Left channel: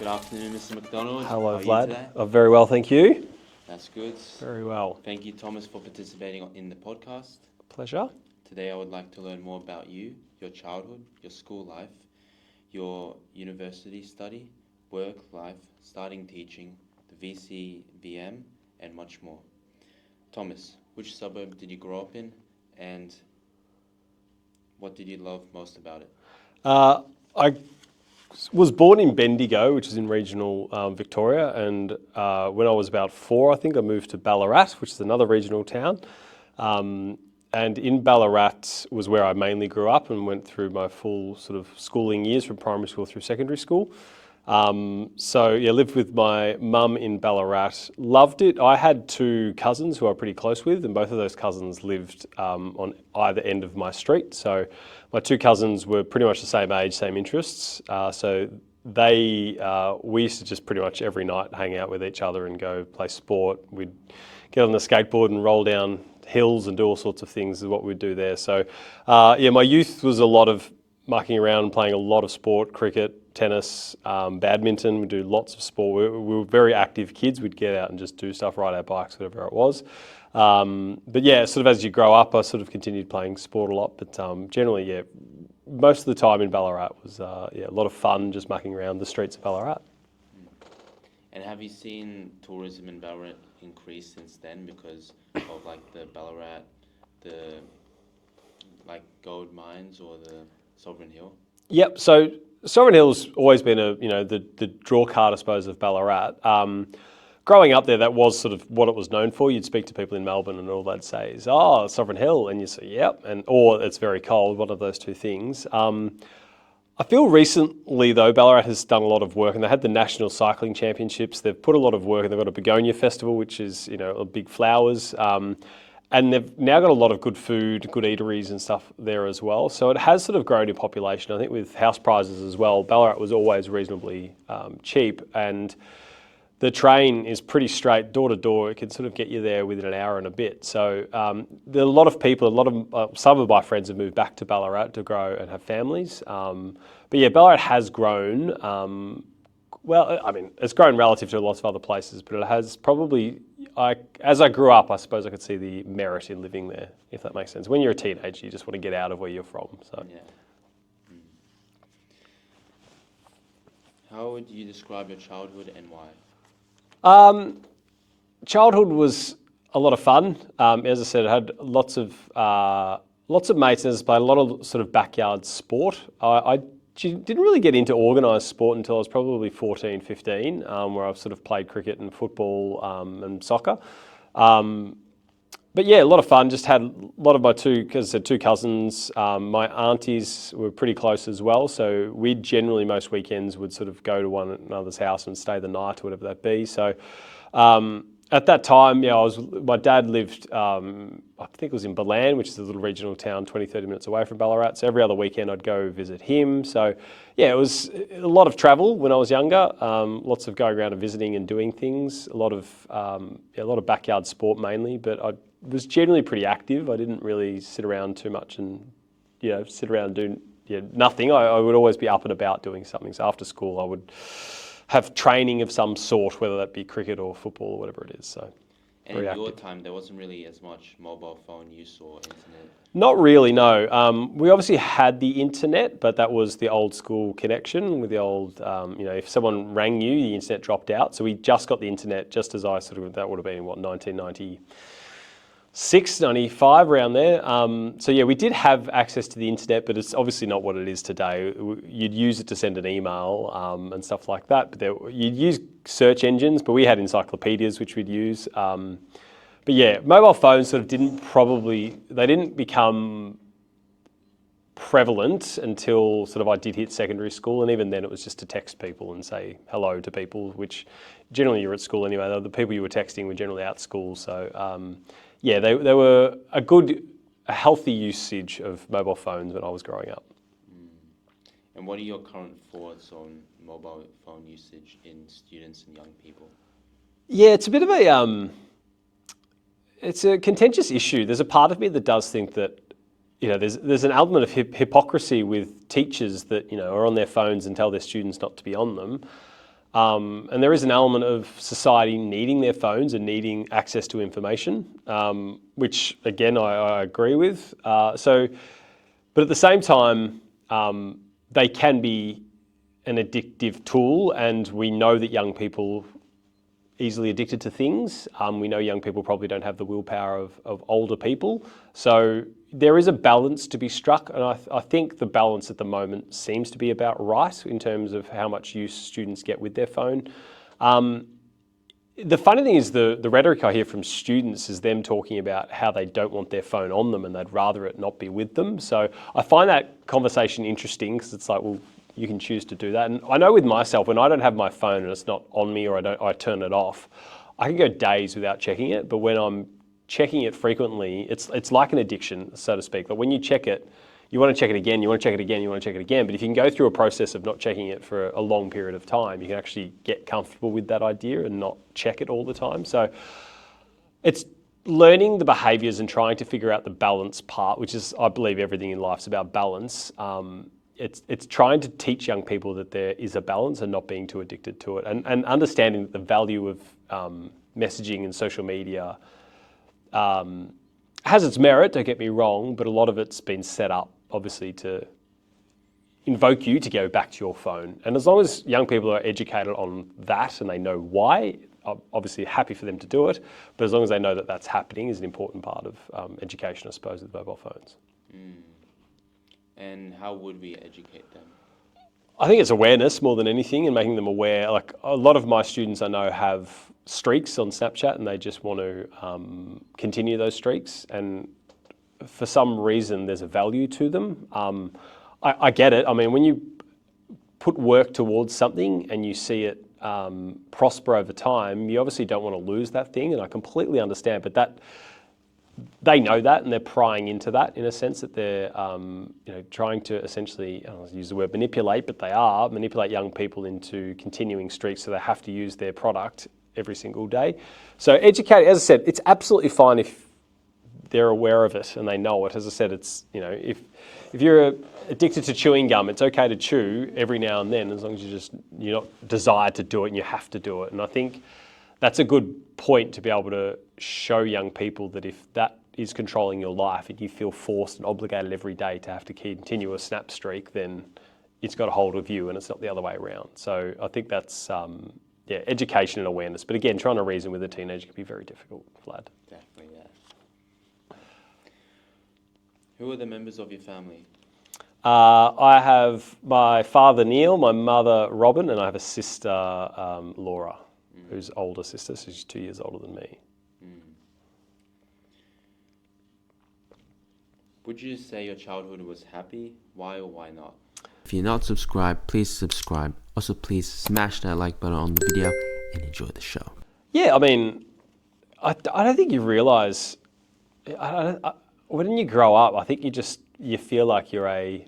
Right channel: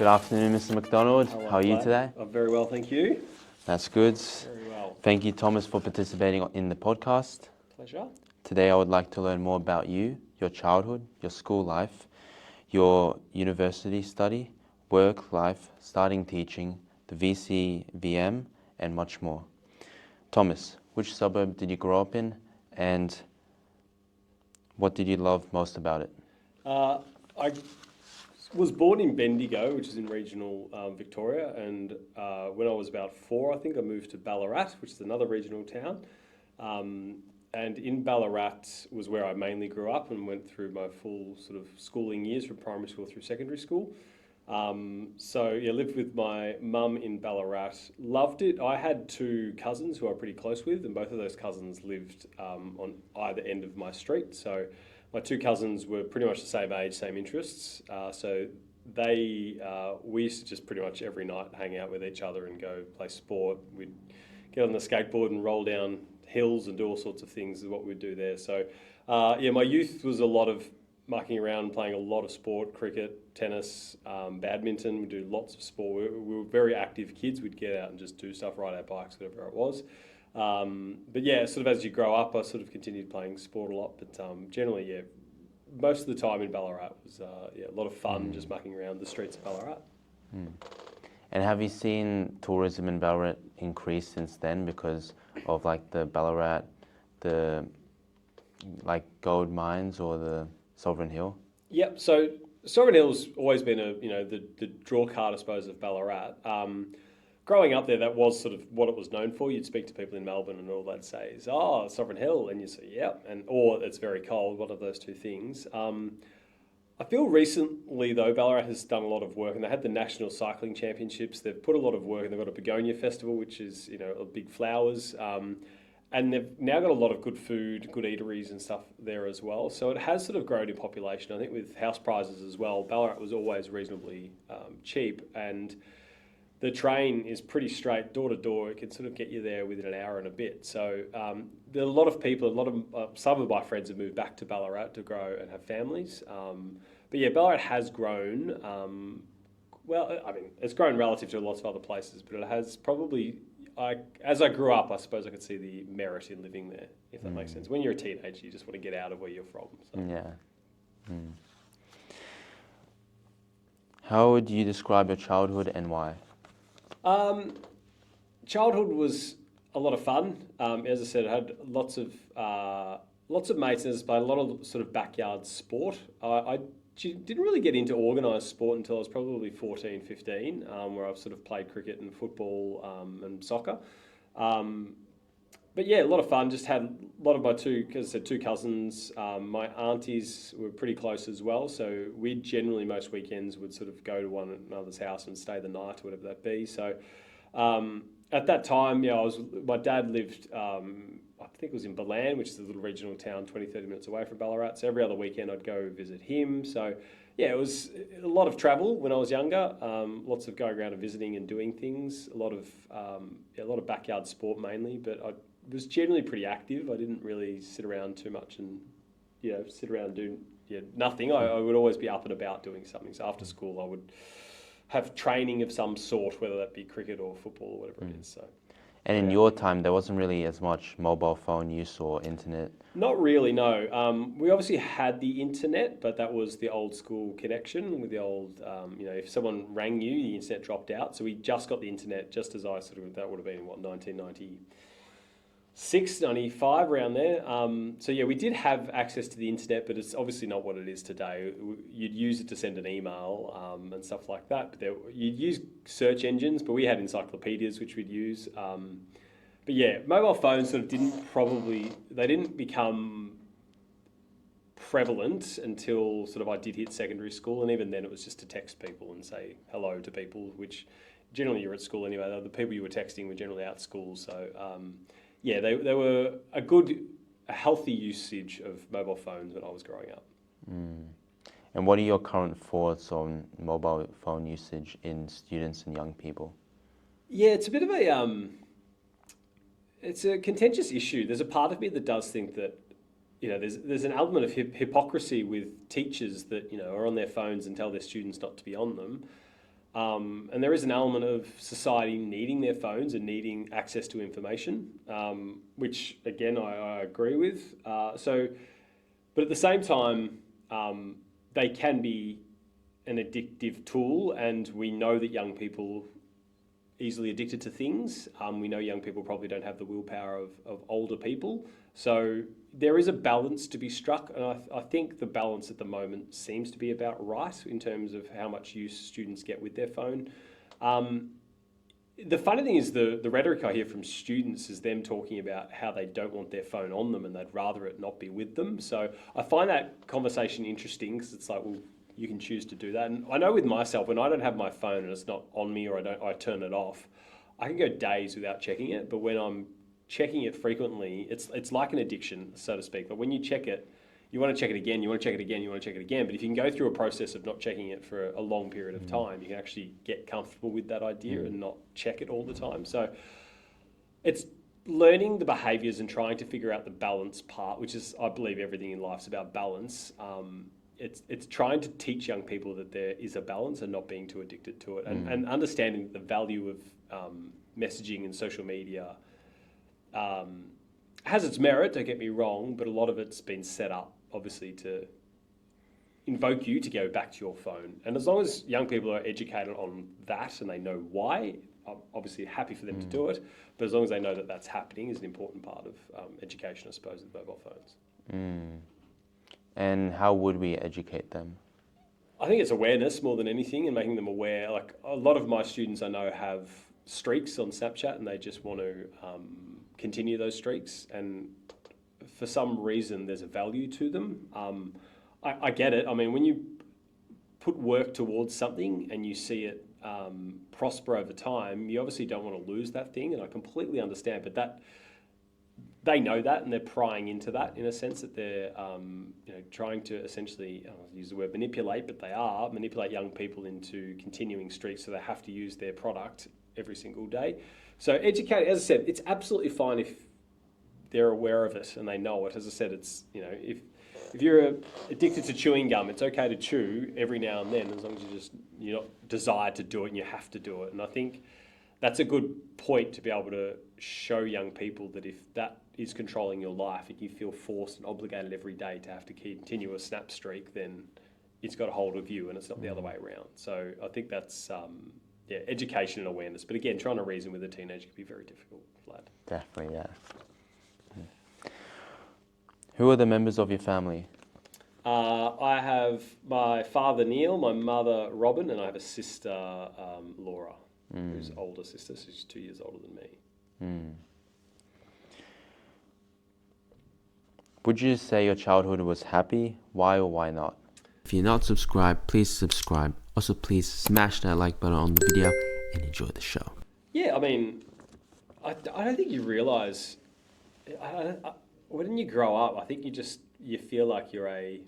Good afternoon, Mr. McDonald. Hello, How are Vlad. you today? Very well, thank you. That's good. Very well. Thank you, Thomas, for participating in the podcast. Pleasure. Today, I would like to learn more about you, your childhood, your school life, your university study, work life, starting teaching, the VCE VM, and much more. Thomas, which suburb did you grow up in, and what did you love most about it? I was born in Bendigo, which is in regional Victoria, and when I was about 4, I think I moved to Ballarat, which is another regional town. And in Ballarat was where I mainly grew up and went through my full sort of schooling years from primary school through secondary school. Lived with my mum in Ballarat, loved it. I had 2 cousins who I was pretty close with, and both of those cousins lived on either end of my street. So my 2 cousins were pretty much the same age, same interests. We used to just pretty much every night hang out with each other and go play sport. We'd get on the skateboard and roll down hills and do all sorts of things is what we'd do there. So my youth was a lot of mucking around and playing a lot of sport, cricket, tennis, badminton. We'd do lots of sport. We were very active kids. We'd get out and just do stuff, ride our bikes, whatever it was. Sort of as you grow up, I sort of continued playing sport a lot. But generally, most of the time in Ballarat was a lot of fun just mucking around the streets of Ballarat. Mm. And have you seen tourism in Ballarat increase since then because of like the Ballarat, the like gold mines or the Sovereign Hill? Yep. So Sovereign Hill's always been the draw card, I suppose, of Ballarat. Growing up there, that was sort of what it was known for. You'd speak to people in Melbourne and all they'd say is, "Oh, Sovereign Hill," and you say, "Yep," or "It's very cold." One of those two things. I feel recently though, Ballarat has done a lot of work, and they had the National Cycling Championships. They've put a lot of work, and they've got a begonia festival, which is big flowers. And they've now got a lot of good food, good eateries and stuff there as well. So it has sort of grown in population. I think with house prices as well, Ballarat was always reasonably cheap, and the train is pretty straight, door to door. It can sort of get you there within an hour and a bit. So there are a lot of people, some of my friends have moved back to Ballarat to grow and have families. Ballarat has grown. It's grown relative to lots of other places, but it has probably, as I grew up, I suppose I could see the merit in living there, if that makes sense. When you're a teenager, you just want to get out of where you're from. So. Yeah. Mm. How would you describe your childhood and why? Childhood was a lot of fun. As I said, I had lots of mates and I played a lot of sort of backyard sport. I didn't really get into organised sport until I was probably 14, 15, where I've sort of played cricket and football and soccer. A lot of fun. Just had a lot of my 2 cousins. My aunties were pretty close as well. So we generally, most weekends, would sort of go to one another's house and stay the night or whatever that be. So at that time, my dad lived, I think it was in Ballarat, which is a little regional town 20, 30 minutes away from Ballarat. So every other weekend I'd go visit him. So it was a lot of travel when I was younger, lots of going around and visiting and doing things, a lot of backyard sport mainly, but I was generally pretty active. I didn't really sit around too much and, sit around and do nothing. I would always be up and about doing something. So after school, I would have training of some sort, whether that be cricket or football or whatever it is. So, and in your time, there wasn't really as much mobile phone use or internet? Not really, no. We obviously had the internet, but that was the old school connection with the old, if someone rang you, the internet dropped out. So we just got the internet just as that would have been, 1996, 95, around there. We did have access to the internet, but it's obviously not what it is today. You'd use it to send an email and stuff like that. But you'd use search engines, but we had encyclopedias which we'd use. Mobile phones sort of didn't become prevalent until sort of I did hit secondary school, and even then it was just to text people and say hello to people, which generally you're at school anyway. The people you were texting were generally out of school, so they were a healthy usage of mobile phones when I was growing up. Mm. And what are your current thoughts on mobile phone usage in students and young people? Yeah, it's a bit of it's a contentious issue. There's a part of me that does think that there's an element of hypocrisy with teachers that are on their phones and tell their students not to be on them. And there is an element of society needing their phones and needing access to information, which again, I agree with. But at the same time, they can be an addictive tool, and we know that young people easily addicted to things. We know young people probably don't have the willpower of older people. So there is a balance to be struck, and I think the balance at the moment seems to be about right in terms of how much use students get with their phone. The funny thing is the rhetoric I hear from students is them talking about how they don't want their phone on them and they'd rather it not be with them. So I find that conversation interesting because it's like, well, you can choose to do that. And I know with myself, when I don't have my phone and it's not on me or I turn it off, I can go days without checking it. But when I'm checking it frequently, it's like an addiction, so to speak. But when you check it, you want to check it again, you want to check it again, you want to check it again. But if you can go through a process of not checking it for a long period of time, you can actually get comfortable with that idea and not check it all the time. So it's learning the behaviours and trying to figure out the balance part, which is, I believe everything in life is about balance. It's trying to teach young people that there is a balance and not being too addicted to it, and understanding that the value of messaging and social media has its merit, don't get me wrong, but a lot of it's been set up, obviously, to invoke you to go back to your phone. And as long as young people are educated on that and they know why, I'm obviously happy for them to do it, but as long as they know that that's happening is an important part of education, I suppose, with mobile phones. And how would we educate them? I think it's awareness more than anything, and making them aware. Like a lot of my students I know have streaks on Snapchat and they just want to continue those streaks, and for some reason there's a value to them. I get it. I mean, when you put work towards something and you see it prosper over time, you obviously don't want to lose that thing, and I completely understand, but that they know that and they're prying into that in a sense that they're trying to essentially, I don't use the word manipulate, but they are manipulate young people into continuing streaks, so they have to use their product every single day. So educate, as I said, it's absolutely fine if they're aware of it and they know it. As I said, it's, if you're addicted to chewing gum, it's okay to chew every now and then, as long as you're not desired to do it and you have to do it. And I think that's a good point to be able to show young people that if that is controlling your life and you feel forced and obligated every day to have to continue a snap streak, then it's got a hold of you and it's not the other way around. So I think that's education and awareness. But again, trying to reason with a teenager can be very difficult, Vlad. Definitely, yeah. Who are the members of your family? I have my father, Neil, my mother, Robin, and I have a sister, Laura, who's older sister, so she's 2 years older than me. Would you say your childhood was happy? Why or why not? If you're not subscribed, please subscribe. Also, please smash that like button on the video and enjoy the show. Yeah, I mean, I don't think you realise, when you grow up, I think you feel like you're a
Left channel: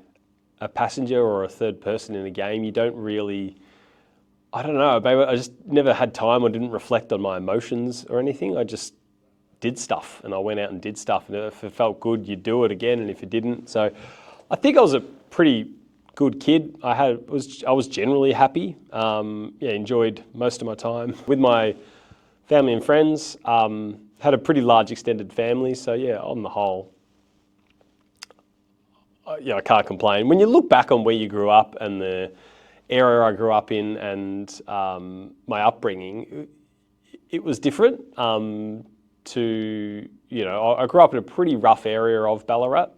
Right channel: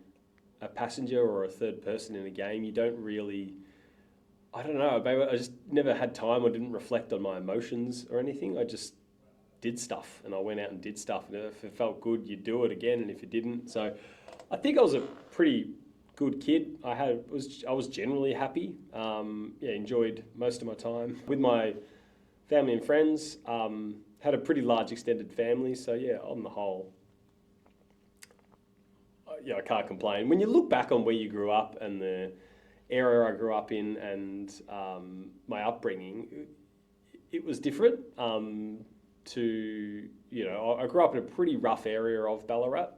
passenger or a third person in a game. You don't really, I don't know, maybe I just never had time or didn't reflect on my emotions or anything. I just did stuff and I went out and did stuff, and if it felt good, you'd do it again, and if it didn't. So I think I was a pretty good kid. I was generally happy. Enjoyed most of my time with my family and friends. Had a pretty large extended family, so yeah, on the whole, I can't complain. When you look back on where you grew up and the area I grew up in and my upbringing, it was different. I grew up in a pretty rough area of Ballarat.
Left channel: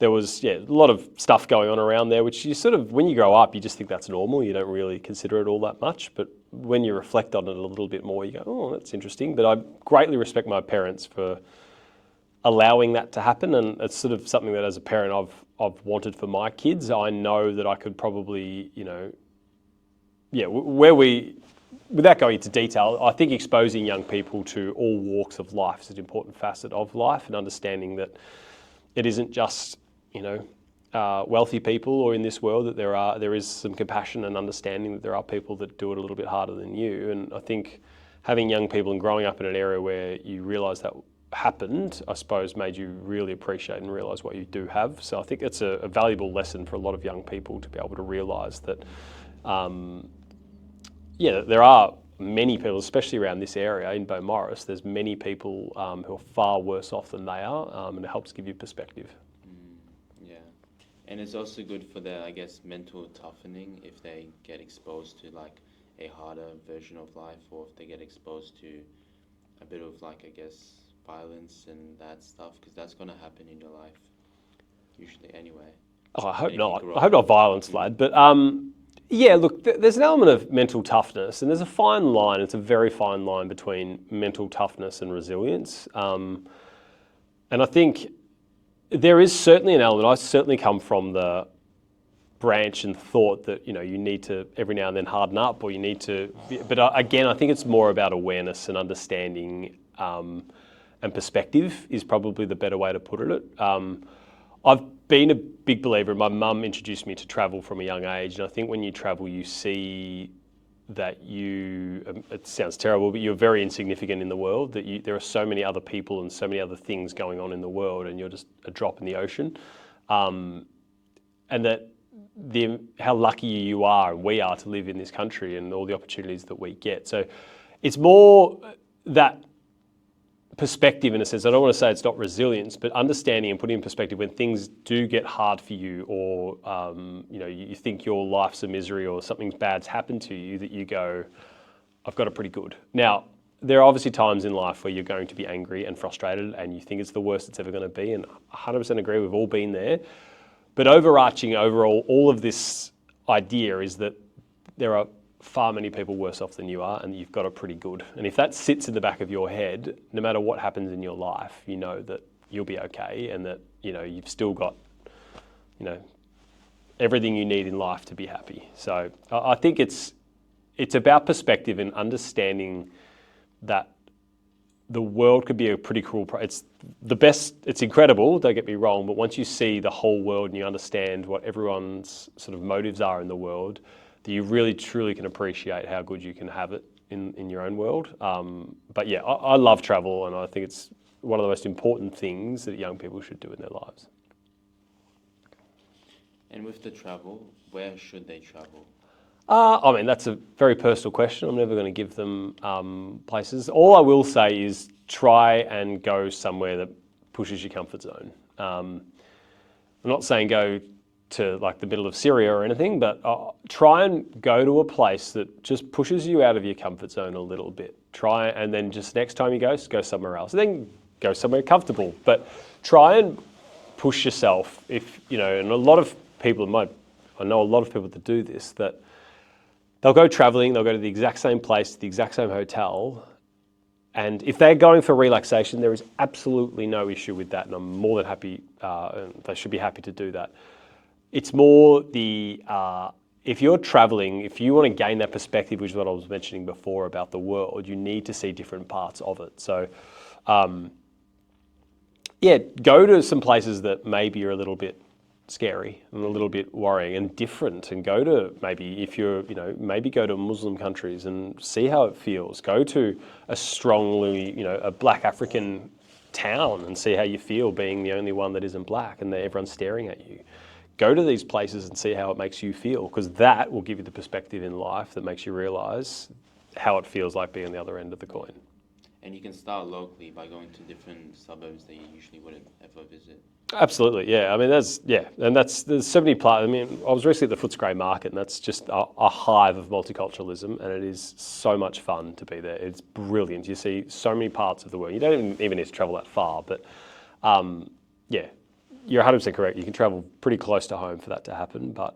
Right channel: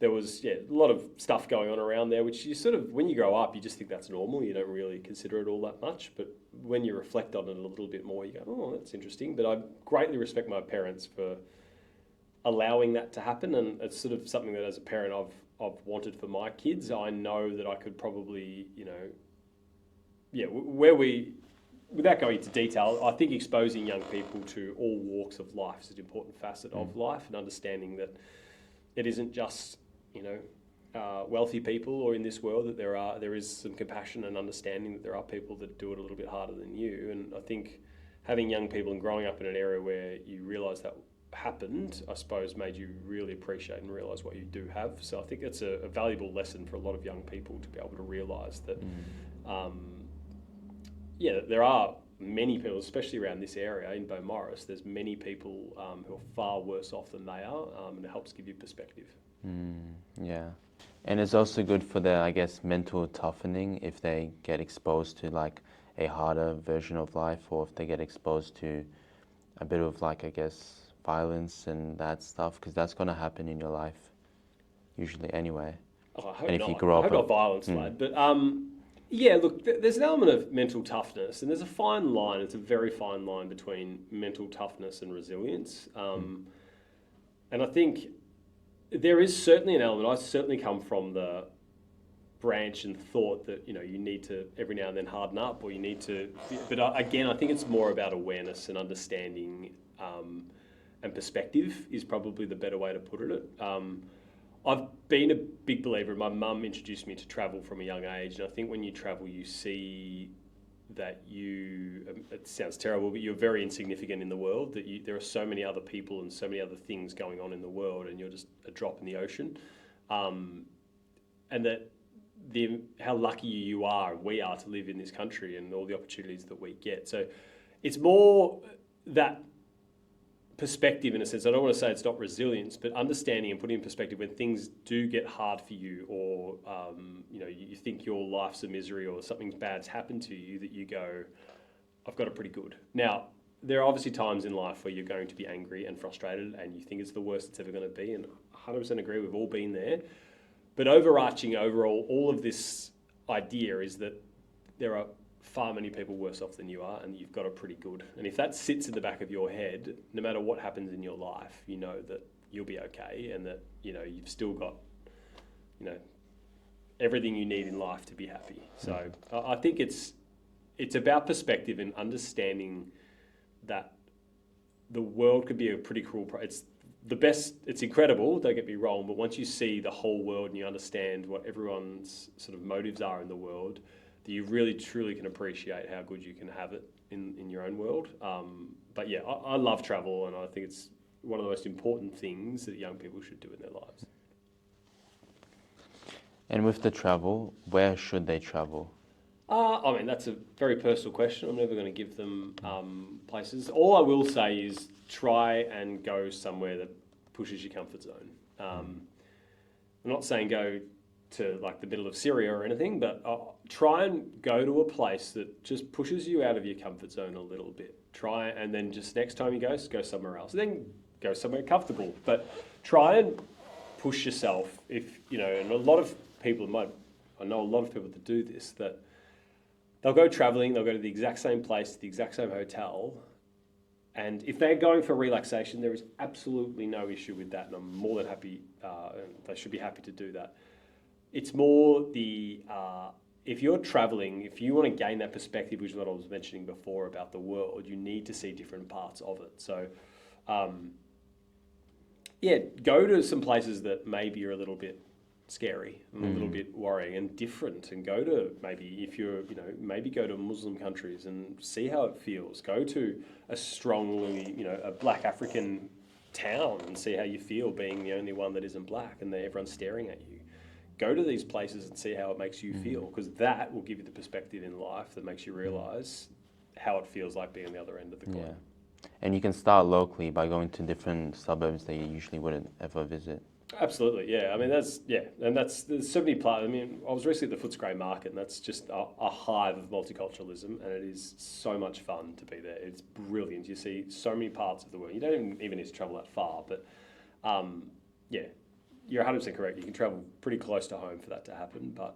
There was a lot of stuff going on around there, which you sort of, when you grow up, you just think that's normal. You don't really consider it all that much. But when you reflect on it a little bit more, you go, oh, that's interesting. But I greatly respect my parents for allowing that to happen. And it's sort of something that as a parent I've wanted for my kids. I know that I could probably, without going into detail, I think exposing young people to all walks of life is an important facet of life, and understanding that it isn't just, wealthy people or in this world, that there is some compassion and understanding that there are people that do it a little bit harder than you. And I think having young people and growing up in an area where you realise that happened, I suppose, made you really appreciate and realise what you do have. So I think it's a valuable lesson for a lot of young people to be able to realise that yeah, there are many people, especially around this area in Beaumaris, there's many people who are far worse off than they are, and it helps give you perspective. Yeah. And it's also good for their, I guess, mental toughening if they get exposed to like a harder version of life, or if they get exposed to a bit of like, I guess, violence and that stuff, because that's going to happen in your life usually anyway. Oh, I hope And if you not. grow I up hope not with- violence, Vlad. But yeah, look, there's an element of mental toughness, and there's a fine line. It's a very fine line between mental toughness and resilience. And I think there is certainly an element. I certainly come from the branch and thought that you need to every now and then harden up, or you need to. But again, I think it's more about awareness and understanding, and perspective is probably the better way to put it. I've been a big believer. My mum introduced me to travel from a young age, and I think when you travel, you see that it sounds terrible, but you're very insignificant in the world, that there are so many other people and so many other things going on in the world, and you're just a drop in the ocean. And that how lucky you are and we are to live in this country and all the opportunities that we get. So it's more that perspective in a sense. I don't want to say it's not resilience, but understanding and putting in perspective when things do get hard for you, or you think your life's a misery or something bad's happened to you, that you go, I've got it pretty good. Now, there are obviously times in life where you're going to be angry and frustrated and you think it's the worst it's ever going to be, and 100% agree, we've all been there. But overarching overall, all of this idea is that there are far many people worse off than you are, and you've got it pretty good. And if that sits in the back of your head, no matter what happens in your life, you know that you'll be okay, and that you've still got everything you need in life to be happy. So I think it's about perspective and understanding that the world could be a pretty cruel. It's the best. It's incredible. Don't get me wrong, but once you see the whole world and you understand what everyone's sort of motives are in the world, that you really truly can appreciate how good you can have it in your own world. But yeah, I love travel, and I think it's one of the most important things that young people should do in their lives. And with the travel, where should they travel? I mean, that's a very personal question. I'm never going to give them places. All I will say is try and go somewhere that pushes your comfort zone. I'm not saying go to like the middle of Syria or anything, but try and go to a place that just pushes you out of your comfort zone a little bit. Try, and then just next time you go somewhere else. And then go somewhere comfortable. But try and push yourself. If and a lot of people I know a lot of people that do this, that they'll go traveling, they'll go to the exact same place, the exact same hotel, and if they're going for relaxation, there is absolutely no issue with that, and I'm more than happy, and they should be happy to do that. It's more if you're traveling, if you want to gain that perspective, which is what I was mentioning before about the world, you need to see different parts of it. So, go to some places that maybe are a little bit scary and a little bit worrying and different, and go to maybe go to Muslim countries and see how it feels. Go to a strongly, a black African town and see how you feel being the only one that isn't black and that everyone's staring at you. Go to these places and see how it makes you feel, because that will give you the perspective in life that makes you realise how it feels like being on the other end of the coin. Yeah. And you can start locally by going to different suburbs that you usually wouldn't ever visit. Absolutely, yeah. I mean, there's so many parts. I mean, I was recently at the Footscray Market, and that's just a hive of multiculturalism, and it is so much fun to be there. It's brilliant. You see so many parts of the world. You don't even need to travel that far, but you're 100% correct. You can travel pretty close to home for that to happen. But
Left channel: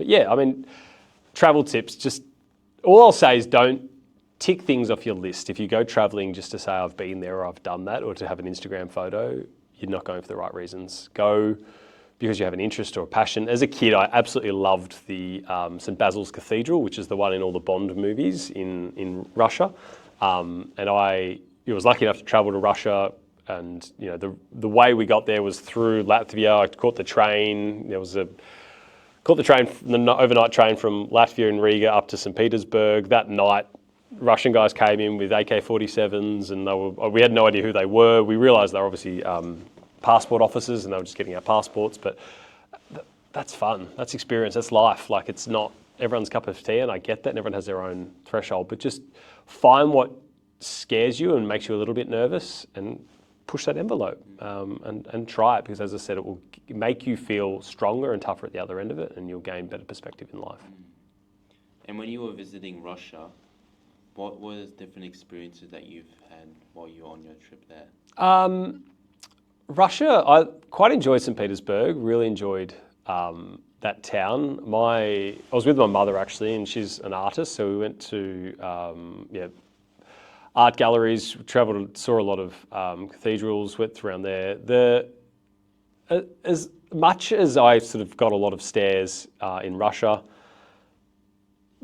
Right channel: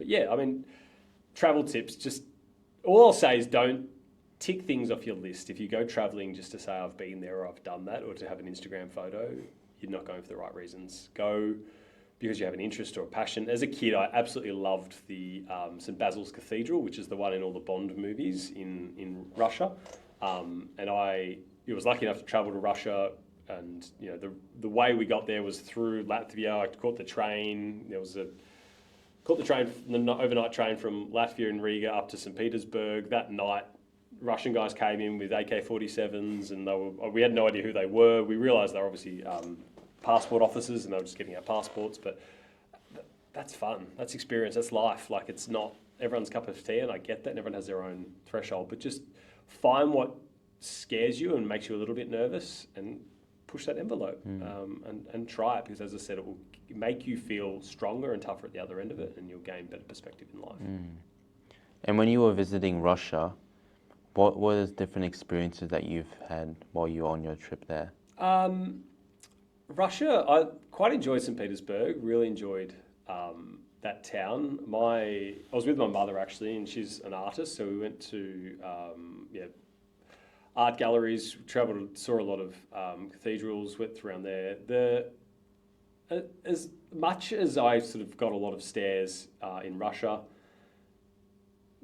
yeah, I mean, travel tips, just all I'll say is don't tick things off your list. If you go traveling just to say I've been there or I've done that, or to have an Instagram photo, you're not going for the right reasons. Go because you have an interest or a passion. As a kid, I absolutely loved the St. Basil's Cathedral, which is the one in all the Bond movies in Russia. And I was lucky enough to travel to Russia. And the way we got there was through Latvia. I caught the train. The overnight train from Latvia and Riga up to St. Petersburg. That night, Russian guys came in with AK-47s, and we had no idea who they were. We realised they were obviously passport officers, and they were just getting our passports. But that's fun. That's experience. That's life. Like, it's not. everyone's cup of tea, and I get that, and everyone has their own threshold, but just find what scares you and makes you a little bit nervous and push that envelope and try it, because as I said, it will make you feel stronger and tougher at the other end of it, and you'll gain better perspective in life. And when you were visiting Russia, what were the different experiences that you've had while you were on your trip there? Russia, I quite enjoyed St. Petersburg, really enjoyed that town. I was with my mother actually, and she's an artist, so we went to art galleries, travelled, saw a lot of cathedrals, went around there. As much as I sort of got a lot of stares in Russia,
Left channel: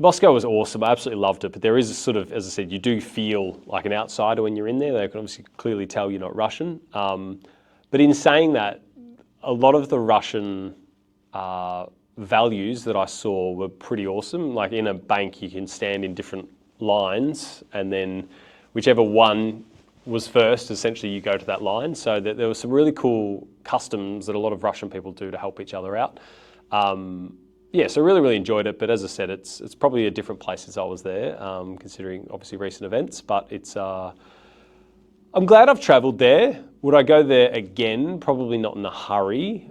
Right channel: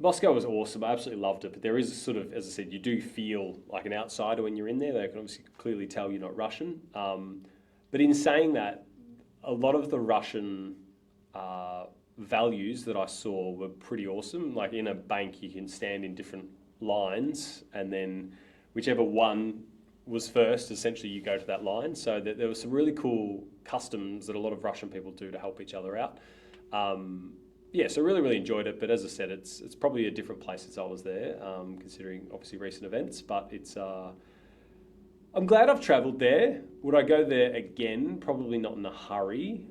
Moscow was awesome. I absolutely loved it, but there is a sort of, as I said, you do feel like an outsider when you're in there. They can obviously clearly tell you're not Russian. But in saying that, a lot of the Russian values that I saw were pretty awesome. Like in a bank, you can stand in different lines, and then whichever one was first, essentially you go to that line. So there were some really cool customs that a lot of Russian people do to help each other out. So really, really enjoyed it. But as I said, it's probably a different place as I was there, considering obviously recent events. But it's I'm glad I've travelled there. Would I go there again? Probably not in a hurry,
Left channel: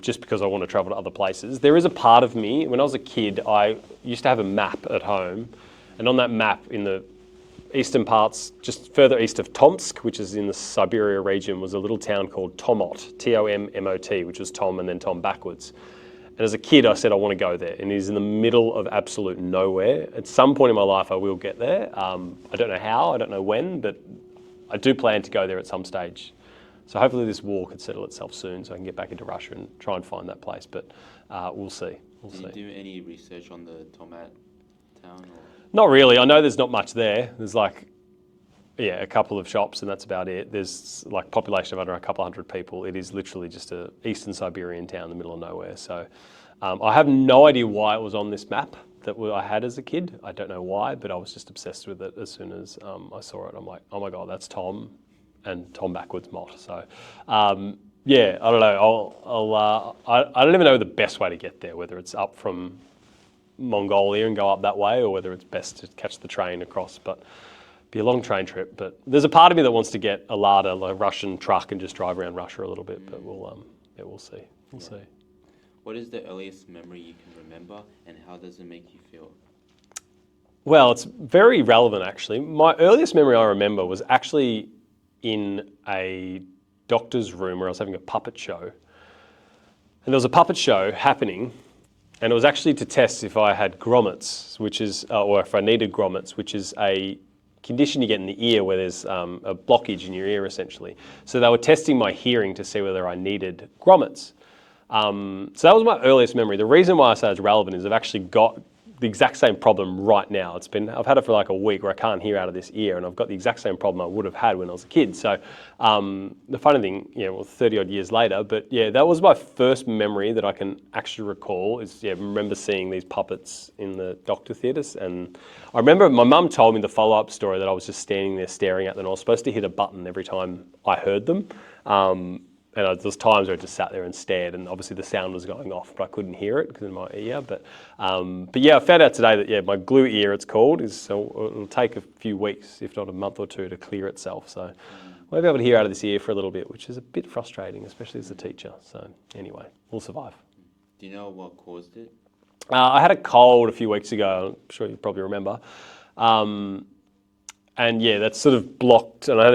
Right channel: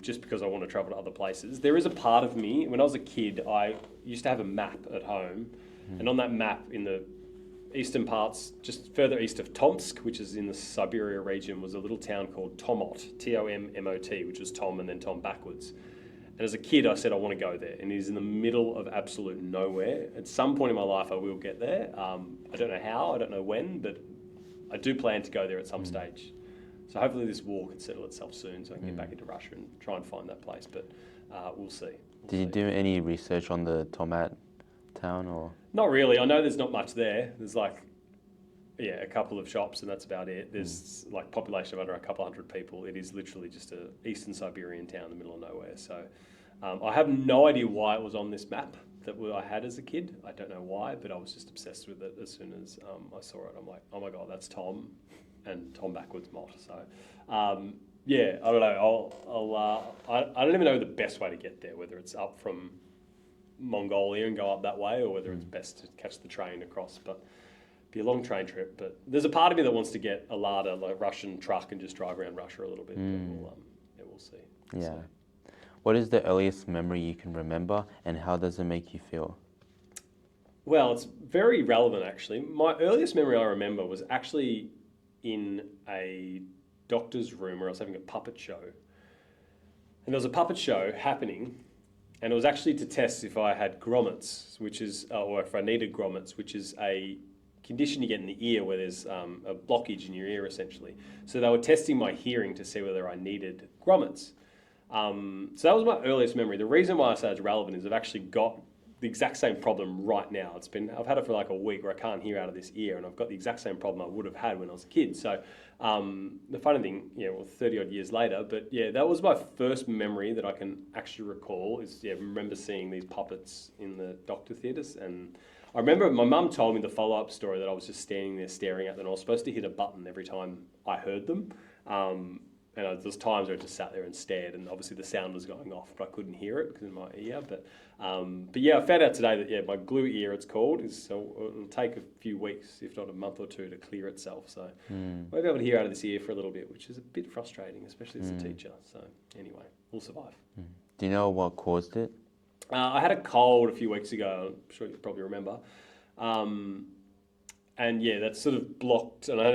just because I want to travel to other places. There is a part of me, when I was a kid, I used to have a map at home, and on that map in the eastern parts, just further east of Tomsk, which is in the Siberia region, was a little town called Tomot, T-O-M-M-O-T, which was Tom and then Tom backwards. And as a kid, I said, I want to go there. And it is in the middle of absolute nowhere. At some point in my life, I will get there. I don't know how, I don't know when, but I do plan to go there at some stage. So hopefully this war can settle itself soon so I can get back into Russia and try and find that place. But we'll see. Did you do any research on the Tomat town? Or? Not really. I know there's not much there. There's a couple of shops, and that's about it. There's like population of under a couple hundred people. It is literally just a eastern Siberian town in the middle of nowhere. So I have no idea why it was on this map that I had as a kid. I don't know why, but I was just obsessed with it as soon as I saw it. I'm like, oh my God, that's Tom and Tom backwards Mott. So I don't know. I don't even know the best way to get there, whether it's up from Mongolia and go up that way, or whether it's best to catch the train across. But be a long train trip. But there's a part of me that wants to get a Lada, like a Russian truck, and just drive around Russia a little bit. But we'll see. We'll see. What is the earliest memory you can remember, and how does it make you feel? Well, it's very relevant actually. My earliest memory I remember was actually in a doctor's room where I was having a puppet show. And there was a puppet show happening, and it was actually to test if I had grommets, which is, or if I needed grommets, which is a condition you get in the ear where there's a blockage in your ear essentially. So they were testing my hearing to see whether I needed grommets. So that was my earliest memory. The reason why I say it's relevant is I've actually got the exact same problem right now. I've had it for like a week where I can't hear out of this ear, and I've got the exact same problem I would have had when I was a kid. So the funny thing, 30 odd years later, but that was my first memory that I can actually recall is, remember seeing these puppets in the doctor theatres. And I remember my mum told me the follow-up story that I was just standing there staring at them. I was supposed to hit a button every time I heard them. And there was times where I just sat there and stared, and obviously the sound was going off, but I couldn't hear it because in my ear. But I found out today that my glue ear, it's called, it'll take a few weeks, if not a month or two, to clear itself. So I won't be able to hear out of this ear for a little bit, which is a bit frustrating, especially as a teacher. So anyway, we'll survive. Do you know what caused it? I had a cold a few weeks ago. I'm sure you probably remember. And that's sort of blocked, and I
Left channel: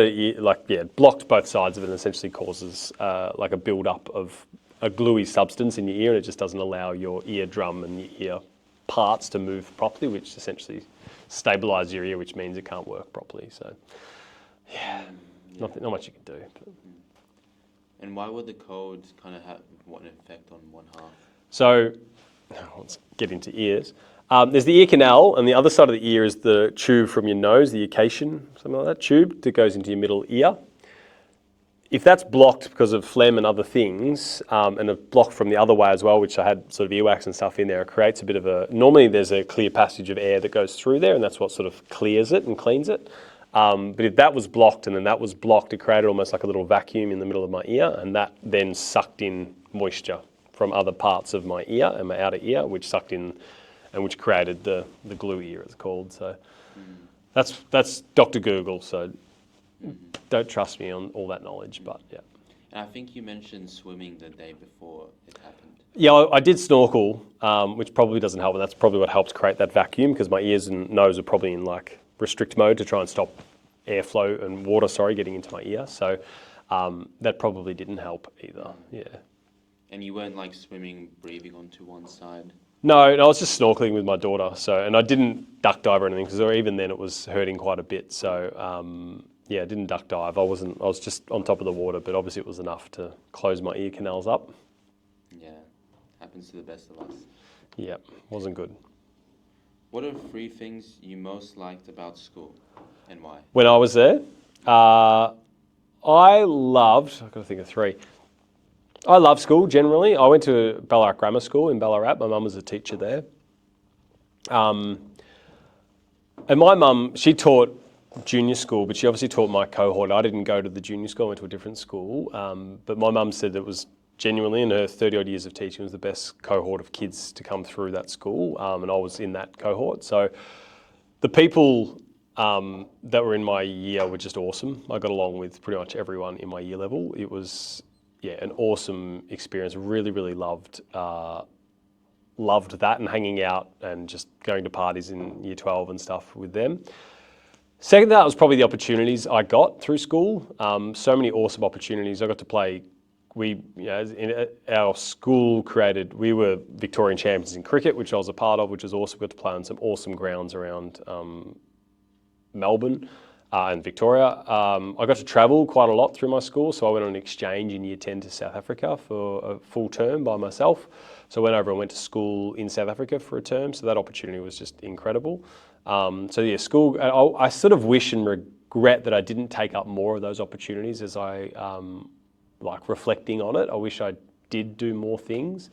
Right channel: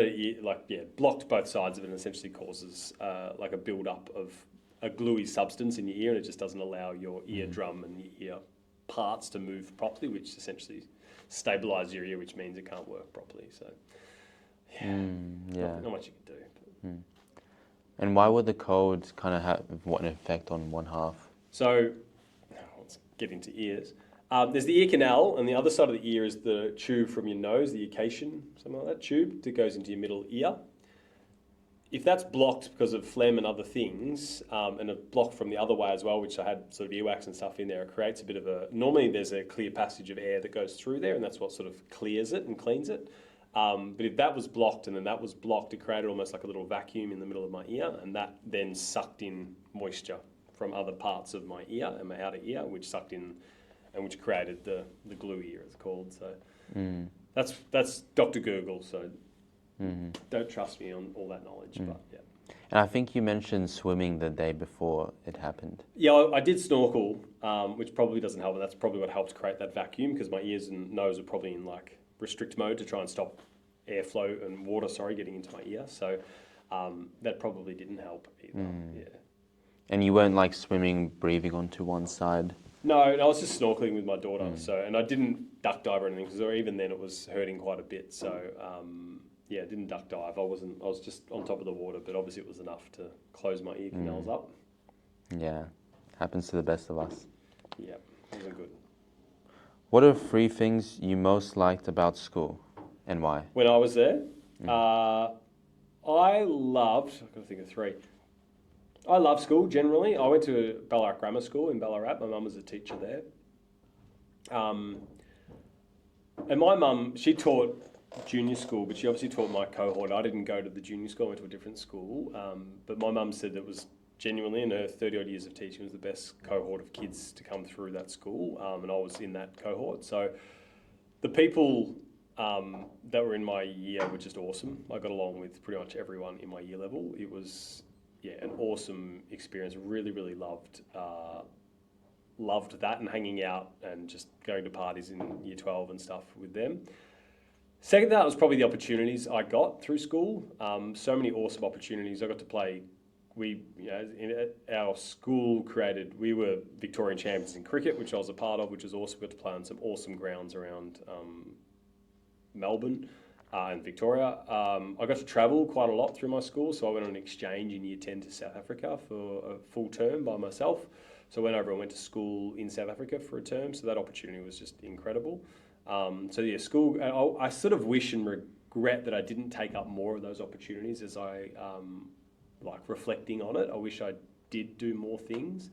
had blocked both sides of it, and essentially causes like a build-up of a gluey substance in your ear, and it just doesn't allow your eardrum and your ear parts to move properly, which essentially stabilises your ear, which means it can't work properly. So, not much you can do. But. And why would the cold kind of have an effect on one half? So, let's get into ears. There's the ear canal, and the other side of the ear is the tube from your nose, the eucation, something like that, tube that goes into your middle ear. If that's blocked because of phlegm and other things, and a block from the other way as well, which I had sort of earwax and stuff in there, it creates a bit of normally there's a clear passage of air that goes through there, and that's what sort of clears it and cleans it. But if that was blocked and then that was blocked, it created almost like a little vacuum in the middle of my ear, and that then sucked in moisture from other parts of my ear and my outer ear, which sucked in and which created the glue ear, it's called. So that's Dr. Google. So don't trust me on all that knowledge, but yeah. And I think you mentioned swimming the day before it happened. Yeah, I did snorkel, which probably doesn't help, and that's probably what helped create that vacuum, because my ears and nose are probably in like restrict mode to try and stop airflow and water, getting into my ear. So that probably didn't help either. Yeah. And you weren't like swimming, breathing onto one side? No, I was just snorkeling with my daughter. So, and I didn't duck dive or anything, because even then it was hurting quite a bit. So yeah, I didn't duck dive. I was just on top of the water, but obviously it was enough to close my ear canals up. Yeah, happens to the best of us. Yeah, wasn't good. What are 3 things you most liked about school and why? When I was there, I've got to think of 3. I love school generally. I went to Ballarat Grammar School in Ballarat. My mum was a teacher there. And my mum, she taught junior school, but she obviously taught my cohort. I didn't go to the junior school, I went to a different school. But my mum said it was genuinely, in her 30 odd years of teaching, was the best cohort of kids to come through that school. And I was in that cohort. So the people that were in my year were just awesome. I got along with pretty much everyone in my year level. It was, an awesome experience. Really, really loved that, and hanging out and just going to parties in year 12 and stuff with them. Second to that was probably the opportunities I got through school. So many awesome opportunities. I got to play. Our school we were Victorian champions in cricket, which I was a part of, which was awesome. Got to play on some awesome grounds around Melbourne and Victoria. I got to travel quite a lot through my school, so I went on an exchange in year 10 to South Africa for a full term by myself. So I went over and went to school in South Africa for a term, so that opportunity was just incredible. School, I sort of wish and regret that I didn't take up more of those opportunities as I, reflecting on it. I wish I did do more things.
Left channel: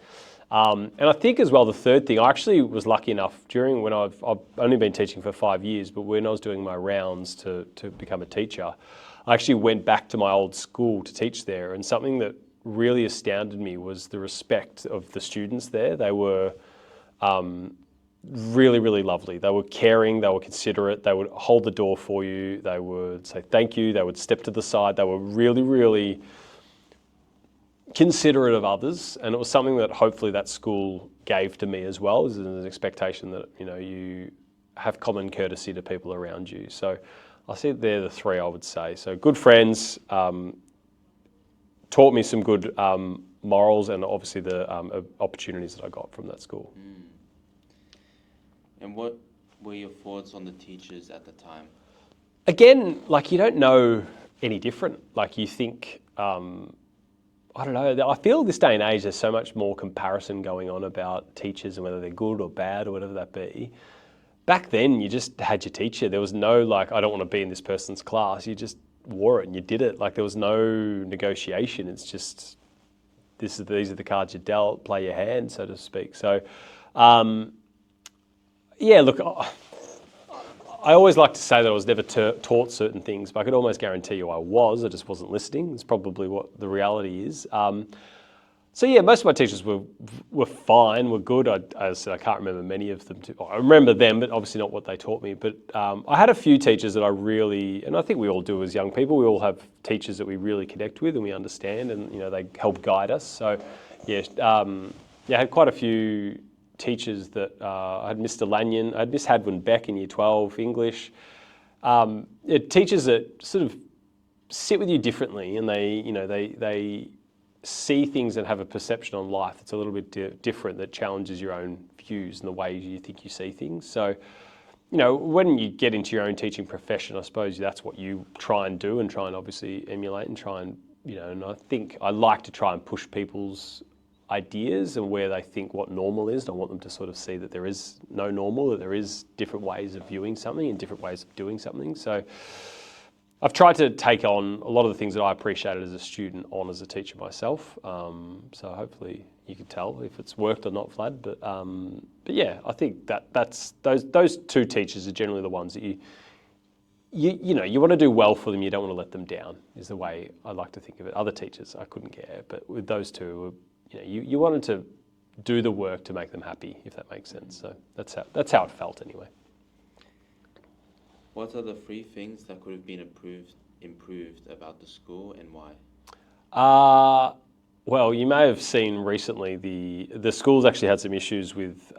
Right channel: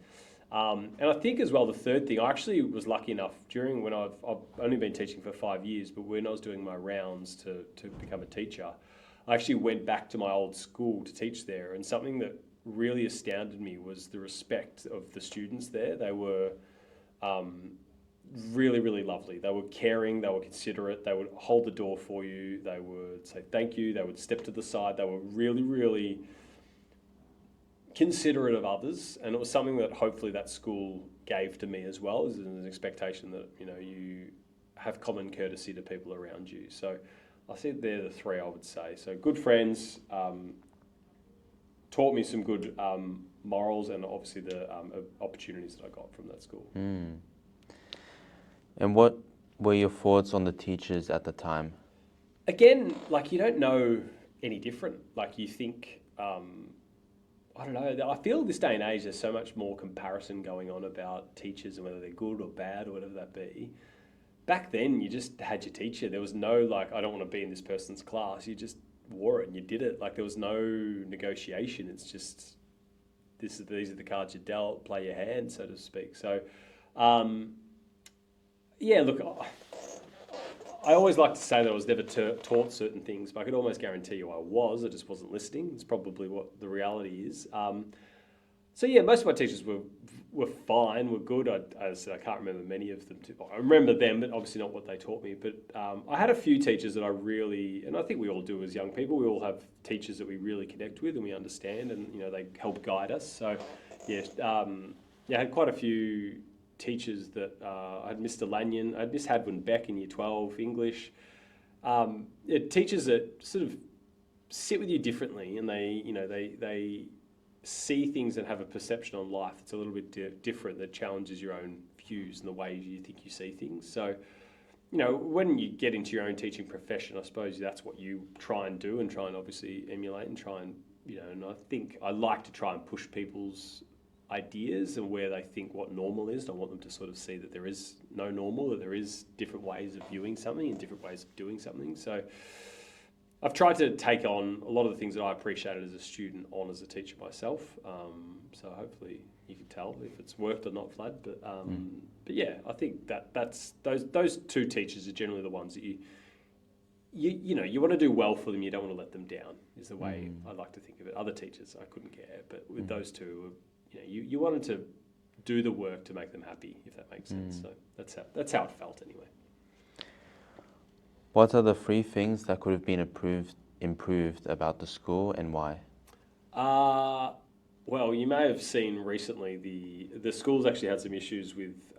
And I think as well, the third thing, I actually was lucky enough when I've only been teaching for 5 years, but when I was doing my rounds to become a teacher, I actually went back to my old school to teach there. And something that really astounded me was the respect of the students there. They were really, really lovely. They were caring, they were considerate, they would hold the door for you, they would say thank you, they would step to the side. They were really, really considerate of others, and it was something that hopefully that school gave to me as well, as an expectation that you have common courtesy to people around you. So I see they're the 3 I would say. So good friends, taught me some good morals, and obviously the opportunities that I got from that school. And what were your thoughts on the teachers at the time? Again, you don't know any different. You think, I don't know, I feel this day and age there's so much more comparison going on about teachers and whether they're good or bad or whatever that be. Back then, you just had your teacher. There was no, I don't want to be in this person's class. You just wore it and you did it. There was no negotiation. It's just, these are the cards you dealt, play your hand, so to speak. So, I always like to say that I was never taught certain things, but I could almost guarantee you I just wasn't listening. It's probably what the reality is. Most of my teachers were fine, were good. I can't remember many of them. I remember them, but obviously not what they taught me. But I had a few teachers that I really, and I think we all do as young people, we all have teachers that we really connect with and we understand, and they help guide us. So I had quite a few teachers that I had Mr. Lanyon, I had Miss Hadwin Beck in year 12, English. Teachers that sort of sit with you differently, and they see things and have a perception on life that's a little bit different, that challenges your own views and the way you think you see things. So, when you get into your own teaching profession, I suppose that's what you try and do, and try and obviously emulate and try and, and I think I like to try and push people's ideas and where they think what normal is. I want them to sort of see that there is no normal, that there is different ways of viewing something and different ways of doing something. So I've tried to take on a lot of the things that I appreciated as a student on as a teacher myself. So hopefully you can tell if it's worked or not, Vlad. But yeah, I think that's those 2 teachers are generally the ones that you want to do well for them. You don't want to let them down, is the way I like to think of it. Other teachers, I couldn't care, but with those 2, you wanted to do the work to make them happy, if that makes sense. So that's how it felt anyway. What are the 3 things that could have been improved about the school, and why? Well, you may have seen recently the school's actually had some issues with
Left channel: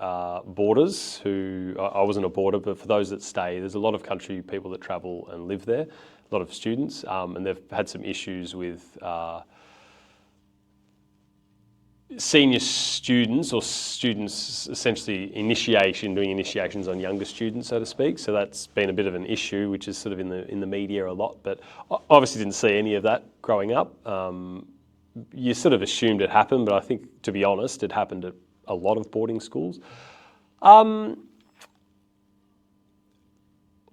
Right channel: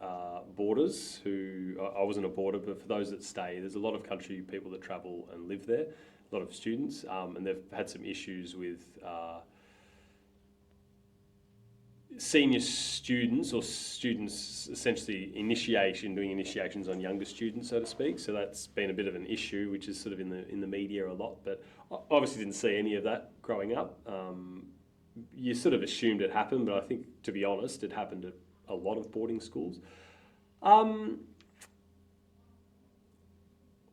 boarders who, I wasn't a boarder, but for those that stay, there's a lot of country people that travel and live there, a lot of students, and they've had some issues with senior students or students essentially doing initiations on younger students, so to speak. So that's been a bit of an issue, which is sort of in the media a lot, but I obviously didn't see any of that growing up. You sort of assumed it happened, but I think, to be honest, it happened at a lot of boarding schools.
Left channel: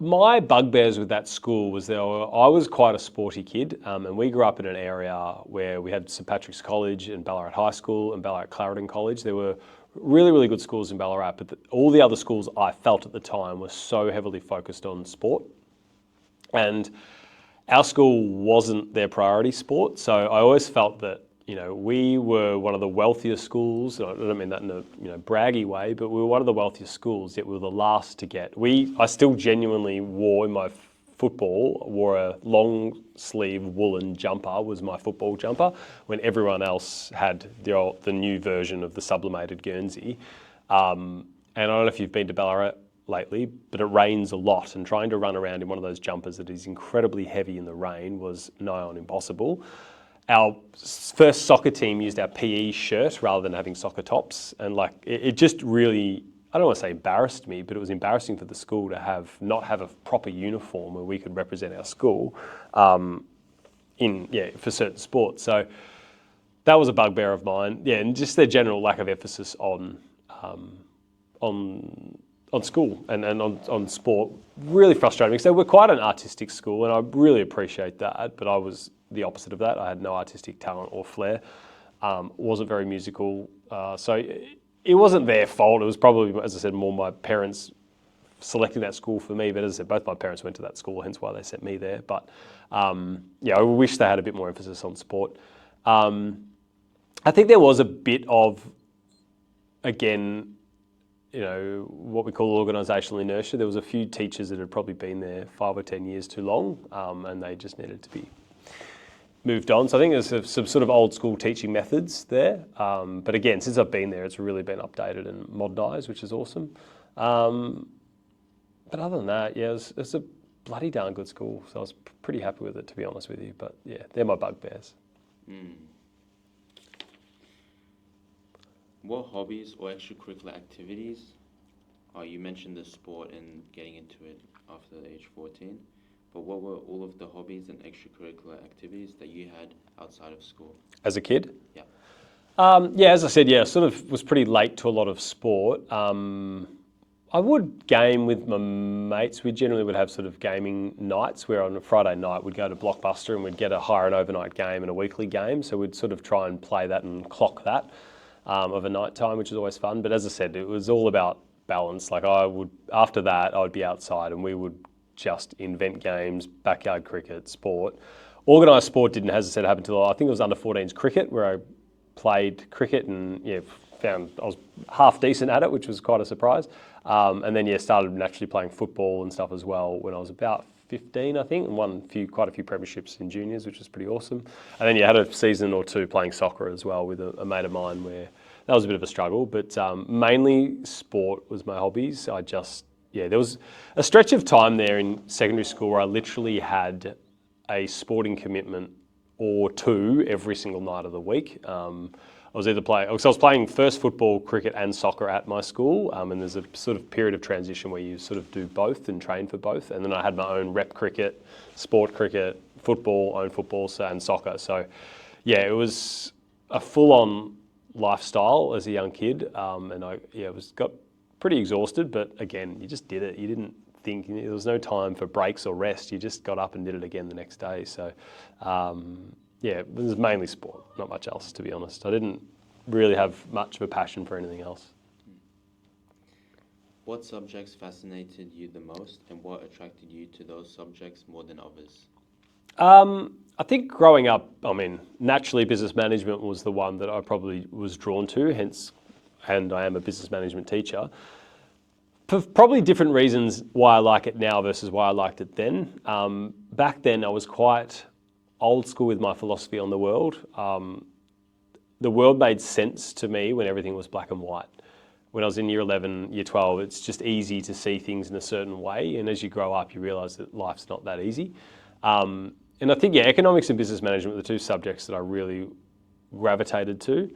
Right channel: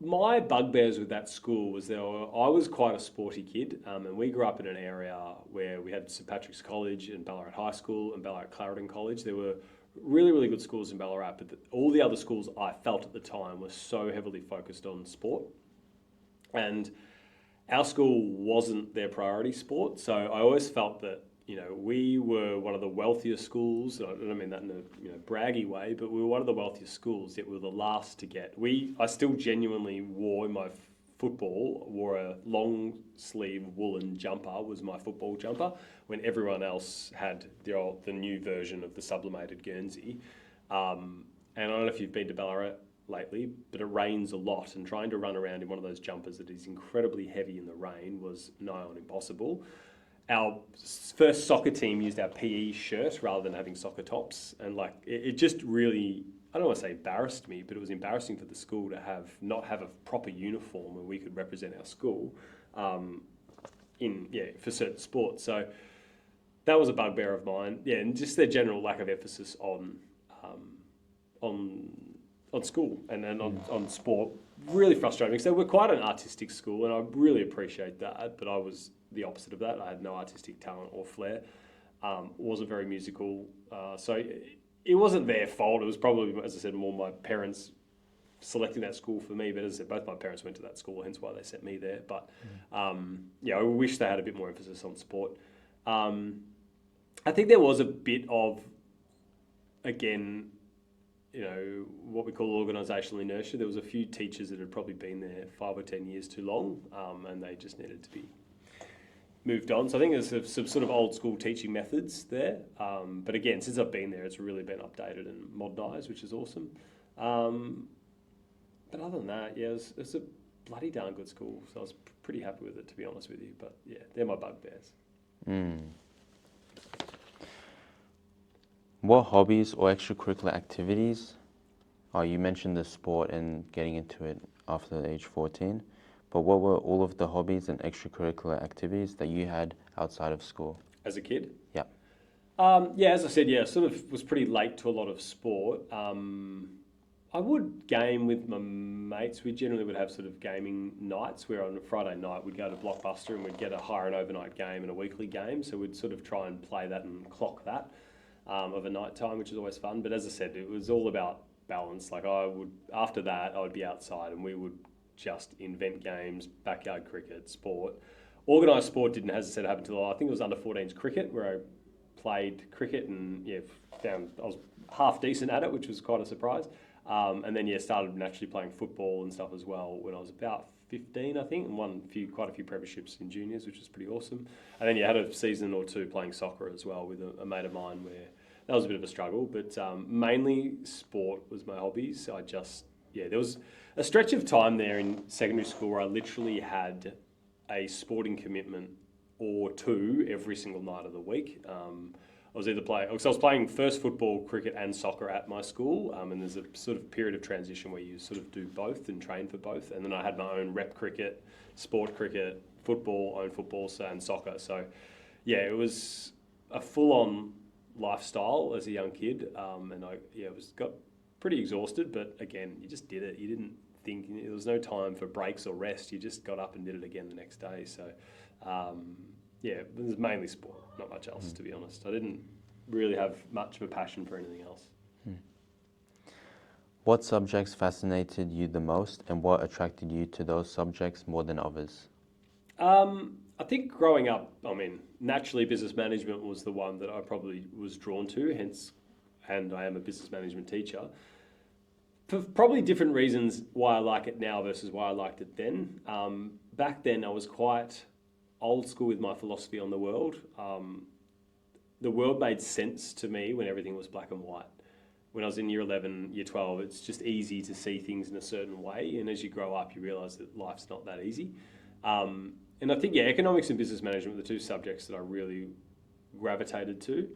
My bugbears with that school was that I was quite a sporty kid, and we grew up in an area where we had St Patrick's College and Ballarat High School and Ballarat Clarendon College. There were really, really good schools in Ballarat, but all the other schools I felt at the time were so heavily focused on sport. And our school wasn't their priority sport, so I always felt that we were one of the wealthiest schools. I don't mean that in a braggy way, but we were one of the wealthiest schools, yet we were the last to get. I still genuinely wore a long sleeve woolen jumper, was my football jumper, when everyone else had the new version of the sublimated Guernsey. And I don't know if you've been to Ballarat lately, but it rains a lot, and trying to run around in one of those jumpers that is incredibly heavy in the rain was nigh on impossible. Our first soccer team used our PE shirt rather than having soccer tops, and it just really, I don't want to say embarrassed me, but it was embarrassing for the school to not have a proper uniform where we could represent our school for certain sports. So that was a bugbear of mine. Yeah, and just their general lack of emphasis on school and on sport really frustrated me, because they were quite an artistic school, and I really appreciate that, but I was the opposite of that. I had no artistic talent or flair, wasn't very musical, so it wasn't their fault. It was probably, as I said, more my parents selecting that school for me, but as I said, both my parents went to that school, hence why they sent me there. But I wish they had a bit more emphasis on sport. I think there was a bit of, again, what we call organisational inertia. There was a few teachers that had probably been there 5 or 10 years too long, and they just needed to be moved on. So I think there's some sort of old school teaching methods there. But again, since I've been there, it's really been updated and modernised, which is awesome. But other than that, it's a bloody darn good school. So I was pretty happy with it, to be honest with you. But yeah, they're my bugbears. What hobbies or extracurricular activities? You mentioned the sport and getting into it after age 14, but what were all of the hobbies and extracurricular activities that you had outside of school? As a kid? Yeah. As I said, sort of was pretty late to a lot of sport. I would game with my mates. We generally would have sort of gaming nights where on a Friday night we'd go to Blockbuster and we'd get an overnight game and a weekly game. So we'd sort of try and play that and clock that of a night time, which is always fun. But as I said, it was all about balance. After that, I would be outside and we would just invent games, backyard cricket, sport. Organised sport didn't, as I said, happen until I think it was under 14s cricket, where I played cricket and found I was half decent at it, which was quite a surprise. And then started naturally playing football and stuff as well when I was about 15, I think, and won quite a few premierships in juniors, which was pretty awesome. And then had a season or two playing soccer as well with a mate of mine, where that was a bit of a struggle, but mainly sport was my hobbies. There was a stretch of time there in secondary school where I literally had a sporting commitment or two every single night of the week. I was playing first football, cricket and soccer at my school, and there's a sort of period of transition where you sort of do both and train for both. And then I had my own rep cricket, sport cricket, football, and soccer. So it was a full-on lifestyle as a young kid, and I got pretty exhausted, but again, you just did it. You didn't think, there was no time for breaks or rest. You just got up and did it again the next day. So it was mainly sport, not much else, to be honest. I didn't really have much of a passion for anything else. What subjects fascinated you the most, and what attracted you to those subjects more than others? I think growing up, naturally business management was the one that I probably was drawn to, hence and I am a business management teacher. For probably different reasons why I like it now versus why I liked it then. Back then, I was quite old school with my philosophy on the world. The world made sense to me when everything was black and white. When I was in year 11, year 12, it's just easy to see things in a certain way. And as you grow up, you realise that life's not that easy. And I think, economics and business management were the two subjects that I really gravitated to.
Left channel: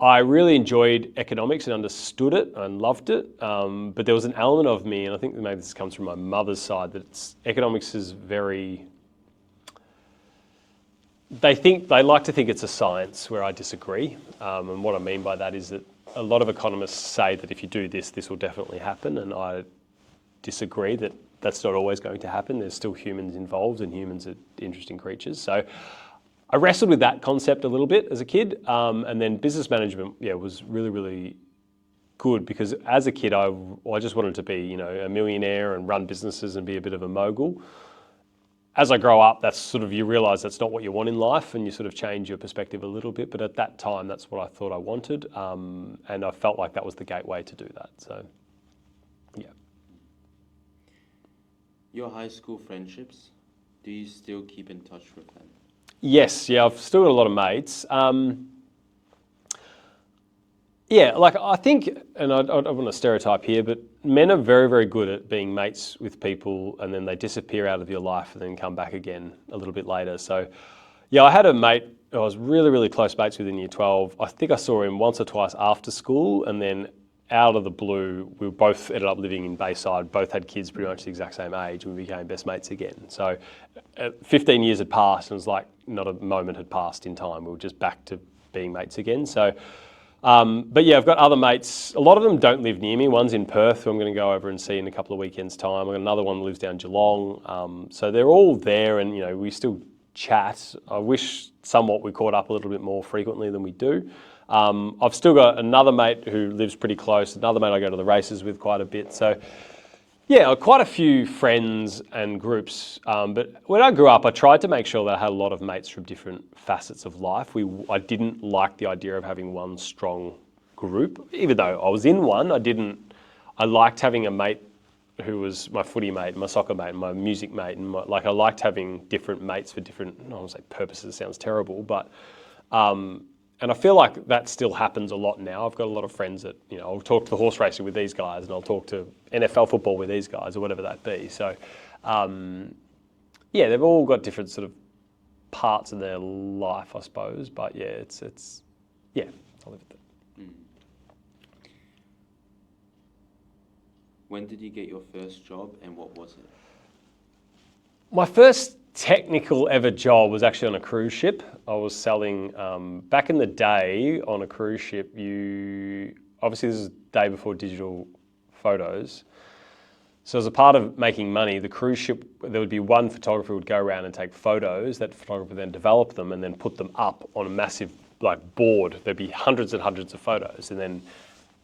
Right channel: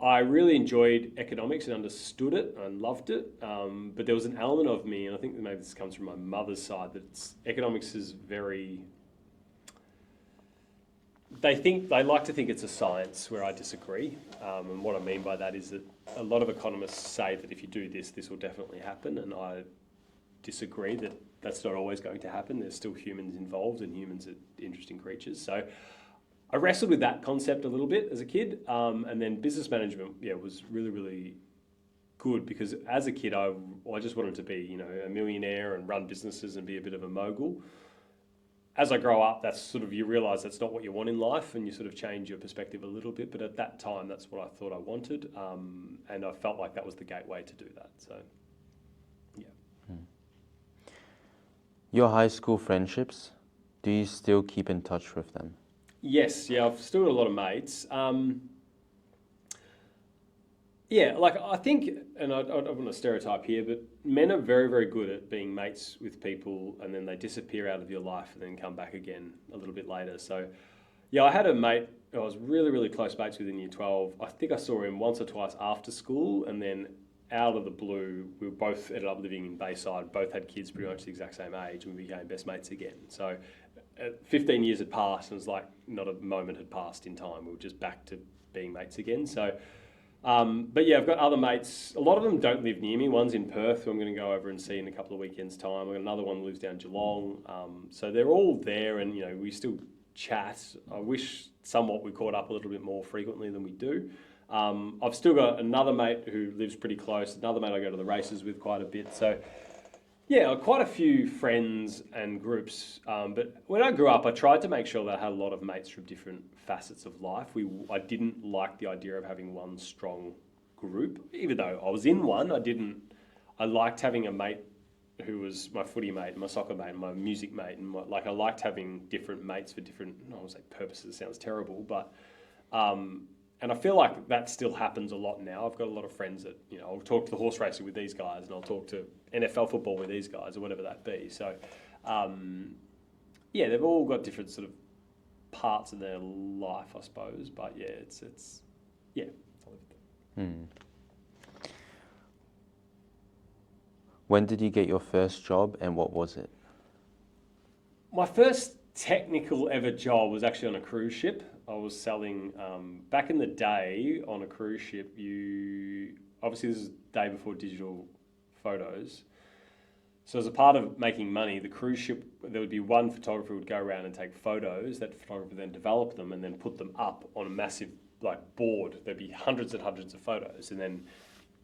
I really enjoyed economics and understood it and loved it, but there was an element of me, and I think maybe this comes from my mother's side, that economics is very... They like to think it's a science, where I disagree. And what I mean by that is that a lot of economists say that if you do this, this will definitely happen, and I disagree that that's not always going to happen. There's still humans involved, and humans are interesting creatures. So I wrestled with that concept a little bit as a kid, and then business management, was really, really good, because as a kid, I just wanted to be, a millionaire and run businesses and be a bit of a mogul. As I grow up, that's sort of, you realise that's not what you want in life, and you sort of change your perspective a little bit. But at that time, that's what I thought I wanted, and I felt like that was the gateway to do that. So, yeah. Your high school friendships, do you still keep in touch with them? Yes, I've still got a lot of mates. I think, and I don't want to stereotype here, but men are very, very good at being mates with people, and then they disappear out of your life and then come back again a little bit later. So, I had a mate I was really, really close mates with in year 12. I think I saw him once or twice after school, and then out of the blue, we both ended up living in Bayside, both had kids pretty much the exact same age, and we became best mates again. So 15 years had passed, and it was like not a moment had passed in time. We were just back to being mates again. So, I've got other mates. A lot of them don't live near me. One's in Perth, who I'm going to go over and see in a couple of weekends' time. I've got another one who lives down Geelong. So they're all there, and we still chat. I wish somewhat we caught up a little bit more frequently than we do. I've still got another mate who lives pretty close, another mate I go to the races with quite a bit. So, quite a few friends and groups. But when I grew up, I tried to make sure that I had a lot of mates from different facets of life. I didn't like the idea of having one strong group. Even though I was in one, I liked having a mate who was my footy mate, my soccer mate, my music mate. And I liked having different mates for different, I don't want to say purposes, sounds terrible, but... And I feel like that still happens a lot now. I've got a lot of friends that, I'll talk to the horse racing with these guys, and I'll talk to NFL football with these guys, or whatever that be. So, they've all got different sort of parts of their life, I suppose. But I'll leave it there. When did you get your first job, and what was it? My first technical ever job was actually on a cruise ship. I was selling, back in the day on a cruise ship, obviously this is the day before digital photos. So as a part of making money, the cruise ship, there would be one photographer who would go around and take photos. That photographer then develop them and then put them up on a massive board. There'd be hundreds and hundreds of photos. And then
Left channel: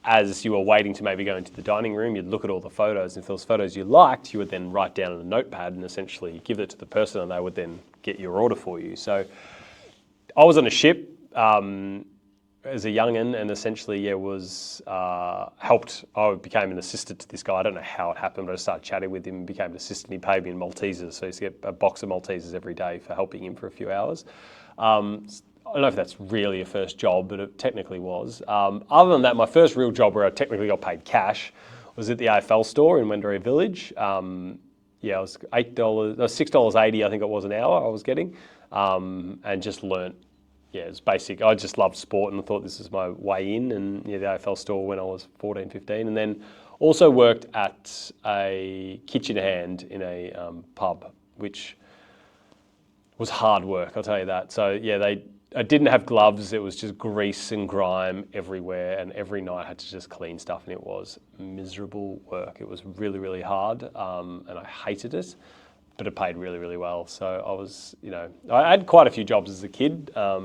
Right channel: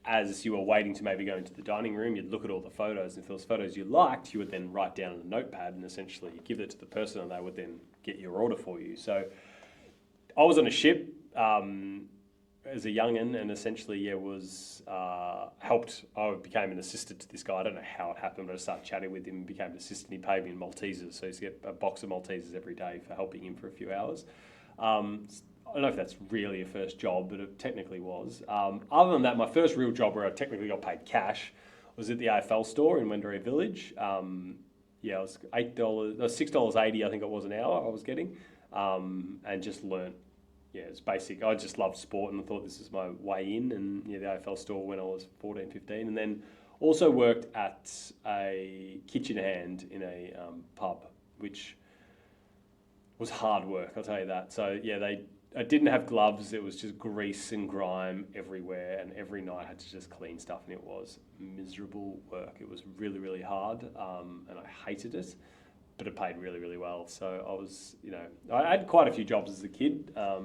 as you were waiting to maybe go into the dining room, you'd look at all the photos. And if there was photos you liked, you would then write down on a notepad and essentially give it to the person, and they would then get your order for you. So I was on a ship as a young'un, and essentially, helped. I became an assistant to this guy. I don't know how it happened, but I started chatting with him and became an assistant. He paid me in Maltesers, so I used to get a box of Maltesers every day for helping him for a few hours. I don't know if that's really a first job, but it technically was. Other than that, my first real job where I technically got paid cash was at the AFL store in Wendouree Village. It was $6.80, I think it was an hour I was getting, and just learnt. It was basic. I just loved sport, and I thought this was my way in, and the AFL store when I was 14, 15, and then also worked at a kitchen hand in a pub, which was hard work, I'll tell you that. So I didn't have gloves. It was just grease and grime everywhere, and every night I had to just clean stuff, and it was miserable work. It was really, really hard, and I hated it, but it paid really, really well. So I was, I had quite a few jobs as a kid. I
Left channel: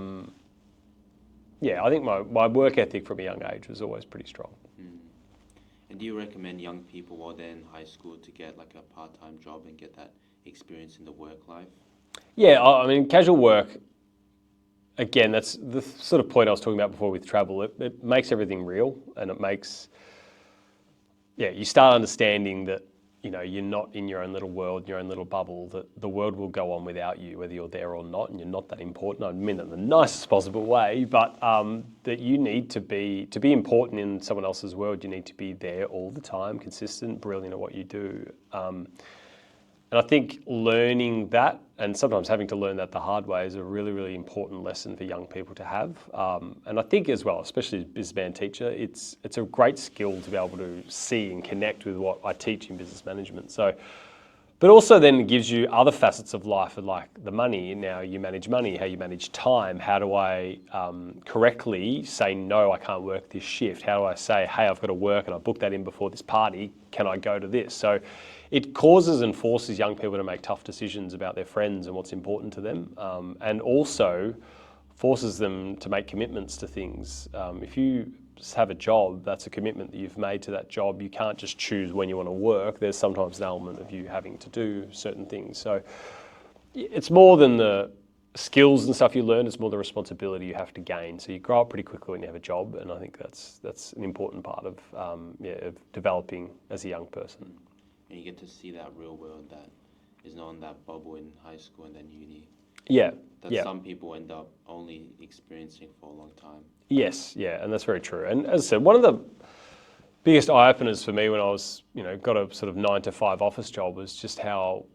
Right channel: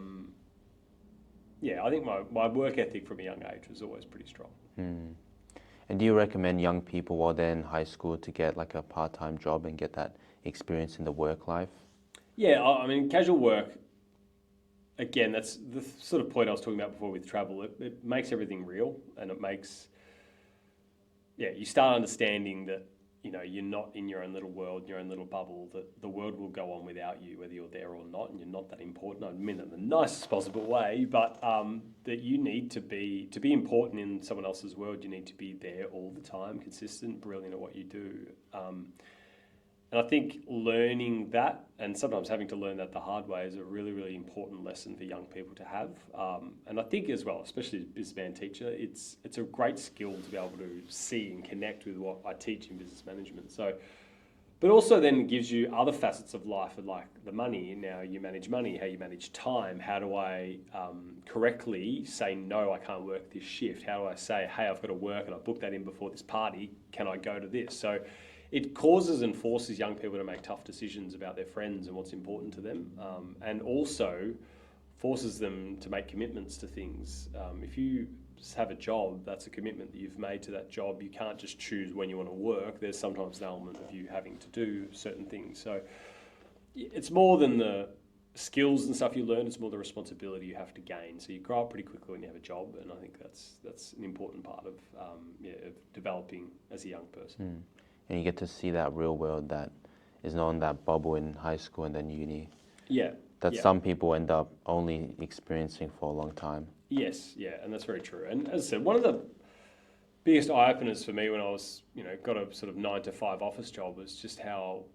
think my work ethic from a young age was always pretty strong. And do you recommend young people while they're in high school to get a part-time job and get that experience in the work life? Yeah, I mean, casual work, again, that's the sort of point I was talking about before with travel. It makes everything real, and it makes, you start understanding that, you're not in your own little world, your own little bubble, that the world will go on without you, whether you're there or not, and you're not that important. I mean that in the nicest possible way, but that you need to be important in someone else's world, you need to be there all the time, consistent, brilliant at what you do. And I think learning that, and sometimes having to learn that the hard way, is a really, really important lesson for young people to have. And I think as well, especially as a BusMan teacher, it's a great skill to be able to see and connect with what I teach in business management. So, but also then it gives you other facets of life, like the money. Now you manage money, how you manage time. How do I correctly say, no, I can't work this shift? How do I say, hey, I've got to work and I booked that in before this party. Can I go to this? So it causes and forces young people to make tough decisions about their friends and what's important to them, and also forces them to make commitments to things. If you just have a job, that's a commitment that you've made to that job. You can't just choose when you want to work. There's sometimes an element of you having to do certain things. So it's more than the skills and stuff you learn, it's more the responsibility you have to gain. So you grow up pretty quickly when you have a job, and I think that's an important part of developing as a young person. And you get to see that real world that is not in that bubble in high school and then uni. Yeah. That some people end up only experiencing for a long time. Yes, and that's very true. And as I said, one of the biggest eye-openers for me when I was, got a sort of 9 to 5 office job was just how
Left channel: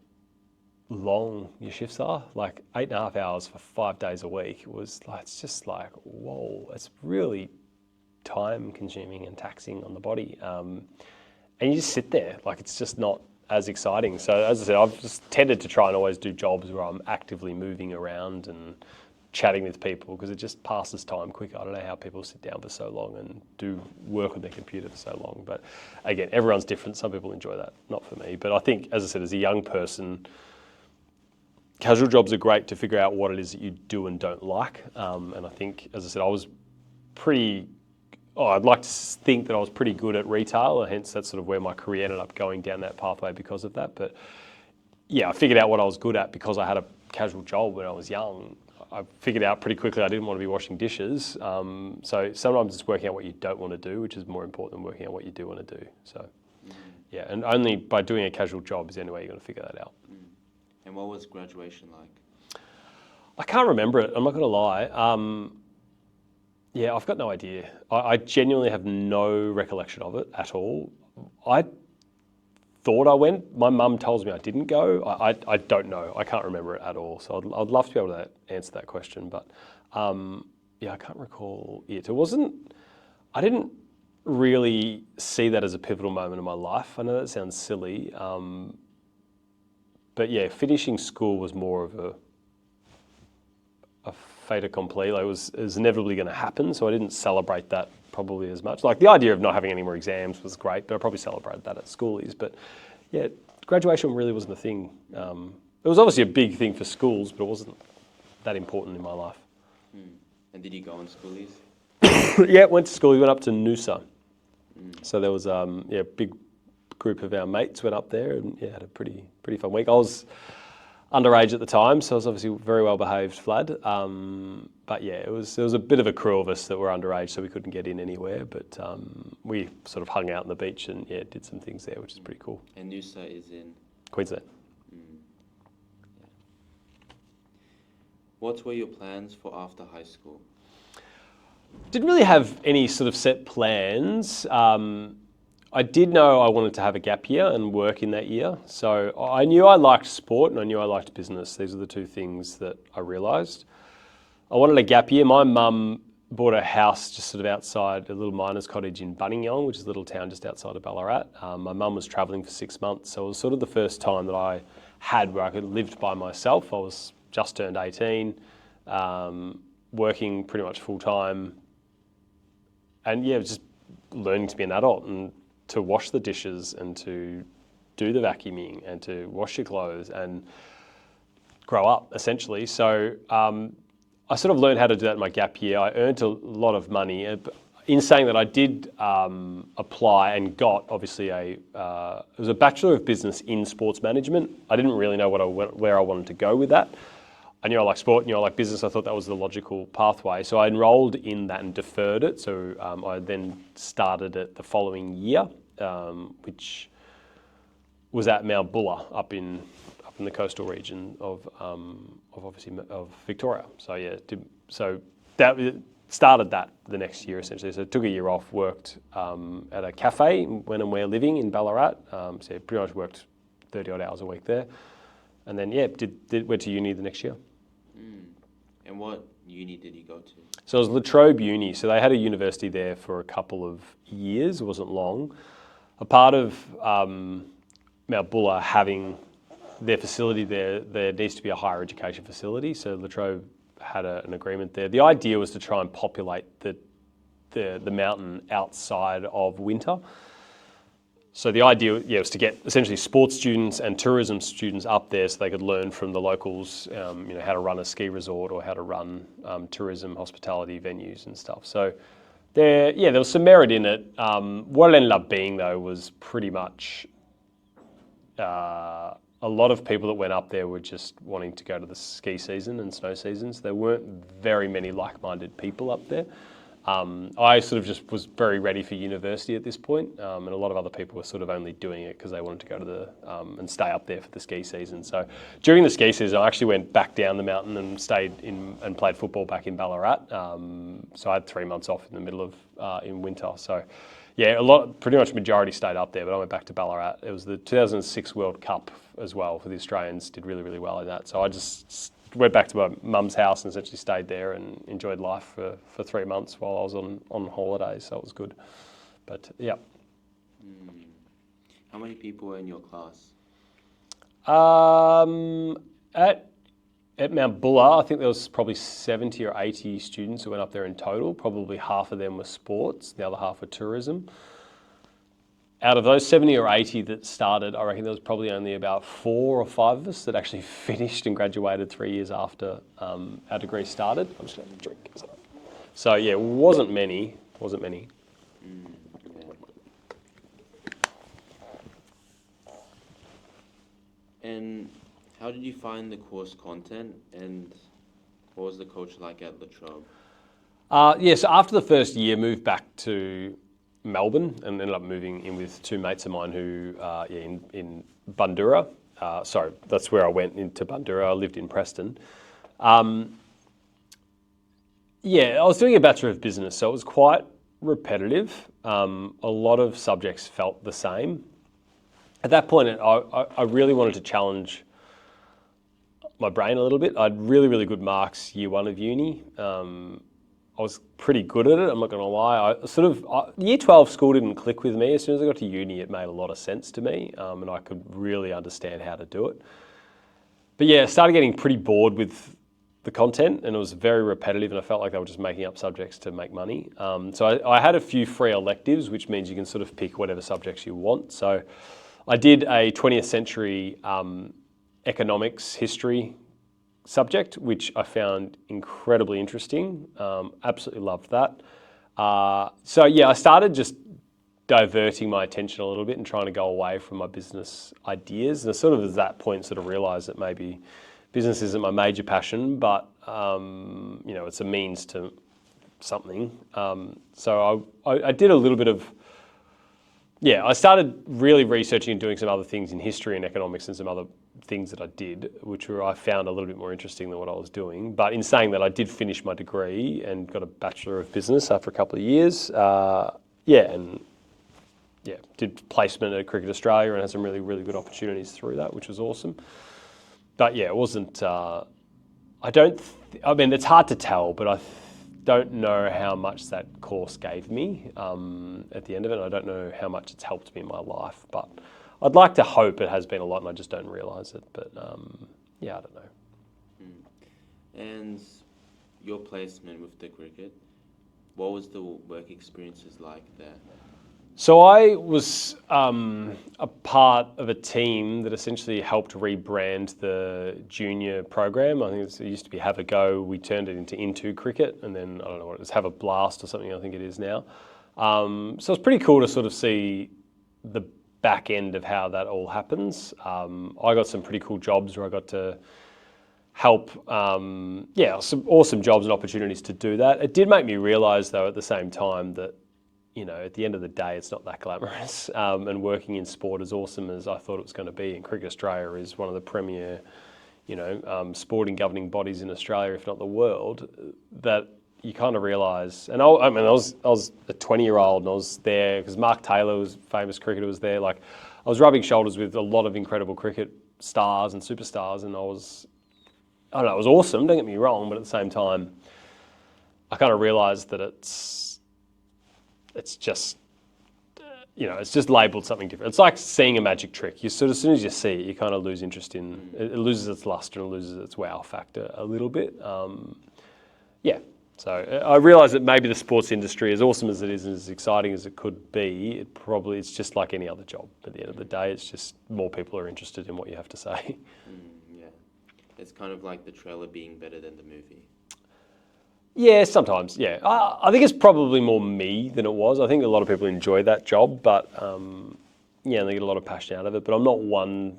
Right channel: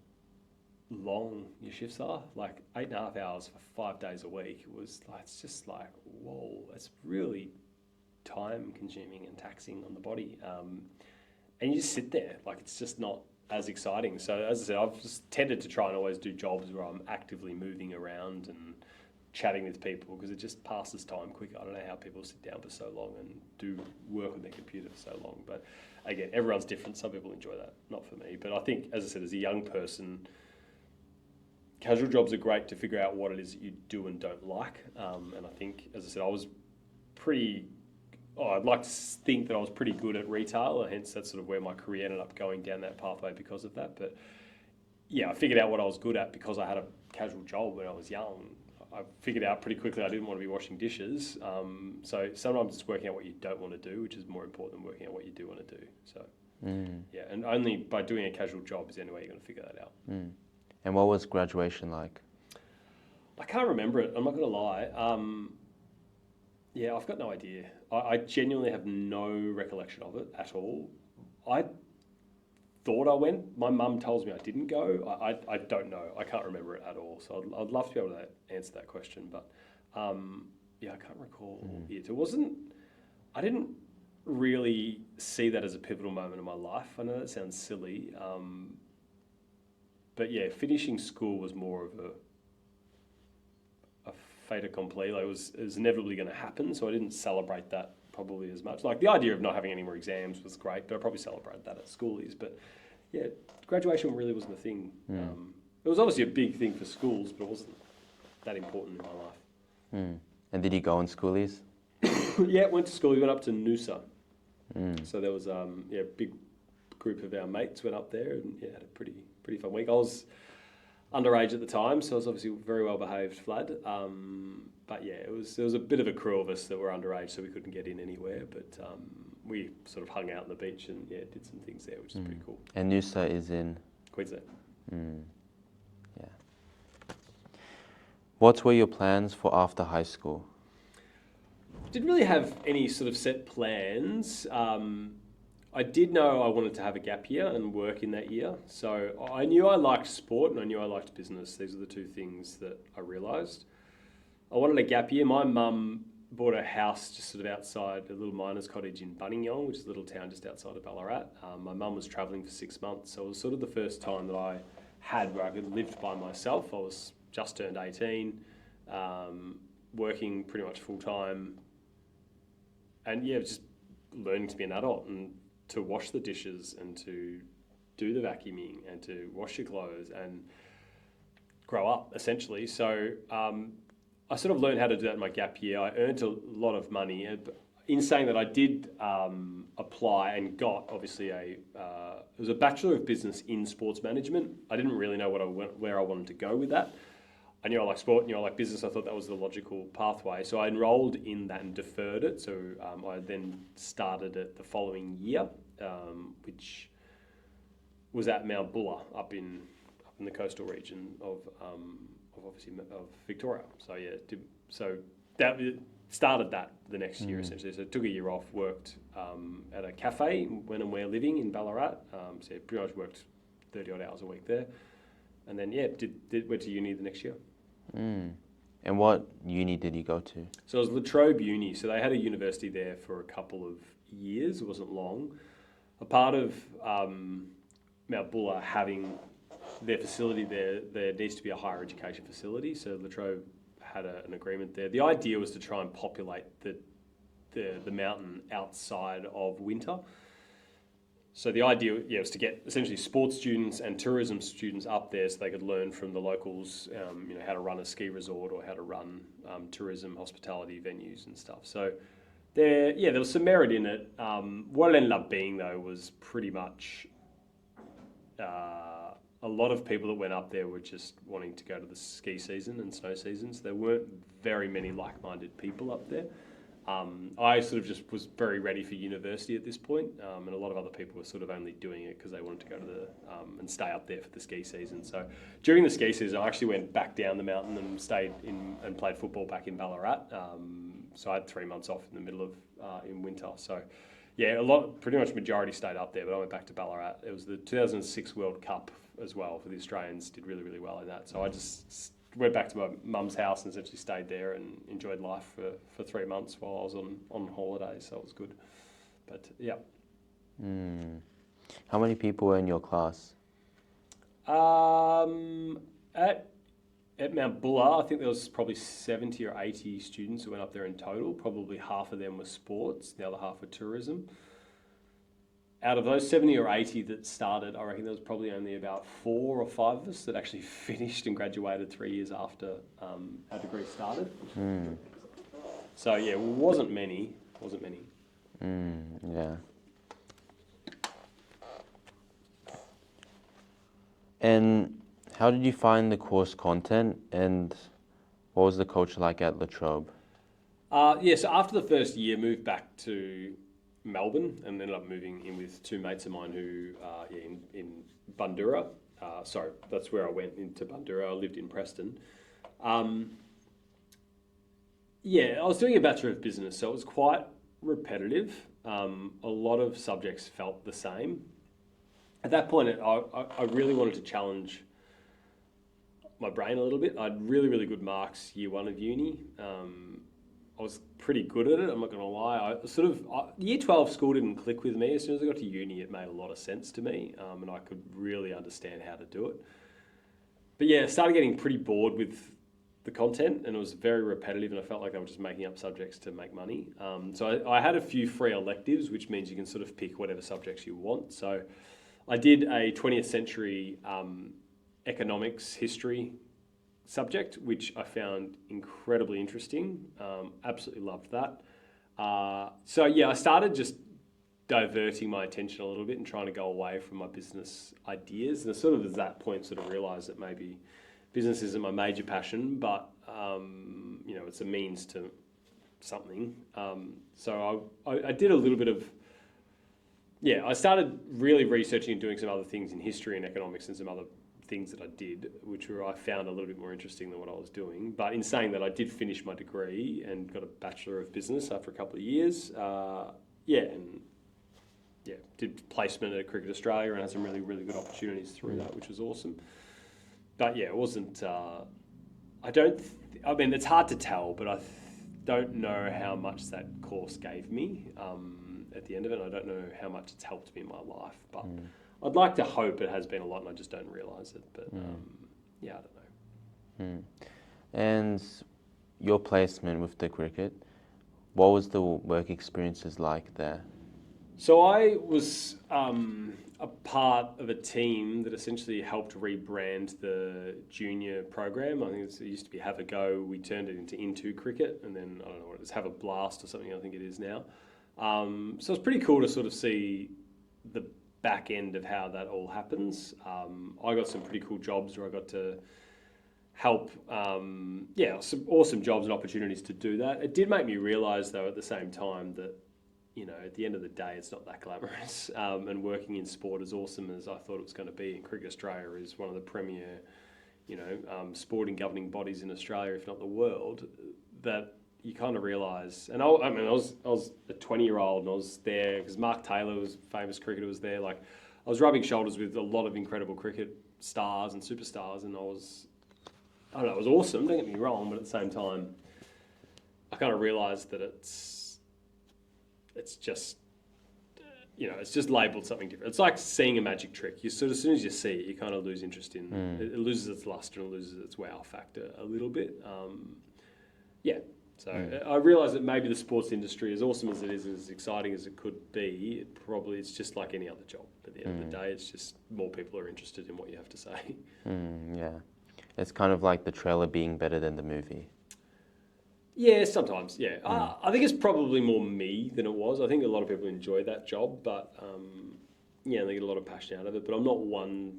long your shifts are. Like 8.5 hours for 5 days a week. It was like, it's just like, whoa, it's really time-consuming and taxing on the body. And you just sit there, like it's just not as exciting. So as I said, I've just tended to try and always do jobs where I'm actively moving around and chatting with people, because it just passes time quicker. I don't know how people sit down for so long and do work with their computer for so long. But again, everyone's different. Some people enjoy that, not for me. But I think, as I said, as a young person, casual jobs are great to figure out what it is that you do and don't like. And I think, as I said, I was I'd like to think that I was pretty good at retail, and hence that's sort of where my career ended up going down that pathway because of that. But I figured out what I was good at because I had a casual job when I was young. I figured out pretty quickly I didn't want to be washing dishes. So sometimes it's working out what you don't want to do, which is more important than working out what you do want to do. So and only by doing a casual job is the only way you're going to figure that out. And what was graduation like? I can't remember it, I'm not going to lie. I've got no idea. I genuinely have no recollection of it at all. I thought I went. My mum tells me I didn't go. I don't know. I can't remember it at all. So I'd love to be able to answer that question. But I can't recall it. It wasn't, I didn't really see that as a pivotal moment in my life. I know that sounds silly. But finishing school was more of a fait accompli. Like it was inevitably going to happen, so I didn't celebrate that probably as much. Like the idea of not having any more exams was great, but I probably celebrated that at Schoolies. But graduation really wasn't a thing. It was obviously a big thing for schools, but it wasn't that important in my life. And did you go on Schoolies? Went to school. We went up to Noosa. So there was a big group of our mates went up there and had a pretty fun week. I was underage at the time, so I was obviously very well behaved Vlad. But there was a bit of a crew of us that were underage, so we couldn't get in anywhere. But we sort of hung out on the beach and did some things there, which is pretty cool. And Noosa is in Queensland. What were your plans for after high school? Didn't really have any sort of set plans. I did know I wanted to have a gap year and work in that year. So I knew I liked sport and I knew I liked business. These are the two things that I realised. I wanted a gap year. My mum bought a house just sort of outside a little miner's cottage in Bunningong, which is a little town just outside of Ballarat. My mum was travelling for 6 months, so it was sort of the first time that I had where I could live by myself. I was just turned 18, working pretty much full time, and just learning to be an adult and to wash the dishes and to do the vacuuming and to wash your clothes and grow up, essentially. So I sort of learned how to do that in my gap year. I earned a lot of money. In saying that, I did apply and got, obviously, it was a Bachelor of Business in Sports Management. I didn't really know where I wanted to go with that. I knew I liked sport, knew I liked business. I thought that was the logical pathway. So I enrolled in that and deferred it. So I then started it the following year, which was at Mount Buller up in the coastal region of Victoria. So yeah, so that started that the next year essentially. So I took a year off, worked at a cafe when and where living in Ballarat. So yeah, pretty much worked 30 odd hours a week there. And then yeah, went to uni the next year. And what uni did you go to? So it was Trobe Uni. So they had a university there for a couple of years. It wasn't long. A part of Mount Buller having their facility there needs to be a higher education facility. So La Trobe had an agreement there. The idea was to try and populate the mountain outside of winter. So the idea was to get essentially sports students and tourism students up there so they could learn from the locals, how to run a ski resort or how to run tourism, hospitality venues and stuff. So there was some merit in it. What it ended up being though was pretty much a lot of people that went up there were just wanting to go to the ski season and snow seasons. There weren't very many like-minded people up there. I sort of just was very ready for university at this point, and a lot of other people were sort of only doing it because they wanted to go to and stay up there for the ski season. So during the ski season, I actually went back down the mountain and stayed and played football back in Ballarat. So I had 3 months off in the middle of in winter. So yeah, pretty much majority stayed up there, but I went back to Ballarat. It was the 2006 World Cup as well for the Australians. Did really, really well in that. So I just went back to my mum's house and essentially stayed there and enjoyed life for 3 months while I was on holidays, so it was good. But yeah. How many people were in your class? At Mount Buller, I think there was probably 70 or 80 students who went up there in total. Probably half of them were sports, the other half were tourism. Out of those 70 or 80 that started, I reckon there was probably only about 4 or 5 of us that actually finished and graduated 3 years after our degree started. I'm just going to drink. So yeah, it wasn't many. Yeah. And how did you find the course content, and what was the culture like at La Trobe? So after the first year, moved back to Melbourne and ended up moving in with 2 mates of mine who, in Bundoora. Sorry, that's where I went into Bundoora. I lived in Preston. I was doing a Bachelor of Business, so it was quite repetitive. A lot of subjects felt the same. At that point, I really wanted to challenge my brain a little bit. I had really, really good marks year 1 of uni. I was pretty good at it, I'm not going to lie. Year 12 school didn't click with me. As soon as I got to uni, it made a lot of sense to me, and I could really understand how to do it. But yeah, I started getting pretty bored with the content, and it was very repetitive, and I felt like they were just making up subjects to make money. So I had a few free electives, which means you can sort of pick whatever subjects you want. So I did a 20th century economics history subject, which I found incredibly interesting. Absolutely loved that. I started just diverting my attention a little bit and trying to go away from my business ideas. And I sort of at that point sort of realised that maybe business isn't my major passion, but it's a means to something. So I did a little bit of, I started really researching and doing some other things in history and economics and some other things that I did, which I found a little bit more interesting than what I was doing. But in saying that, I did finish my degree and got a Bachelor of Business after a couple of years. Did placement at Cricket Australia and had some really, really good opportunities through that, which was awesome. But yeah, it wasn't, it's hard to tell, but I don't know how much that course gave me at the end of it. I don't know how much it's helped me in my life, but I'd like to hope it has been a lot and I just don't realise it. But I don't know. And your placement with the cricket, what was the work experiences like there? So I was a part of a team that essentially helped rebrand the junior program. I think it used to be Have a Go. We turned it into Cricket, and then I don't know what it is, Have a Blast or something. I think it is now. So it's pretty cool to sort of see the back end of how that all happens. I got some pretty cool jobs where I got to help, some awesome jobs and opportunities to do that. It did make me realise, though, at the same time that, at the end of the day, it's not that glamorous. And working in sport, as awesome as I thought it was going to be, and Cricket Australia is one of the premier, sporting governing bodies in Australia, if not the world, that you kind of realise. And I was a 20-year-old, and I was there because Mark Taylor was famous cricketer, was there. Like, I was rubbing shoulders with a lot of incredible cricket stars and superstars, and it was awesome. Don't get me wrong, but at the same time, I kind of realised that it's just, it's just labelled something different. It's like seeing a magic trick. You sort of, as soon as you see it, you kind of lose interest in it. It loses its luster and loses its wow factor a little bit. So I realise that maybe the sports industry, as awesome as it is and as exciting as it could be, it's just like any other job. At the end of the day, it's just more people are interested in what you have to say. Yeah. It's kind of like the trailer being better than the movie. Yeah, sometimes, yeah. I think it's probably more me than it was. I think a lot of people enjoy that job, but and they get a lot of passion out of it. But I'm not one,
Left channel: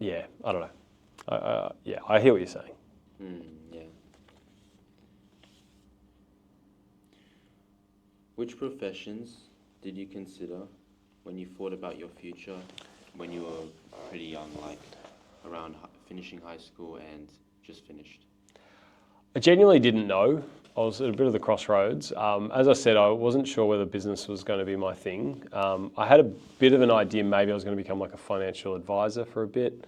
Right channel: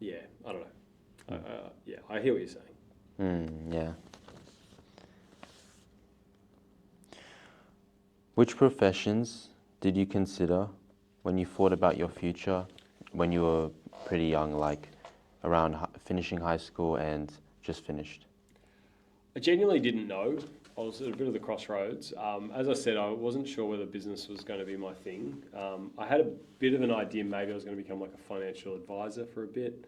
I don't know. I hear what you're saying. Yeah. Which professions did you consider when you thought about your future when you were pretty young, like around finishing high school and just finished? I genuinely didn't know. I was at a bit of the crossroads. As I said, I wasn't sure whether business was going to be my thing. I had a bit of an idea maybe I was going to become like a financial advisor for a bit.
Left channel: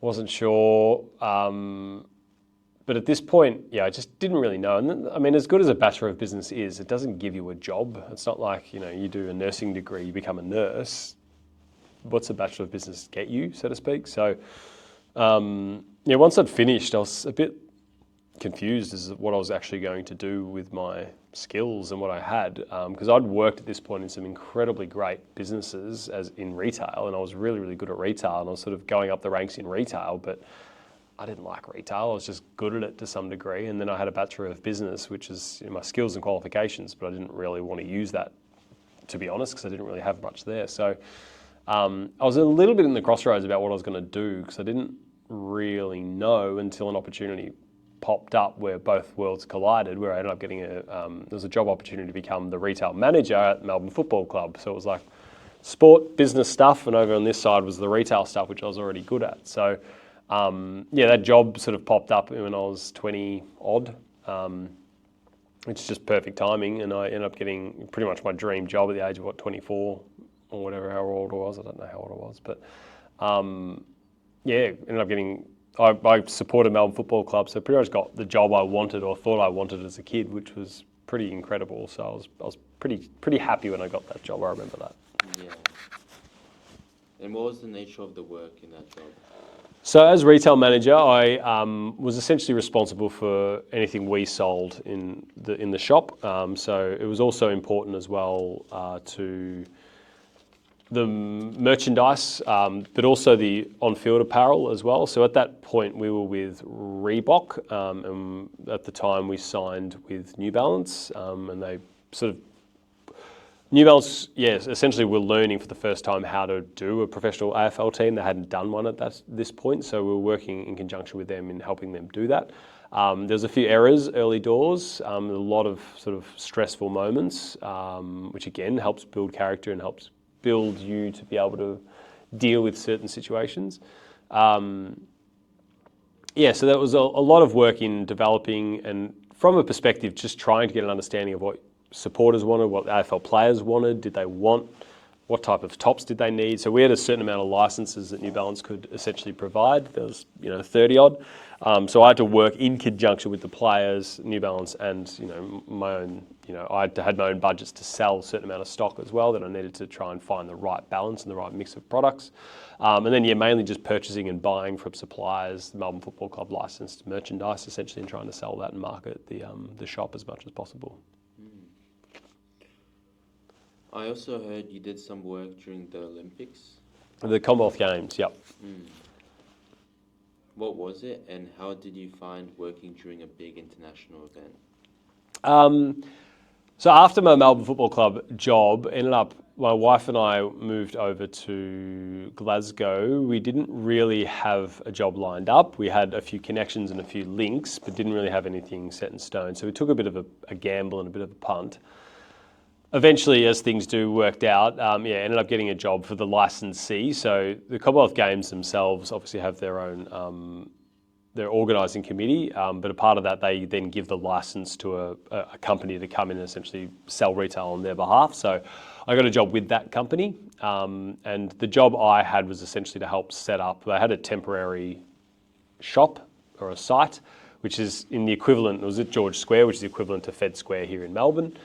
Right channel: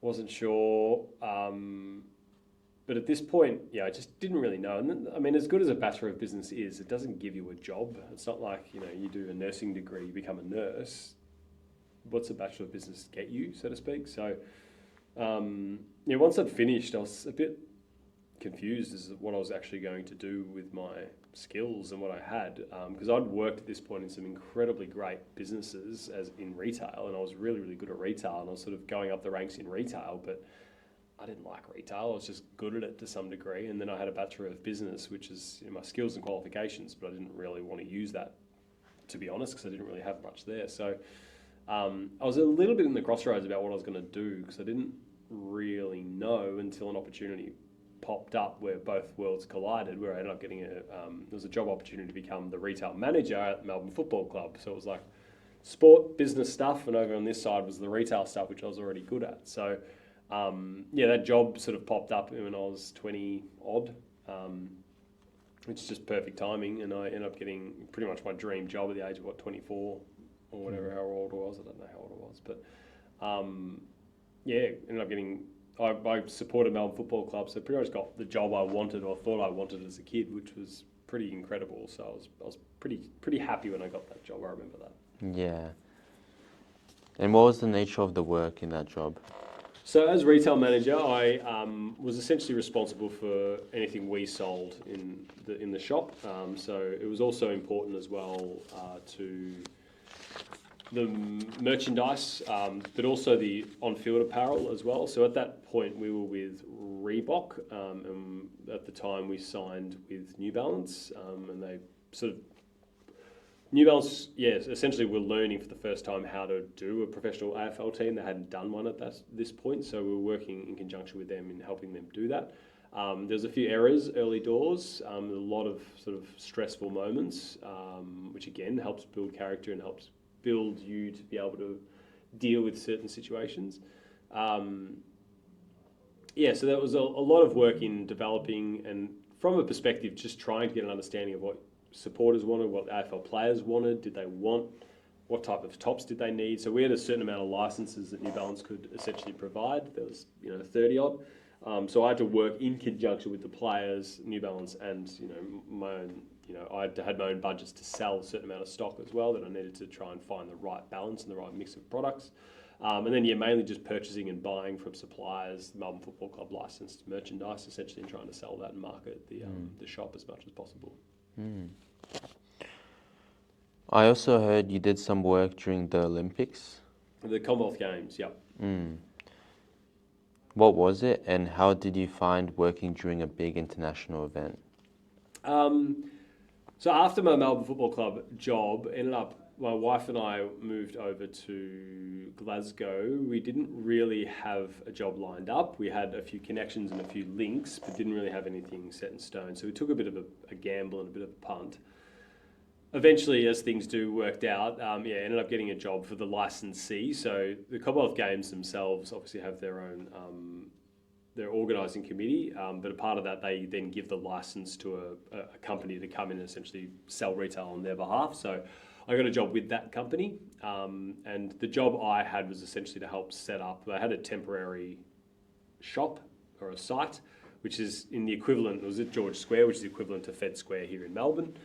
Wasn't sure. But at this point, I just didn't really know. And I mean, as good as a Bachelor of Business is, it doesn't give you a job. It's not like, you do a nursing degree, you become a nurse. What's a Bachelor of Business get you, so to speak? So, once I'd finished, I was a bit confused as to what I was actually going to do with my skills and what I had, because I'd worked at this point in some incredibly great businesses as in retail, and I was really, really good at retail, and I was sort of going up the ranks in retail, but I didn't like retail. I was just good at it to some degree, and then I had a Bachelor of Business, which is my skills and qualifications, but I didn't really want to use that, to be honest, because I didn't really have much there. So I was a little bit in the crossroads about what I was going to do, because I didn't really know until an opportunity popped up where both worlds collided, where I ended up getting there was a job opportunity to become the retail manager at Melbourne Football Club. So it was like sport, business stuff, and over on this side was the retail stuff, which I was already good at. So that job sort of popped up when I was 20 odd, which is just perfect timing, and I ended up getting pretty much my dream job at the age of 24 or whatever, how old I was. I don't know how old I was, but ended up getting. I supported Melbourne Football Club, so pretty much got the job I wanted or thought I wanted as a kid, which was pretty incredible. So I was pretty happy when I got that job. I remember that. Yeah. And what was the nature of the work in that job? So as retail manager, I was essentially responsible for anything we sold in the shop. So it was also important as well to the merchandise, but also the on-field apparel as well. So at that point, we were with Reebok, and at the time we signed with New Balance, and they sort of New Balance, yes, essentially we're learning for the first time how to do a professional AFL team. They hadn't done one at this point, so we were working in conjunction with them in helping them do that. There's a few errors early doors, a lot of sort of stressful moments, which again helps build character and helps build you to be able to deal with certain situations. So that was a lot of work in developing, and from a perspective, just trying to get an understanding of what supporters wanted, what the AFL players wanted, did they want, what type of tops did they need. So we had a certain amount of licenses that New Balance could essentially provide. There was 30 odd. So I had to work in conjunction with the players, New Balance, and my own. I had my own budgets to sell a certain amount of stock as well, that I needed to try and find the right balance and the right mix of products. And then mainly just purchasing and buying from suppliers, the Melbourne Football Club licensed merchandise essentially, and trying to sell that and market the shop as much as possible. I also heard you did some work during the Olympics. The Commonwealth Games, yep. What was it, and how did you find working during a big international event? So after my Melbourne Football Club job, ended up my wife and I moved over to Glasgow, we didn't really have a job lined up. We had a few connections and a few links, but didn't really have anything set in stone. So we took a bit of a gamble and a bit of a punt. Eventually, as things do, worked out. Ended up getting a job for the licensee. So the Commonwealth Games themselves obviously have their own their organising committee, but a part of that, they then give the license to a company to come in and essentially sell retail on their behalf. So I got a job with that company, and the job I had was essentially to help set up. They had a temporary shop or a site, which is in the equivalent, it was at George Square, which is the equivalent to Fed Square here in Melbourne,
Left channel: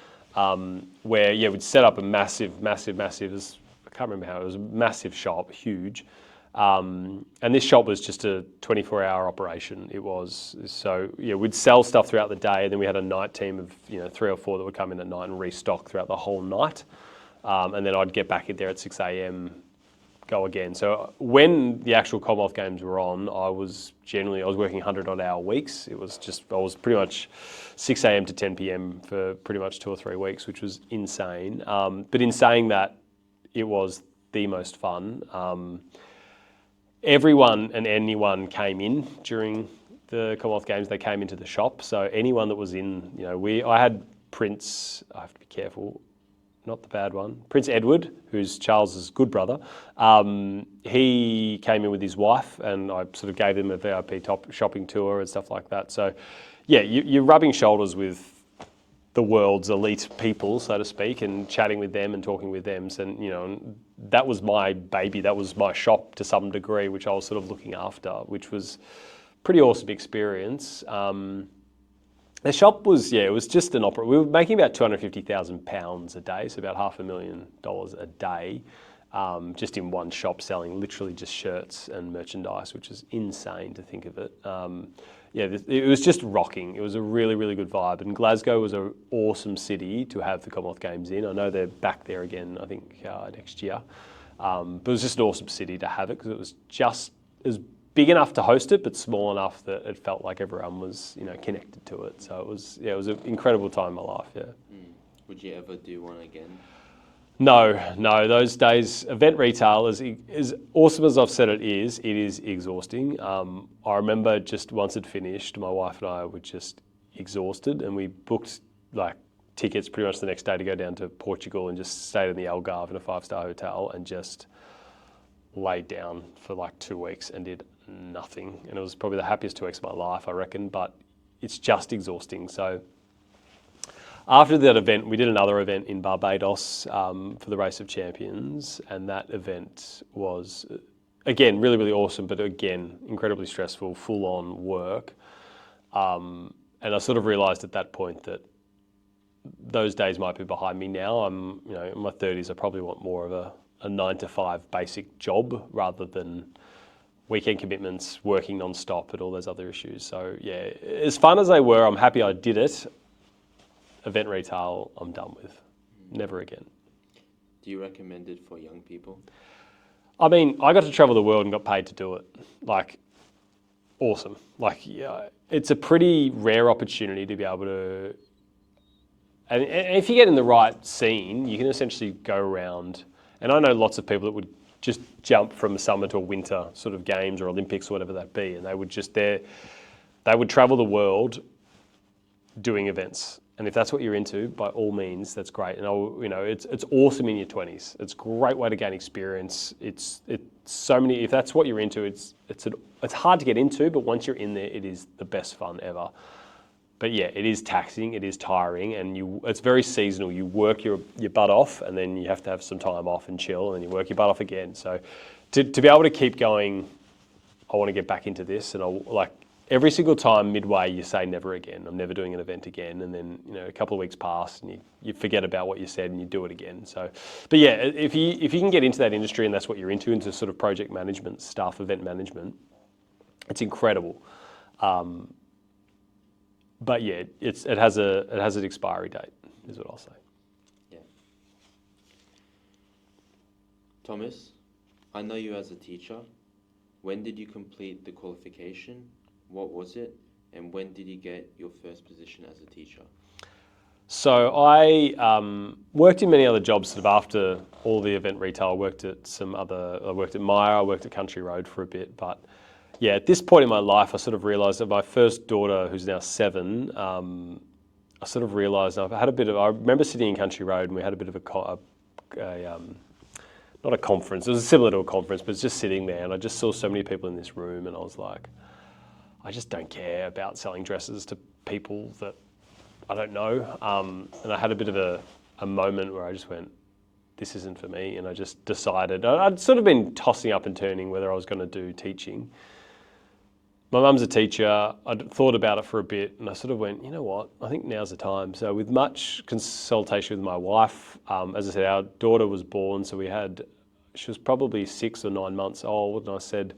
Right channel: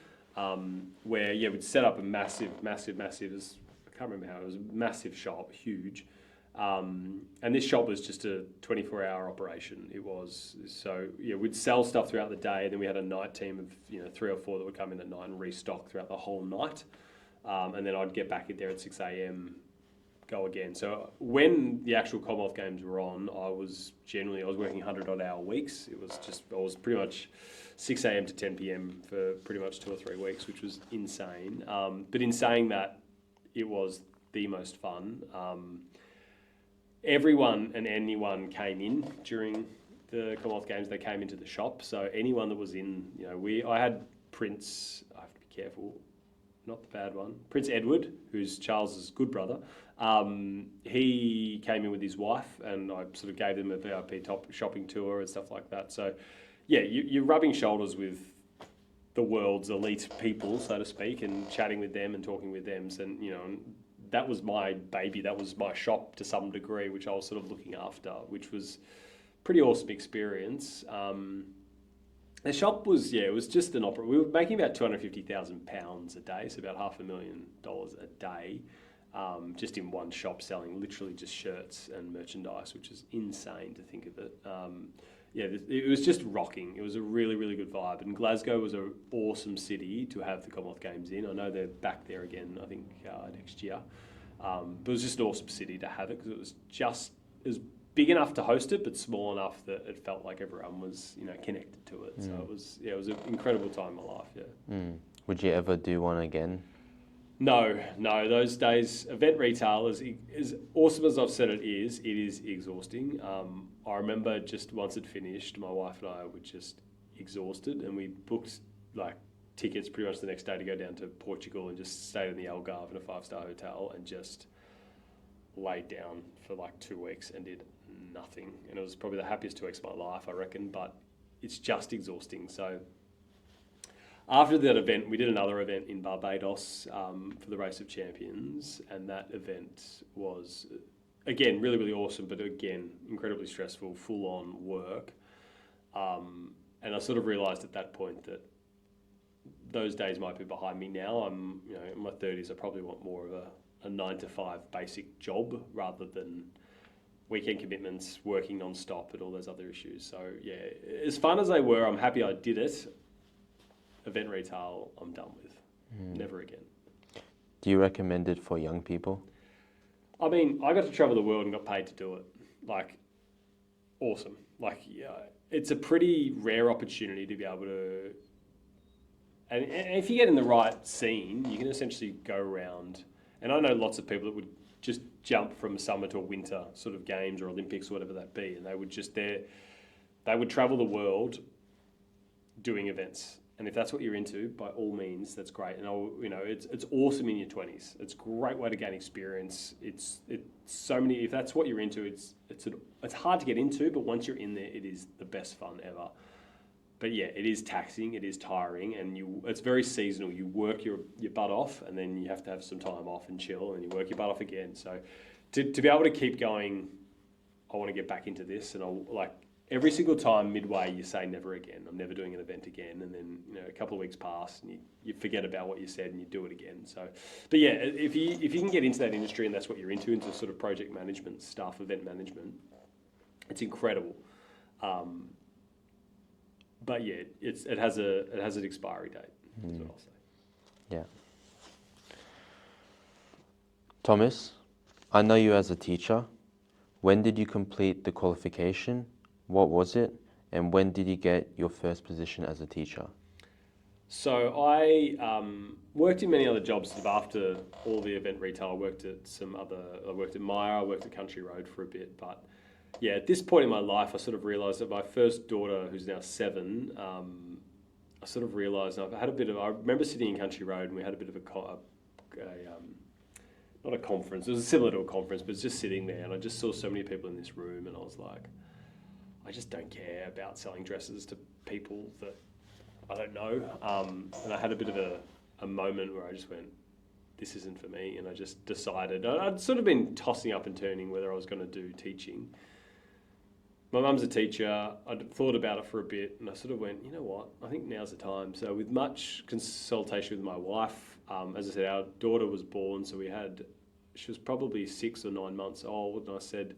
where we'd set up a massive, I can't remember how, it was a massive shop, huge. And this shop was just a 24-hour operation. It was. So we'd sell stuff throughout the day, and then we had a night team of 3 or 4 that would come in at night and restock throughout the whole night. And then I'd get back in there at 6 a.m, go again. So when the actual Commonwealth Games were on, I was working 100-odd hour weeks. I was pretty much 6 a.m. to 10 p.m. for pretty much 2 or 3 weeks, which was insane. But in saying that, it was the most fun. Everyone and anyone came in during the Commonwealth Games. They came into the shop. So anyone that was in, I had Prince, I have to be careful, not the bad one, Prince Edward, who's Charles's good brother. He came in with his wife, and I sort of gave him a VIP shopping tour and stuff like that. So you're rubbing shoulders with the world's elite people, so to speak, and chatting with them and talking with them. So, that was my baby. That was my shop to some degree, which I was sort of looking after, which was pretty awesome experience. The shop was, it was just an opera. We were making about £250,000 a day, so about $500,000 a day, just in one shop selling literally just shirts and merchandise, which is insane to think of it. It was just rocking. It was a really, really good vibe. And Glasgow was an awesome city to have the Commonwealth Games in. I know they're back there again, I think, next year. But it was just an awesome city to have it because it was just as big enough to host it, but small enough that it felt like everyone was, connected to it. So it was an incredible time in my life, Would you ever do one again? No. Those days, event retail, as awesome as I've said it is exhausting. I remember just once it finished, my wife and I were just exhausted, and we booked tickets pretty much the next day to go down to Portugal and just stayed in the Algarve in a 5-star hotel and just laid down for 2 weeks and did nothing. And it was probably the happiest 2 weeks of my life, I reckon, but it's just exhausting. So after that event, we did another event in Barbados for the Race of Champions, and that event was, again, really, really awesome, but again, incredibly stressful, full-on work. And I sort of realised at that point that those days might be behind me now. I'm, in my 30s, I probably want more of a 9-to-5 basic job rather than weekend commitments, working non-stop and all those other issues. So as fun as they were, I'm happy I did it. Event retail, I'm done with. Never again. Do you recommend it for young people? I mean, I got to travel the world and got paid to do it. Awesome. It's a pretty rare opportunity to be able to, and if you get in the right scene, you can essentially go around, and I know lots of people that would just jump from a summer to a winter sort of games or Olympics or whatever that be, and they would travel the world doing events. And if that's what you're into, by all means, that's great. And it's awesome in your 20s. It's a great way to gain experience. It's so many. If that's what you're into, it's hard to get into, but once you're in there, it is the best fun ever. But it is taxing, it is tiring, and it's very seasonal. You work your butt off, and then you have to have some time off and chill, and you work your butt off again. So to be able to keep going, I want to get back into this, and every single time midway you say never again. I'm never doing an event again, and then a couple of weeks pass and you forget about what you said and you do it again. So, but if you can get into that industry and that's what you're into sort of project management stuff, event management, it's incredible. But it has an expiry date, is what I'll say. Yeah. Thomas, I know you as a teacher. When did you complete the qualification? What was it? And when did you get your first position as a teacher? So I worked in many other jobs sort of after all the event retail. I worked at Myer, I worked at Country Road for a bit. But yeah, at this point in my life, I sort of realised that my first daughter, who's now 7, I sort of realised I remember sitting in Country Road and we had a bit of not a conference, it was similar to a conference, but it's just sitting there and I just saw so many people in this room and I was like, I just don't care about selling dresses to people that I don't know. And I had a bit of a moment where I just went, this isn't for me. And I just decided, I'd sort of been tossing up and turning whether I was going to do teaching. My mum's a teacher. I'd thought about it for a bit and I sort of went, you know what, I think now's the time. So with much consultation with my wife, as I said, our daughter was born, so she was probably 6 or 9 months old. And I said,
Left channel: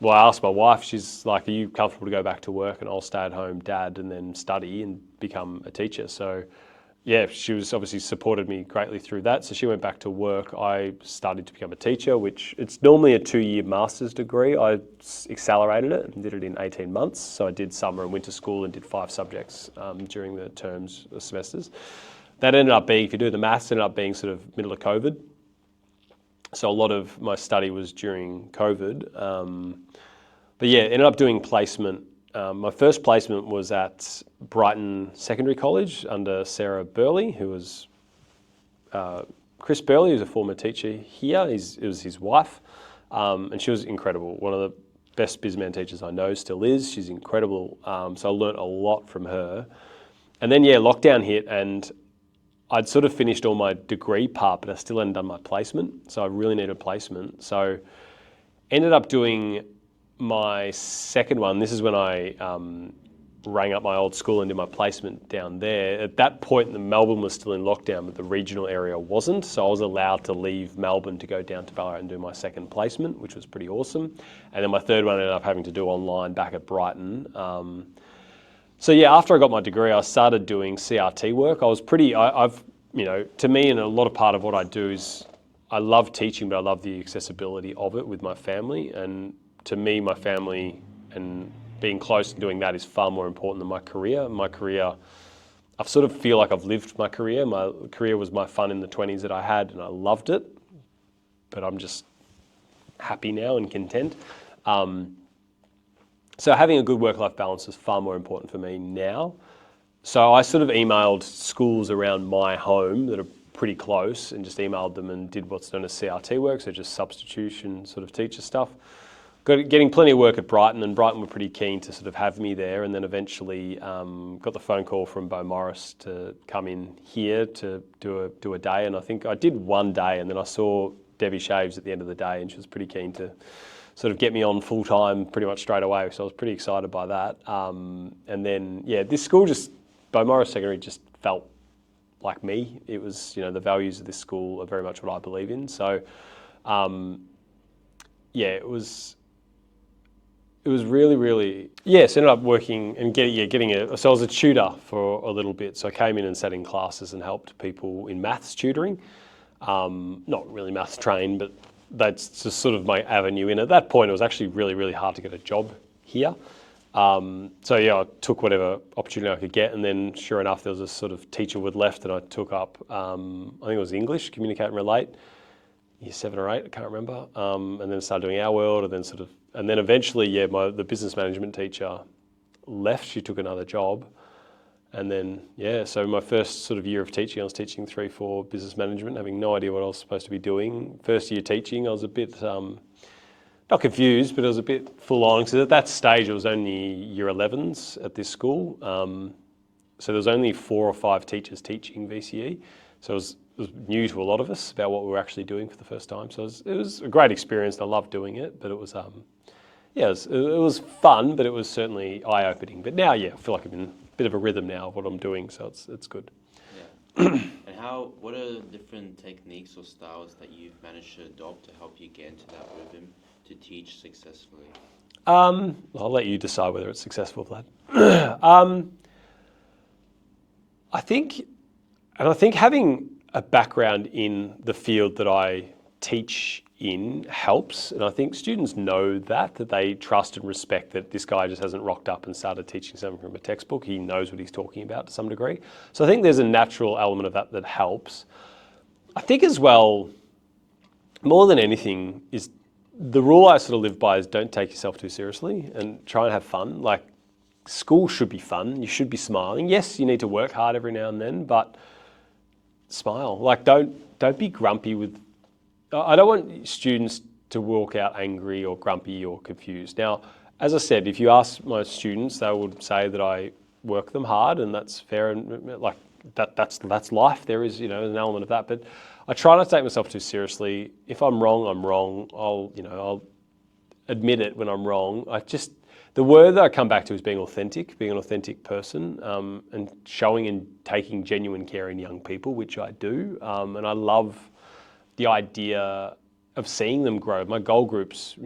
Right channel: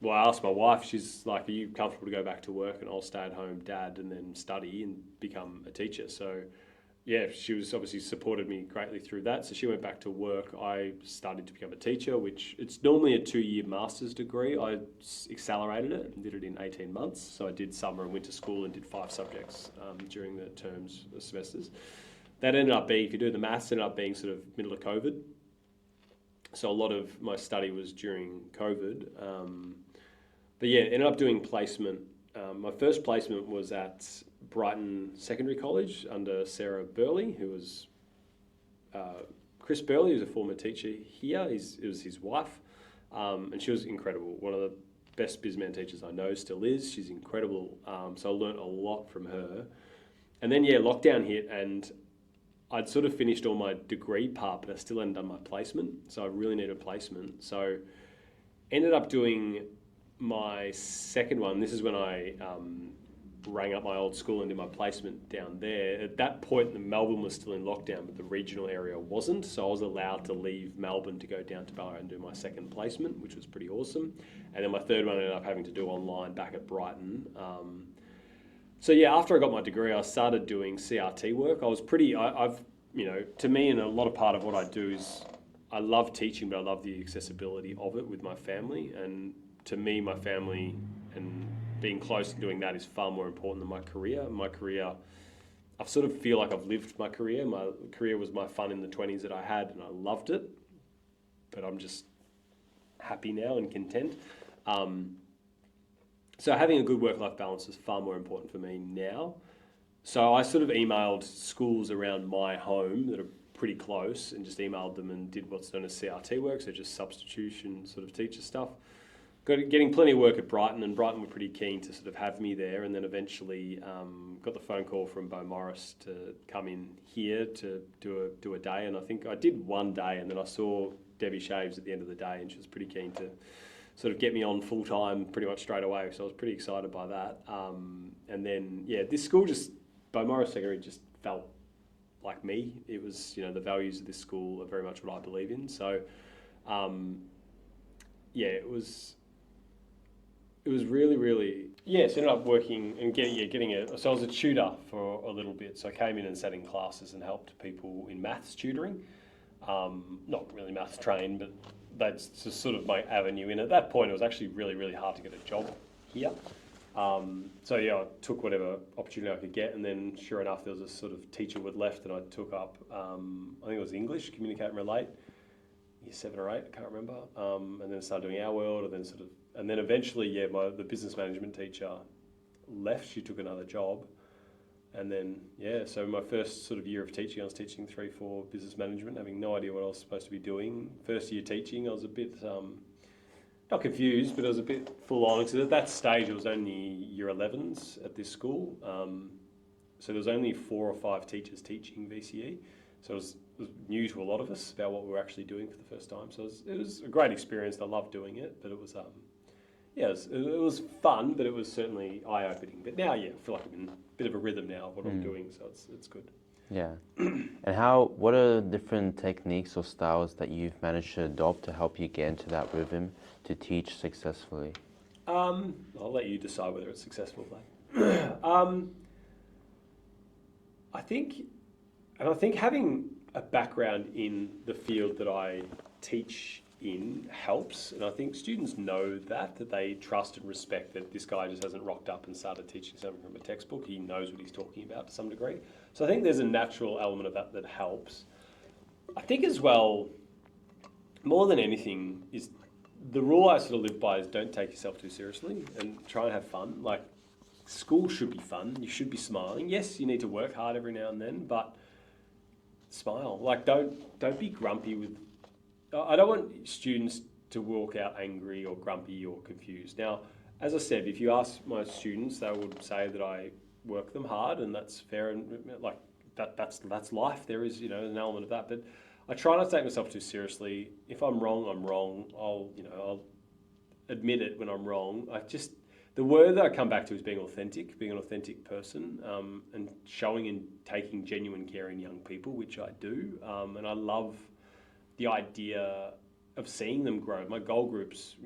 well, I asked my wife, she's like, are you comfortable to go back to work and I'll stay at home dad and then study and become a teacher? So yeah, she was obviously supported me greatly through that. So she went back to work. I studied to become a teacher, which it's normally a 2-year master's degree. I accelerated it and did it in 18 months. So I did summer and winter school and did 5 subjects during the terms, the semesters. That ended up being, if you do the maths, ended up being sort of middle of COVID. So a lot of my study was during COVID. But yeah, ended up doing placement. My first placement was at Brighton Secondary College under Sarah Burley, who was Chris Burley, who's a former teacher here. It was his wife, and she was incredible. One of the best BusMan teachers I know, still is. She's incredible. So I learnt a lot from her. And then yeah, lockdown hit, and I'd sort of finished all my degree part, but I still hadn't done my placement. So I really needed a placement. So ended up doing my second one. This is when I rang up my old school and did my placement down there. At that point, Melbourne was still in lockdown, but the regional area wasn't. So I was allowed to leave Melbourne to go down to Ballarat and do my second placement, which was pretty awesome. And then my third one I ended up having to do online back at Brighton. So yeah, after I got my degree, I started doing CRT work. I was I've, to me, and a lot of part of what I do is I love teaching, but I love the accessibility of it with my family. And to me, my family and being close and doing that is far more important than my career. My career, I sort of feel like I've lived my career. My career was my fun in the 20s that I had, and I loved it. But I'm just happy now and content. So having a good work-life balance is far more important for me now. So I sort of emailed schools around my home that are pretty close and just emailed them and did what's known as CRT work, so just substitution sort of teacher stuff. Getting plenty of work at Brighton, and Brighton were pretty keen to sort of have me there, and then eventually got the phone call from Bo Morris to come in here to do a day, and I think I did one day, and then I saw Debbie Shaves at the end of the day, and she was pretty keen to sort of get me on full time pretty much straight away, so I was pretty excited by that. And then, yeah, this school Bo Morris Secondary just felt like me. It was, the values of this school are very much what I believe in. So, yeah, it was really, really, so ended up working and so I was a tutor for a little bit. So I came in and sat in classes and helped people in maths tutoring. Not really maths trained, but that's just sort of my avenue in. At that point, it was actually really, really hard to get a job here. So yeah, I took whatever opportunity I could get, and then sure enough, there was a sort of teacher would left, and I took up, I think it was English, Communicate and Relate, year 7 or 8, I can't remember, and then started doing Our World, and then eventually, yeah, the business management teacher left, she took another job, and then, yeah, so my first sort of year of teaching, I was teaching 3-4 business management, having no idea what I was supposed to be doing. First year teaching, I was a bit, not confused, but I was a bit full on, because at that stage, it was only year 11s at this school. So there was only 4 or 5 teachers teaching VCE. So it was new to a lot of us about what we were actually doing for the first time. So it was a great experience. I loved doing it, but it was, it was fun, but it was certainly eye-opening. But now, yeah, I feel like I'm in a bit of a rhythm now of what I'm doing, so it's good. Yeah. And what are the different techniques or styles that you've managed to adopt to help you get into that rhythm to teach successfully? I'll let you decide whether it's successful, Vlad. I think having a background in the field that I teach in helps, and I think students know that they trust and respect that this guy just hasn't rocked up and started teaching something from a textbook. He knows what he's talking about to some degree. So I think there's a natural element of that helps. I think as well, more than anything, is the rule I sort of live by is don't take yourself too seriously and try and have fun. Like, school should be fun. You should be smiling. Yes, you need to work hard every now and then, but smile. Like, don't be grumpy with. I don't want students to walk out angry or grumpy or confused. Now, as I said, if you ask my students, they would say that I work them hard, and that's fair, and like that's life. There is, an element of that, but I try not to take myself too seriously. If I'm wrong, I'm wrong. I'll admit it when I'm wrong. The word that I come back to is being authentic, being an authentic person, and showing and taking genuine care in young people, which I do, and I love the idea of seeing them grow. My goal group's,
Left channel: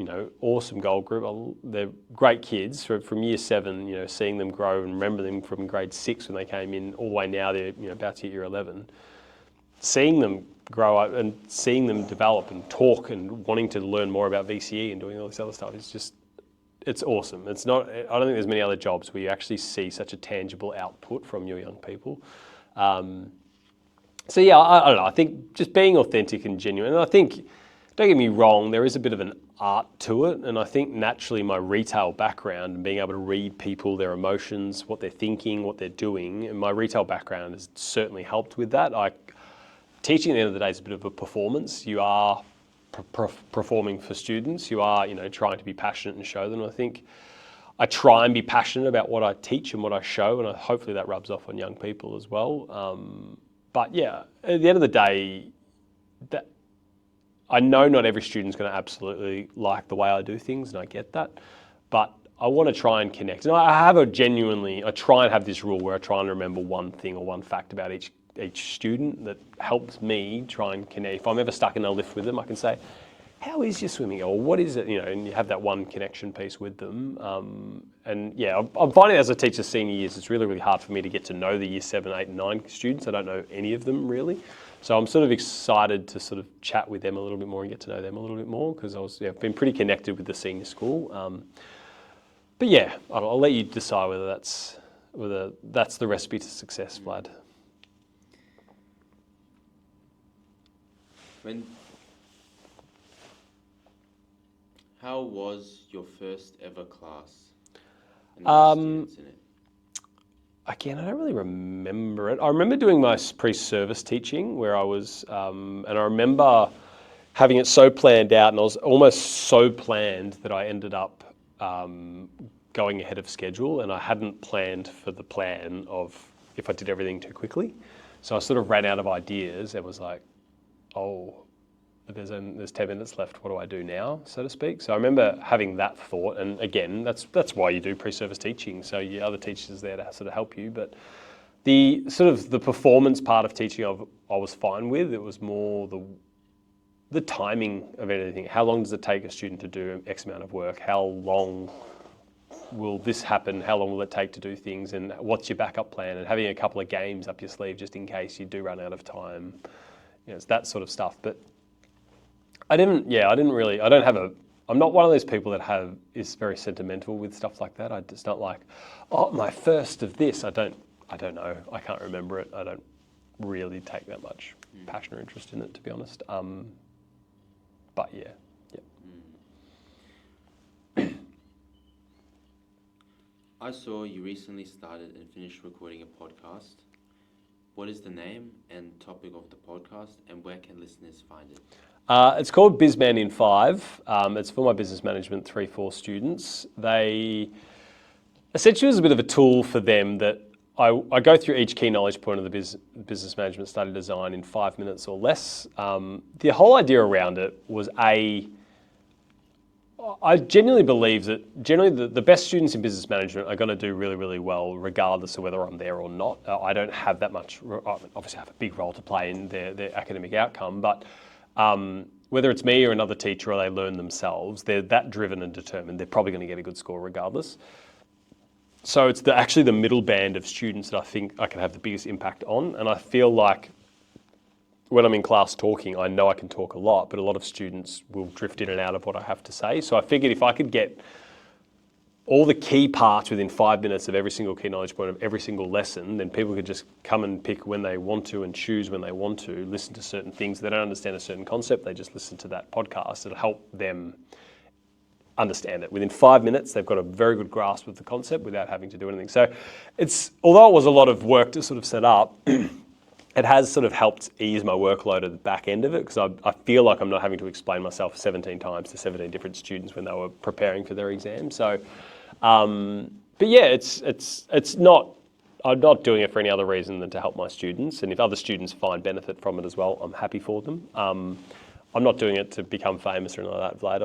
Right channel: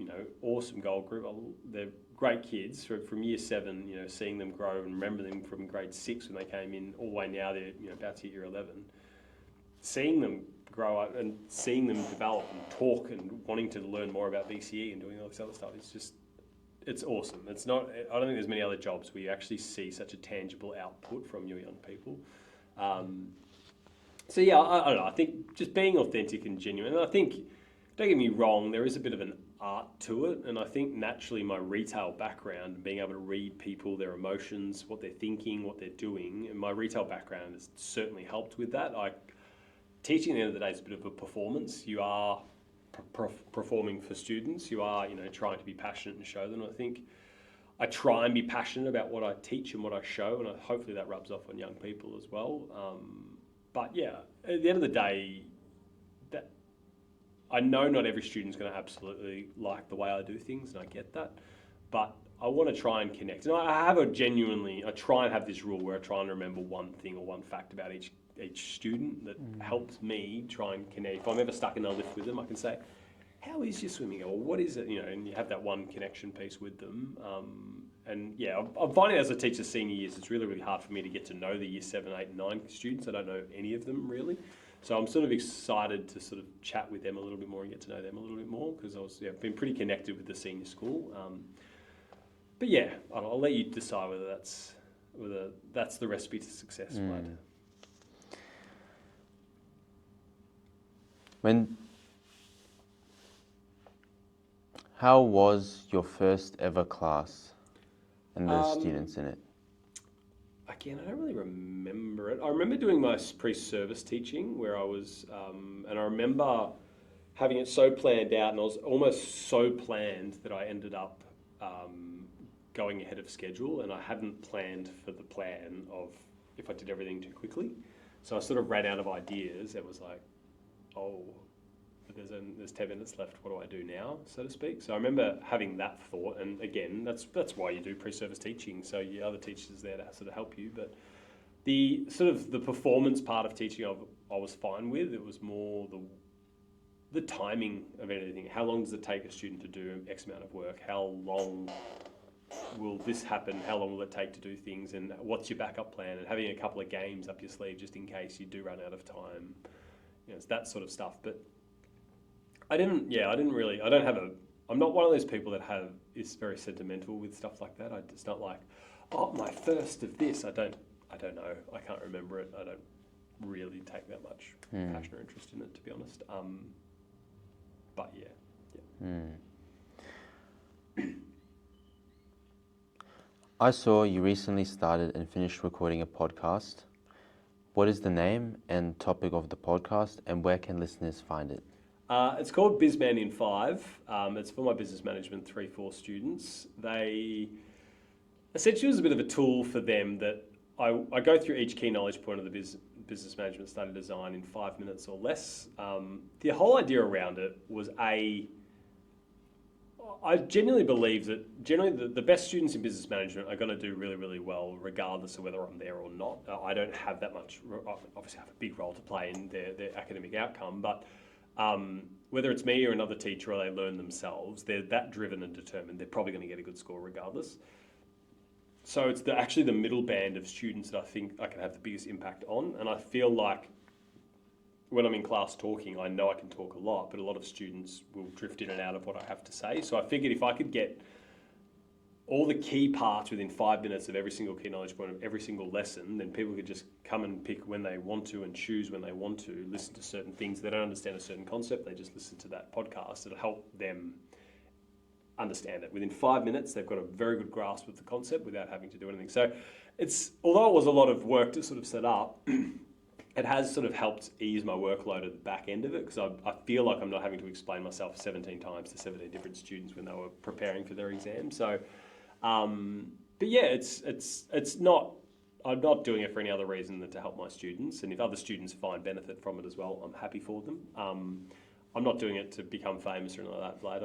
awesome goal group. They're great kids from year 7, seeing them grow and remember them from grade 6 when they came in all the way now they're, about to hit year 11. Seeing them grow up and seeing them develop and talk and wanting to learn more about VCE and doing all this other stuff is just, it's awesome. I don't think there's many other jobs where you actually see such a tangible output from your young people. So yeah, I don't know. I think just being authentic and genuine. And I think, don't get me wrong, there is a bit of an art to it. And I think naturally my retail background and being able to read people, their emotions, what they're thinking, what they're doing, and my retail background has certainly helped with that. Teaching at the end of the day is a bit of a performance. You are performing for students. You are, trying to be passionate and show them. I think I try and be passionate about what I teach and what I show, and hopefully that rubs off on young people as well. But yeah, at the end of the day, I know not every student's going to absolutely like the way I do things, and I get that. But I want to try and connect. And I try and have this rule where I try and remember one thing or one fact about each student that helps me try and connect. If I'm ever stuck in a lift with them, I can say, how is your swimming? Or what is it? And you have that one connection piece with them. And yeah, I'm finding as I teach the senior years, it's really, really hard for me to get to know the year 7, 8, and 9 students. I don't know any of them really. So I'm sort of excited to sort of chat with them a little bit more and get to know them a little bit more, because I've been pretty connected with the senior school. But yeah, I'll let you decide whether that's the recipe to success, Vlad. How was your first ever class and the students in it? Again, I don't really remember it. I remember doing my pre-service teaching where I was, and I remember having it so planned out, and I was almost so planned that I ended up going ahead of schedule, and I hadn't planned for the plan of if I did everything too quickly. So I sort of ran out of ideas and was like, oh, there's 10 minutes left, what do I do now, so to speak? So I remember having that thought, and again, that's why you do pre-service teaching, so your other teachers there to sort of help you. But the sort of the performance part of teaching I was fine with. It was more the timing of anything. How long does it take a student to do X amount of work? How long will this happen? How long will it take to do things? And what's your backup plan? And having a couple of games up your sleeve just in case you do run out of time. It's that sort of stuff. But I'm not one of those people that is very sentimental with stuff like that. It's not like, oh, my first of this. I don't know. I can't remember it. I don't really take that much passion or interest in it, to be honest. But yeah. I saw you recently started and finished recording a podcast. What is the name and topic of the podcast, and where can listeners find it? It's called BusMan in 5. It's for my business management 3-4 students. Essentially, it was a bit of a tool for them that I go through each key knowledge point of the business management study design in 5 minutes or less. The whole idea around it was I genuinely believe that the best students in business management are going to do really, really well regardless of whether I'm there or not. I don't have that much, obviously I have a big role to play in their academic outcome, but whether it's me or another teacher or they learn themselves, they're that driven and determined, they're probably going to get a good score regardless. So it's actually the middle band of students that I think I can have the biggest impact on, and I feel like when I'm in class talking, I know I can talk a lot, but a lot of students will drift in and out of what I have to say. So I figured if I could get all the key parts within 5 minutes of every single key knowledge point of every single lesson, then people could just come and pick when they want to and choose when they want to, listen to certain things. They don't understand a certain concept, they just listen to that podcast. It'll help them understand it. Within 5 minutes, they've got a very good grasp of the concept without having to do anything. So although it was a lot of work to sort of set up, it has sort of helped ease my workload at the back end of it, because I feel like I'm not having to explain myself 17 times to 17 different students when they were preparing for their exam. So, but yeah, it's not, I'm not doing it for any other reason than to help my students. And if other students find benefit from it as well, I'm happy for them. I'm not doing it to become famous or anything like that, Vlad.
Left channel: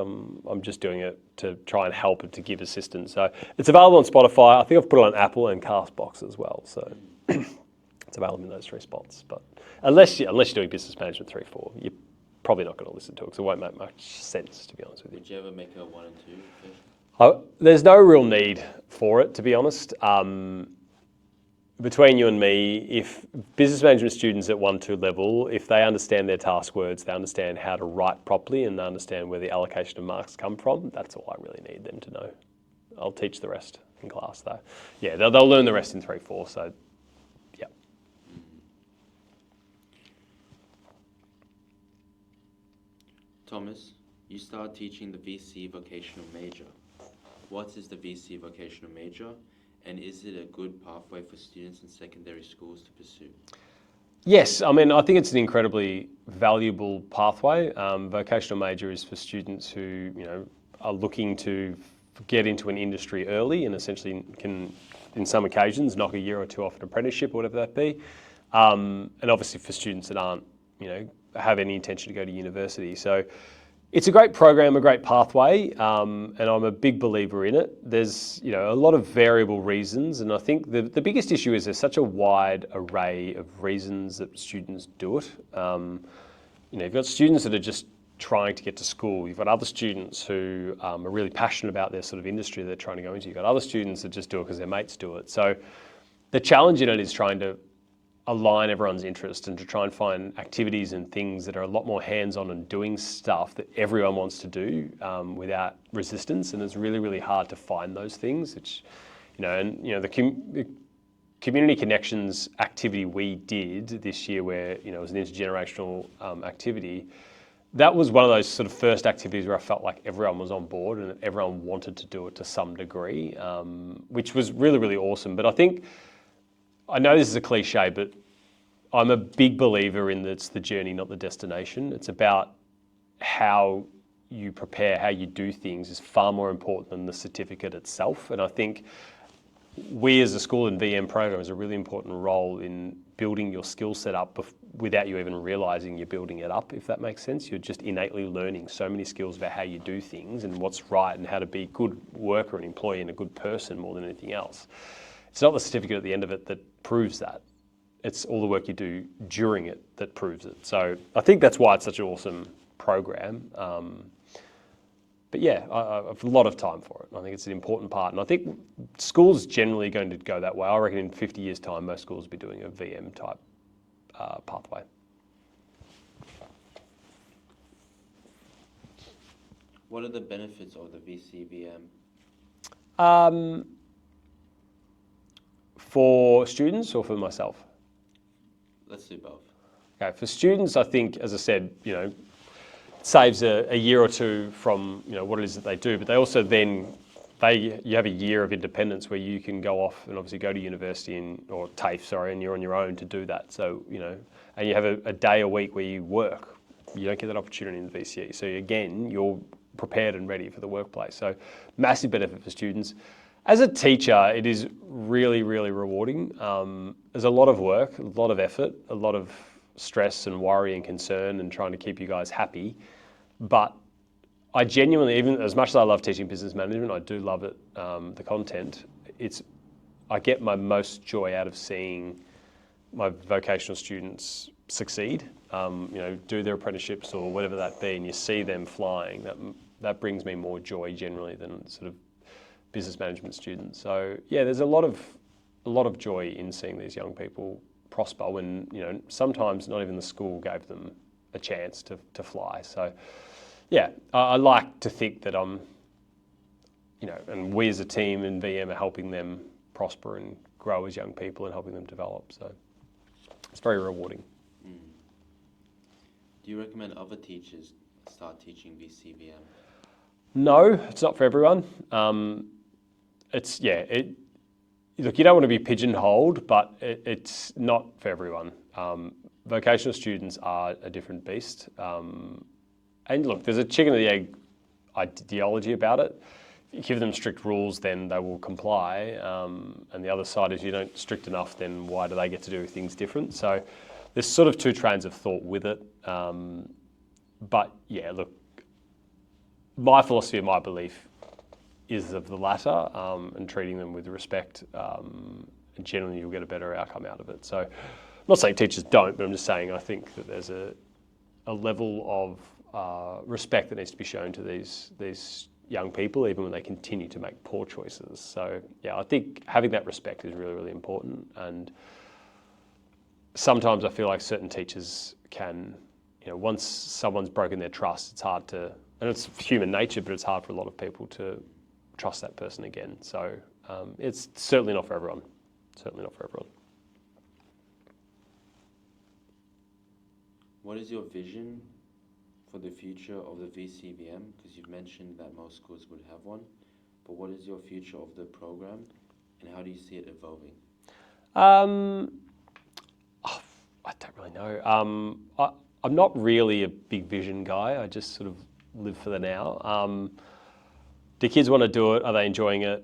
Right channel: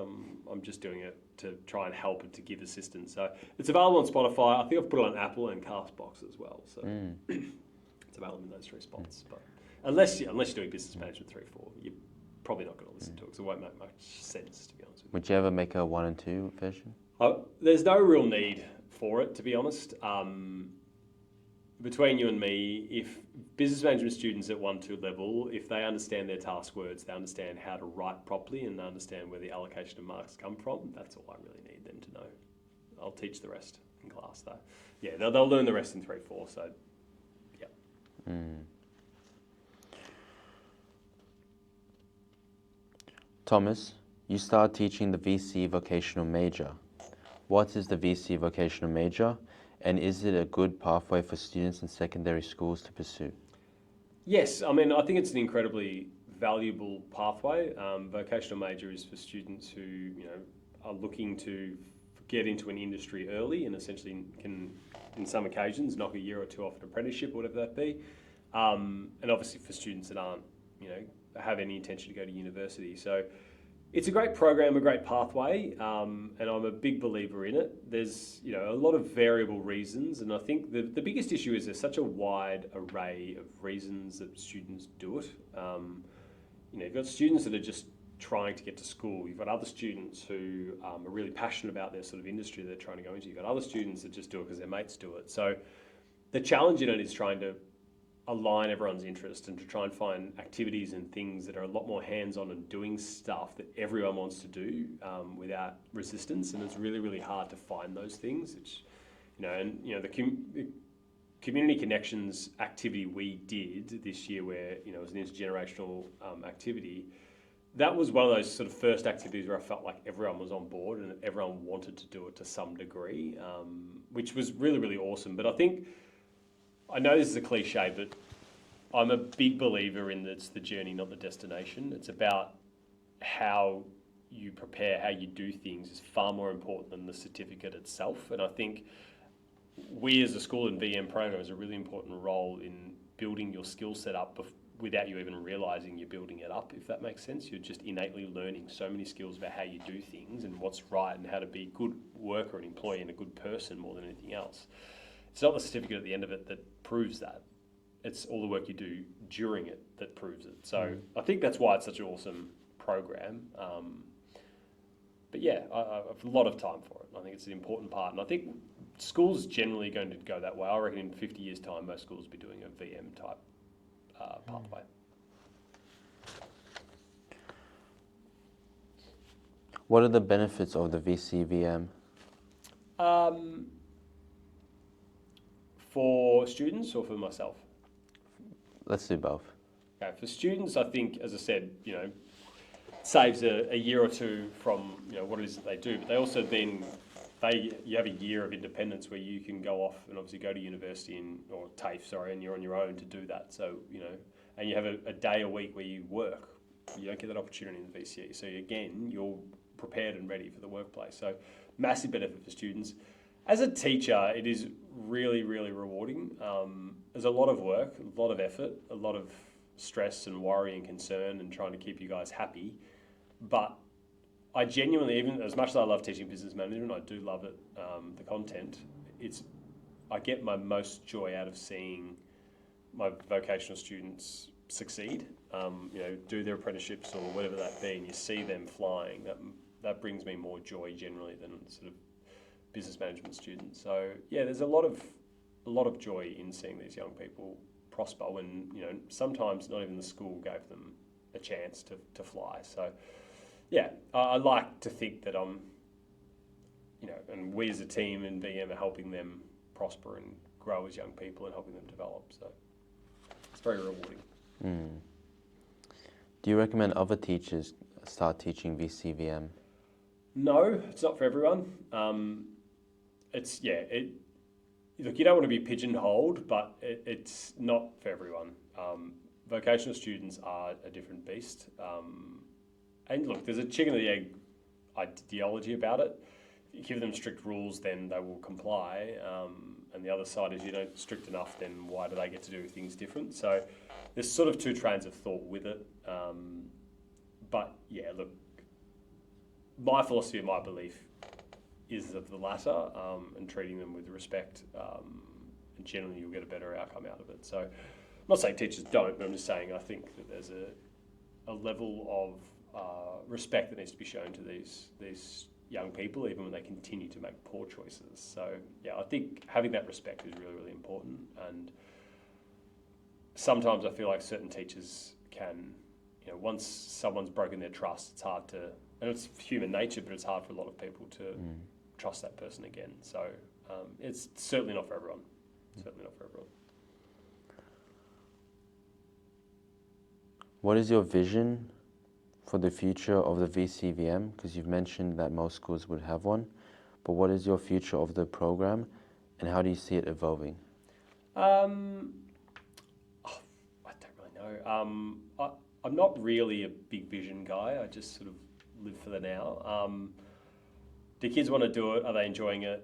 I'm just doing it to try and help and to give assistance. So it's available on Spotify. I think I've put it on Apple and Castbox as well. So it's available in those 3 spots. But unless you're doing business management 3-4, you're probably not going to listen to it, because it won't make much sense, to be honest with you. Would you ever make a 1 and 2 version? There's no real need for it, to be honest. Between you and me, if business management students at 1-2 level, if they understand their task words, they understand how to write properly, and they understand where the allocation of marks come from, that's all I really need them to know. I'll teach the rest in class, though. Yeah, they'll learn the rest in 3-4, so yeah. Thomas, you started teaching the VCE Vocational Major. What is the VCE Vocational Major? And is it a good pathway for students in secondary schools to pursue? Yes, I mean, I think it's an incredibly valuable pathway. Vocational major is for students who, are looking to get into an industry early and essentially can, in some occasions, knock a year or 2 off an apprenticeship or whatever that be. And obviously for students that aren't, have any intention to go to university. So it's a great program, a great pathway, and I'm a big believer in it. There's a lot of variable reasons, and I think the biggest issue is there's such a wide array of reasons that students do it. You've got students that are just trying to get to school. You've got other students who are really passionate about their sort of industry they're trying to go into. You've got other students that just do it because their mates do it. So the challenge in it is trying to align everyone's interest and to try and find activities and things that are a lot more hands-on and doing stuff that everyone wants to do without resistance. And it's really, really hard to find those things. Which, the community connections activity we did this year, where it was an intergenerational activity. That was one of those sort of first activities where I felt like everyone was on board and everyone wanted to do it to some degree, which was really, really awesome. But I know this is a cliche, but I'm a big believer in that it's the journey, not the destination. It's about how you prepare, how you do things is far more important than the certificate itself. And I think we as a school in VM program has a really important role in building your skill set up without you even realizing you're building it up, if that makes sense. You're just innately learning so many skills about how you do things and what's right and how to be a good worker and employee and a good person more than anything else. It's not the certificate at the end of it that proves that. It's all the work you do during it that proves it. So I think that's why it's such an awesome program. But yeah, I have a lot of time for it. I think it's an important part. And I think schools generally going to go that way. I reckon in 50 years' time, most schools will be doing a VM type pathway. What are the benefits of the VCVM? For students or for myself? Let's do both. Okay, for students, I think, as I said, saves a year or 2 from what it is that they do, but they also then you have a year of independence where you can go off and obviously go to university or TAFE, and you're on your own to do that. So and you have a day a week where you work. You don't get that opportunity in the VCE. So again, you're prepared and ready for the workplace. So massive benefit for students. As a teacher, it is really, really rewarding. There's a lot of work, a lot of effort, a lot of stress and worry and concern and trying to keep you guys happy. But I genuinely, even as much as I love teaching business management, I do love it, the content. I get my most joy out of seeing my vocational students succeed, do their apprenticeships or whatever that be, and you see them flying. That brings me more joy generally than sort of business management students. So yeah, there's a lot of joy in seeing these young people prosper when, sometimes not even the school gave them a chance to fly. So, yeah, I like to think that I'm, and we as a team in VM are helping them prosper and grow as young people and helping them develop. So it's very rewarding. Do you recommend other teachers start teaching VCVM? No, it's not for everyone. Look, you don't want to be pigeonholed, but it's not for everyone. Vocational students are a different beast. And look, there's a chicken and the egg ideology about it. If you give them strict rules, then they will comply. And the other side is you don't strict enough, then why do they get to do things different? So there's sort of two trains of thought with it. But yeah, look, my philosophy and my belief is of the latter, and treating them with respect, and generally you'll get a better outcome out of it. So I'm not saying teachers don't, but I'm just saying I think that there's a level of respect that needs to be shown to these young people, even when they continue to make poor choices. So yeah, I think having that respect is really, really important. And sometimes I feel like certain teachers can, once someone's broken their trust, it's hard to, and it's human nature, but it's hard for a lot of people to trust that person again. So it's certainly not for everyone. Certainly not for everyone. What is your vision for the future of the VCVM? Because you've mentioned that most schools would have one, but what is your future of the program and how do you see it evolving? I don't really know. I'm not really a big vision guy. I just sort of live for the now. Do kids want to do it? Are they enjoying it?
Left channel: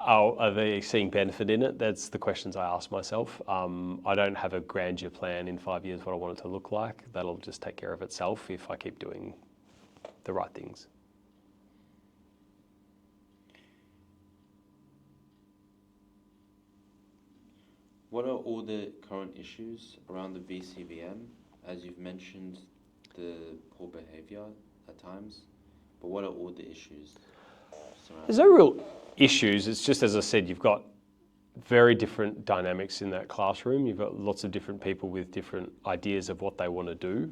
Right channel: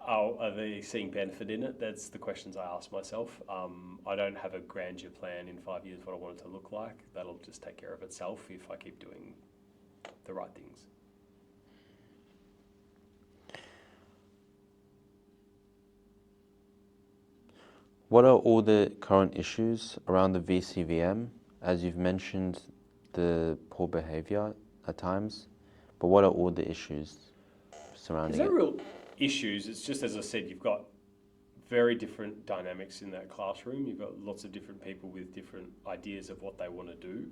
Are they seeing benefit in it? That's the questions I ask myself. I don't have a grandeur plan in 5 years what I want it to look like. That'll just take care of itself if I keep doing the right things. What are all the current issues around the VCVM? As you've mentioned, the poor behaviour at times, but what are all the issues surrounding There's no real issues. It's just, as I said, you've got very different dynamics in that classroom. You've got lots of different people with different ideas of what they want to do.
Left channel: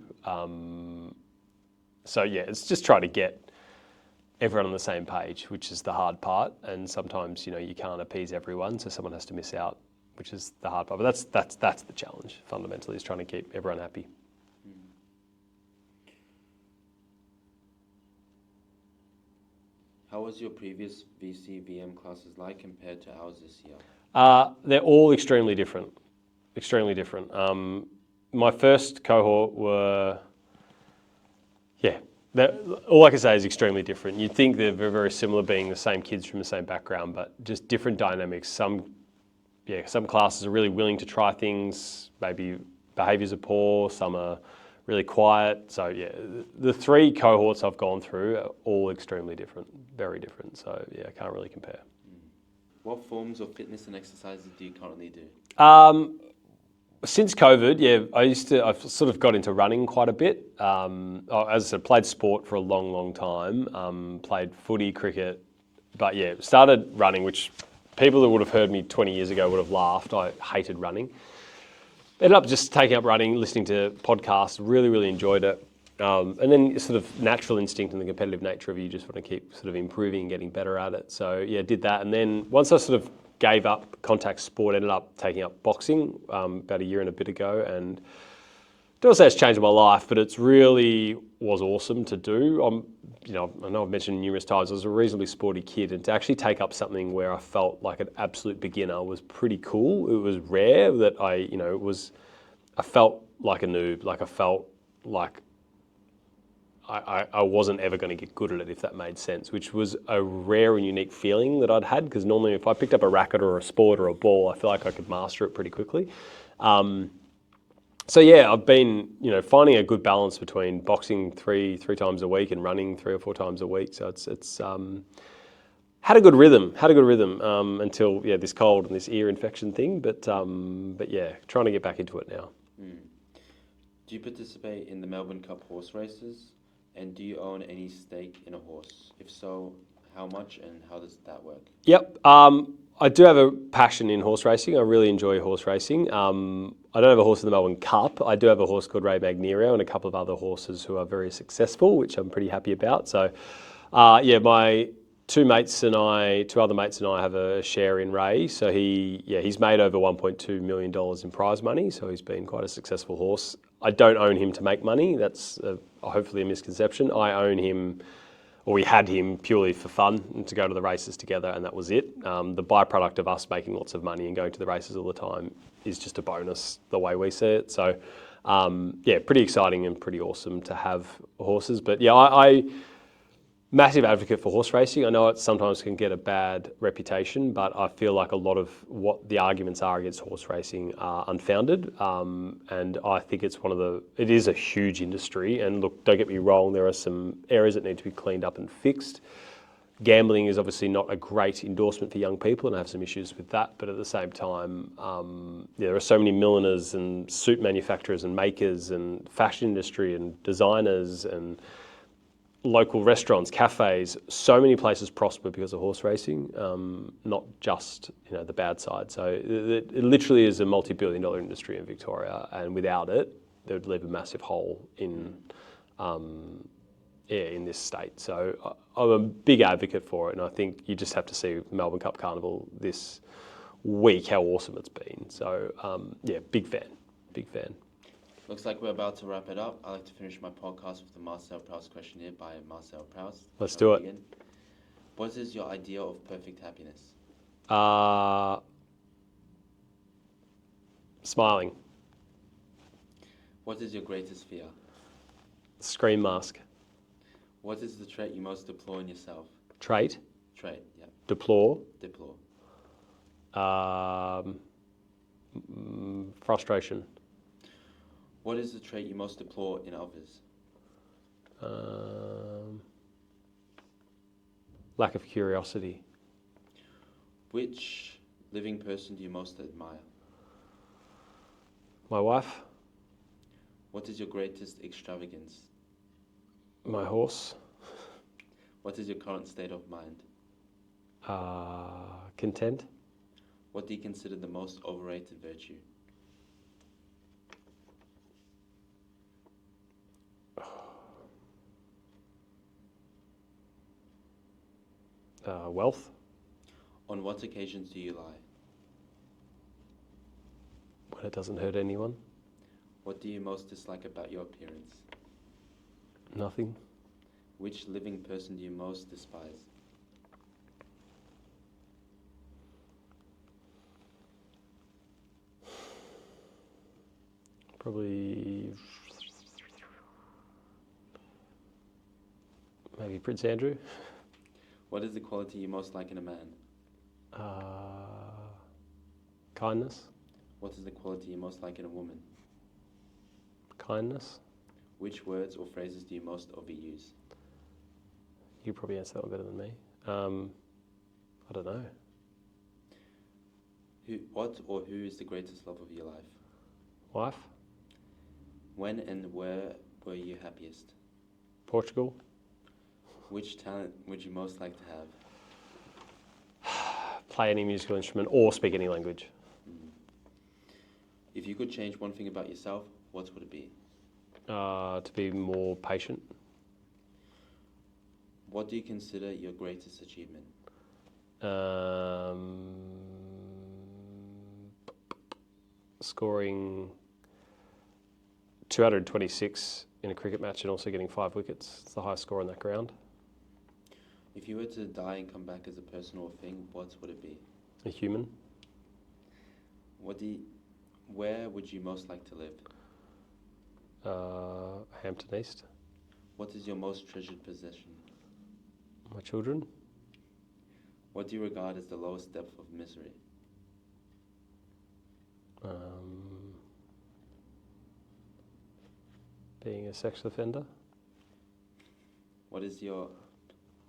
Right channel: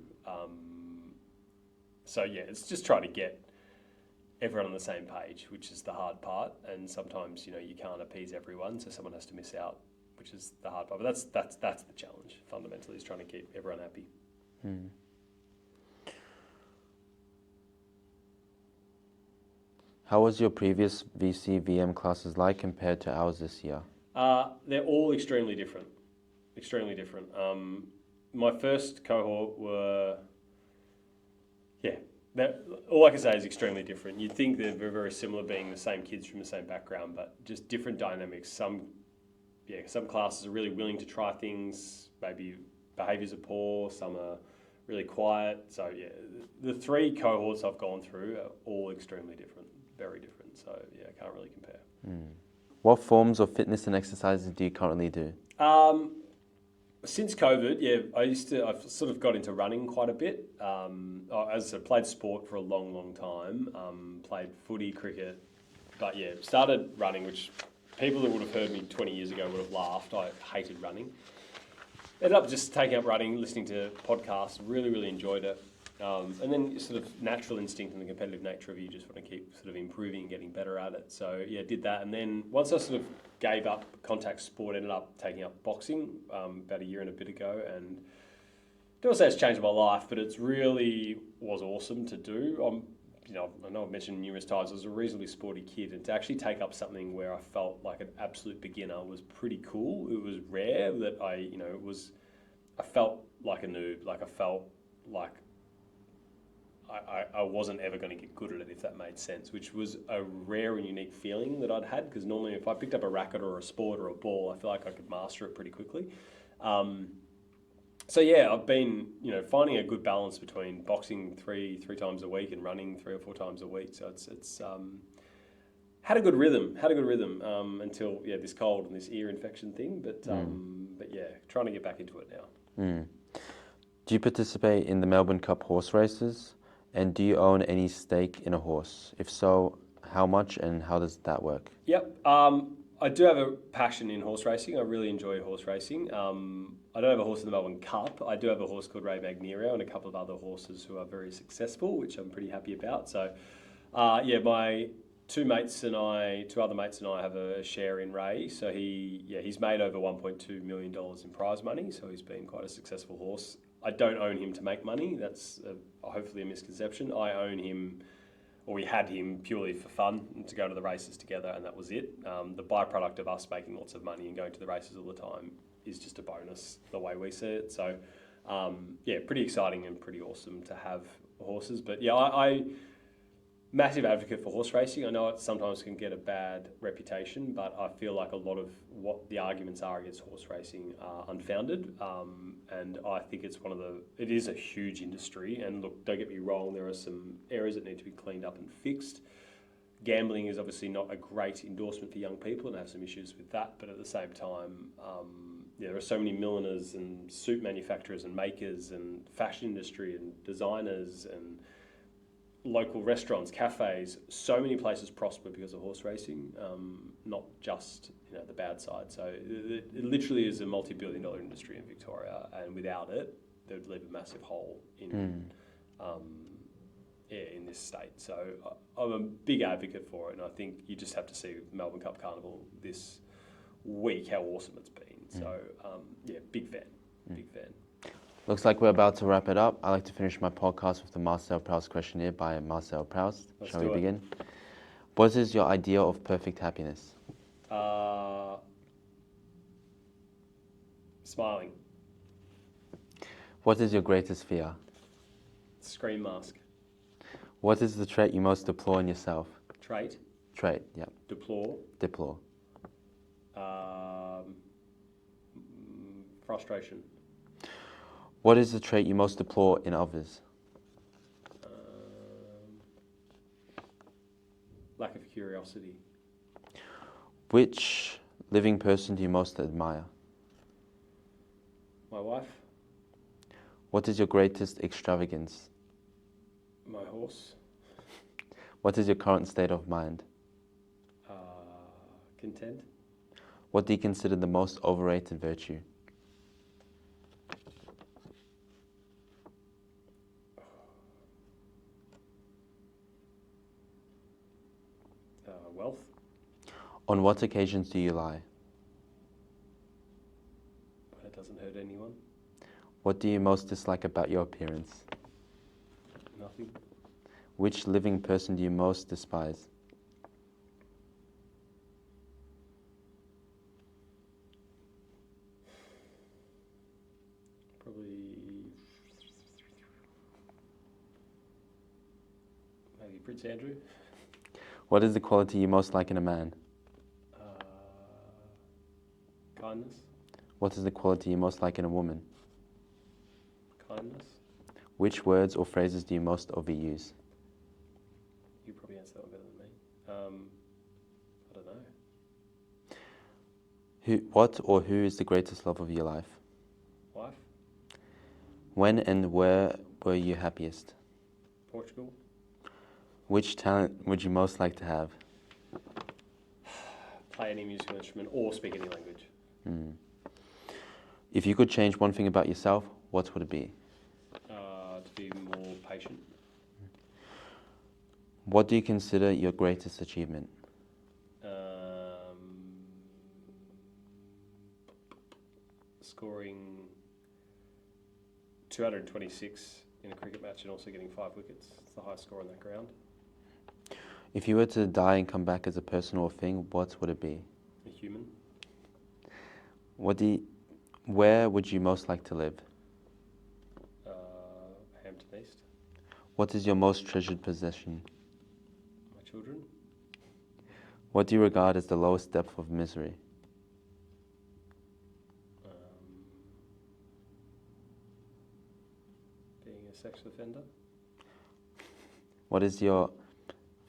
So yeah, it's just trying to get everyone on the same page, which is the hard part. And sometimes, you can't appease everyone, so someone has to miss out, which is the hard part. But that's the challenge, fundamentally, is trying to keep everyone happy. How was your previous VCVM classes like compared to ours this year? They're all extremely different. Extremely different. My first cohort were, all I can say is extremely different. You'd think they're very, very similar, being the same kids from the same background, but just different dynamics. Some classes are really willing to try things, maybe behaviours are poor, some are really quiet. So yeah, the three cohorts I've gone through are all extremely different, very different. So yeah, I can't really compare. What forms of fitness and exercises do you currently do? Since COVID, I've sort of got into running quite a bit. As I said, played sport for a long, long time. Played footy, cricket, but yeah, started running, which people who would have heard me 20 years ago would have laughed. I hated running. Ended up just taking up running, listening to podcasts, really, really enjoyed it. And then sort of natural instinct and the competitive nature of you just want to keep sort of improving and getting better at it. So yeah, did that. And then once I sort of gave up contact sport, ended up taking up boxing about a year and a bit ago. And don't say it's changed my life, but it's really was awesome to do. I know I've mentioned numerous times, I was a reasonably sporty kid, and to actually take up something where I felt like an absolute beginner was pretty cool. It was rare that I felt like a noob, like I felt like I wasn't ever going to get good at it, if that made sense, which was a rare and unique feeling that I'd had, because normally if I picked up a racket or a sport or a ball, I feel like I could master it pretty quickly. So yeah, I've been, finding a good balance between boxing three times a week and running 3 or 4 times a week. So it's had a good rhythm until this cold and this ear infection thing. But yeah, trying to get back into it now. Do you participate in the Melbourne Cup horse races? And do you own any stake in a horse? If so, how much and how does that work? Yep. I I do have a passion in horse racing. I really enjoy horse racing. I don't have a horse in the Melbourne Cup. I do have a horse called Ray Magnerio and a couple of other horses who are very successful, which I'm pretty happy about. So, my two other mates and I have a share in Ray. So he's made over $1.2 million in prize money. So he's been quite a successful horse. I don't own him to make money. That's hopefully a misconception. I own him, or we had him purely for fun and to go to the races together, and that was it. The byproduct of us making lots of money and going to the races all the time is just a bonus, the way we see it. So, pretty exciting and pretty awesome to have horses. But yeah, I massive advocate for horse racing. I know it sometimes can get a bad reputation, but I feel like a lot of what the arguments are against horse racing are unfounded. And I think it is a huge industry. And look, don't get me wrong, there are some areas that need to be cleaned up and fixed. Gambling is obviously not a great endorsement for young people, and I have some issues with that. But at the same time, there are so many milliners and suit manufacturers and makers and fashion industry and designers and local restaurants, cafes, so many places prosper because of horse racing, not just the bad side. So it literally is a multi-billion-dollar industry in Victoria, and without it, it would leave a massive hole in this state. So I'm a big advocate for it, and I think you just have to see the Melbourne Cup Carnival this week how awesome it's been. So big fan. Looks like we're about to wrap it up. I like to finish my podcast with the Marcel Proust Questionnaire by Marcel Proust. Let's do it. Begin? What is your idea of perfect happiness? Smiling. What is your greatest fear? Scream mask. What is the trait you most deplore in yourself? Trait. Trait, yeah. Deplore. Deplore. Frustration. What is the trait you most deplore in others? Lack of curiosity. Which living person do you most admire? My wife. What is your greatest extravagance? My horse. What is your current state of mind? Content. What do you consider the most overrated virtue? Wealth. On what occasions do you lie? When it doesn't hurt anyone. What do you most dislike about your appearance? Nothing. Which living person do you most despise? Probably maybe Prince Andrew. What is the quality you most like in a man? Kindness. What is the quality you most like in a woman? Kindness. Which words or phrases do you most overuse? You probably answer that one better than me. I don't know. What or who is the greatest love of your life? Wife. When and where were you happiest? Portugal. Which talent would you most like to have? Play any musical instrument or speak any language. If you could change one thing about yourself, what would it be? To be more patient. What do you consider your greatest achievement? Scoring 226 in a cricket match and also getting 5 wickets. It's the highest score on that ground. If you were to die and come back as a person or thing, what would it be? A human. Where would you most like to live? Hampton East. What is your most treasured possession? My children. What do you regard as the lowest depth of misery? Being a sex offender. What is your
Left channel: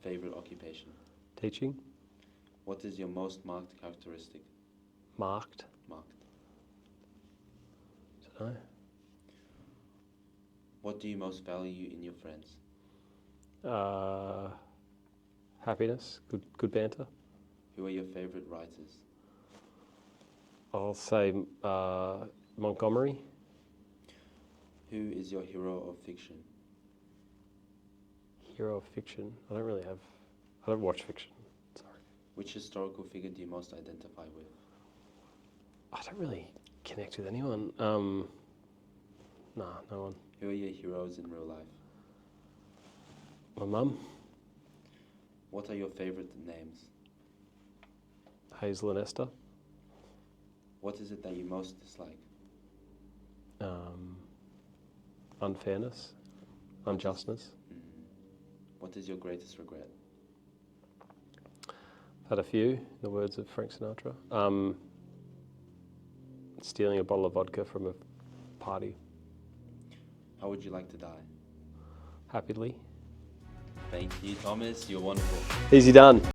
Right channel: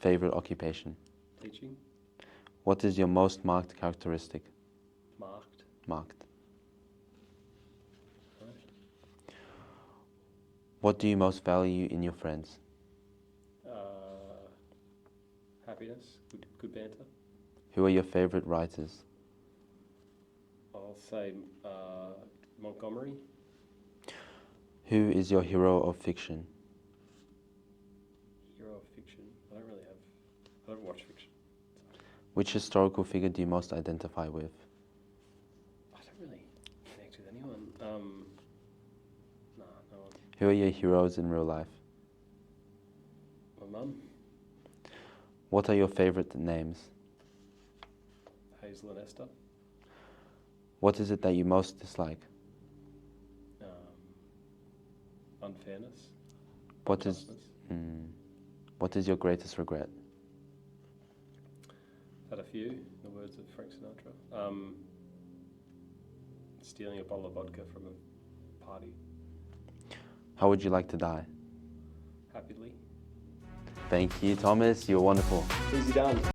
favorite occupation? Teaching. What is your most marked characteristic? Marked. Marked. Don't know. What do you most value in your friends? Happiness. Good banter. Who are your favorite writers? I'll say Montgomery. Who is your hero of fiction? Hero of fiction. I don't watch fiction. Sorry. Which historical figure do you most identify with? I don't really connect with anyone. Nah, no one. Who are your heroes in real life? My mum, What are your favorite names? Hazel and Esther. What is it that you most dislike? Unfairness, What is- unjustness. What is your greatest regret? Had a few, in the words of Frank Sinatra. Stealing a bottle of vodka from a party, How would you like to die? happily. Thank you, Thomas. You're wonderful. Easy done.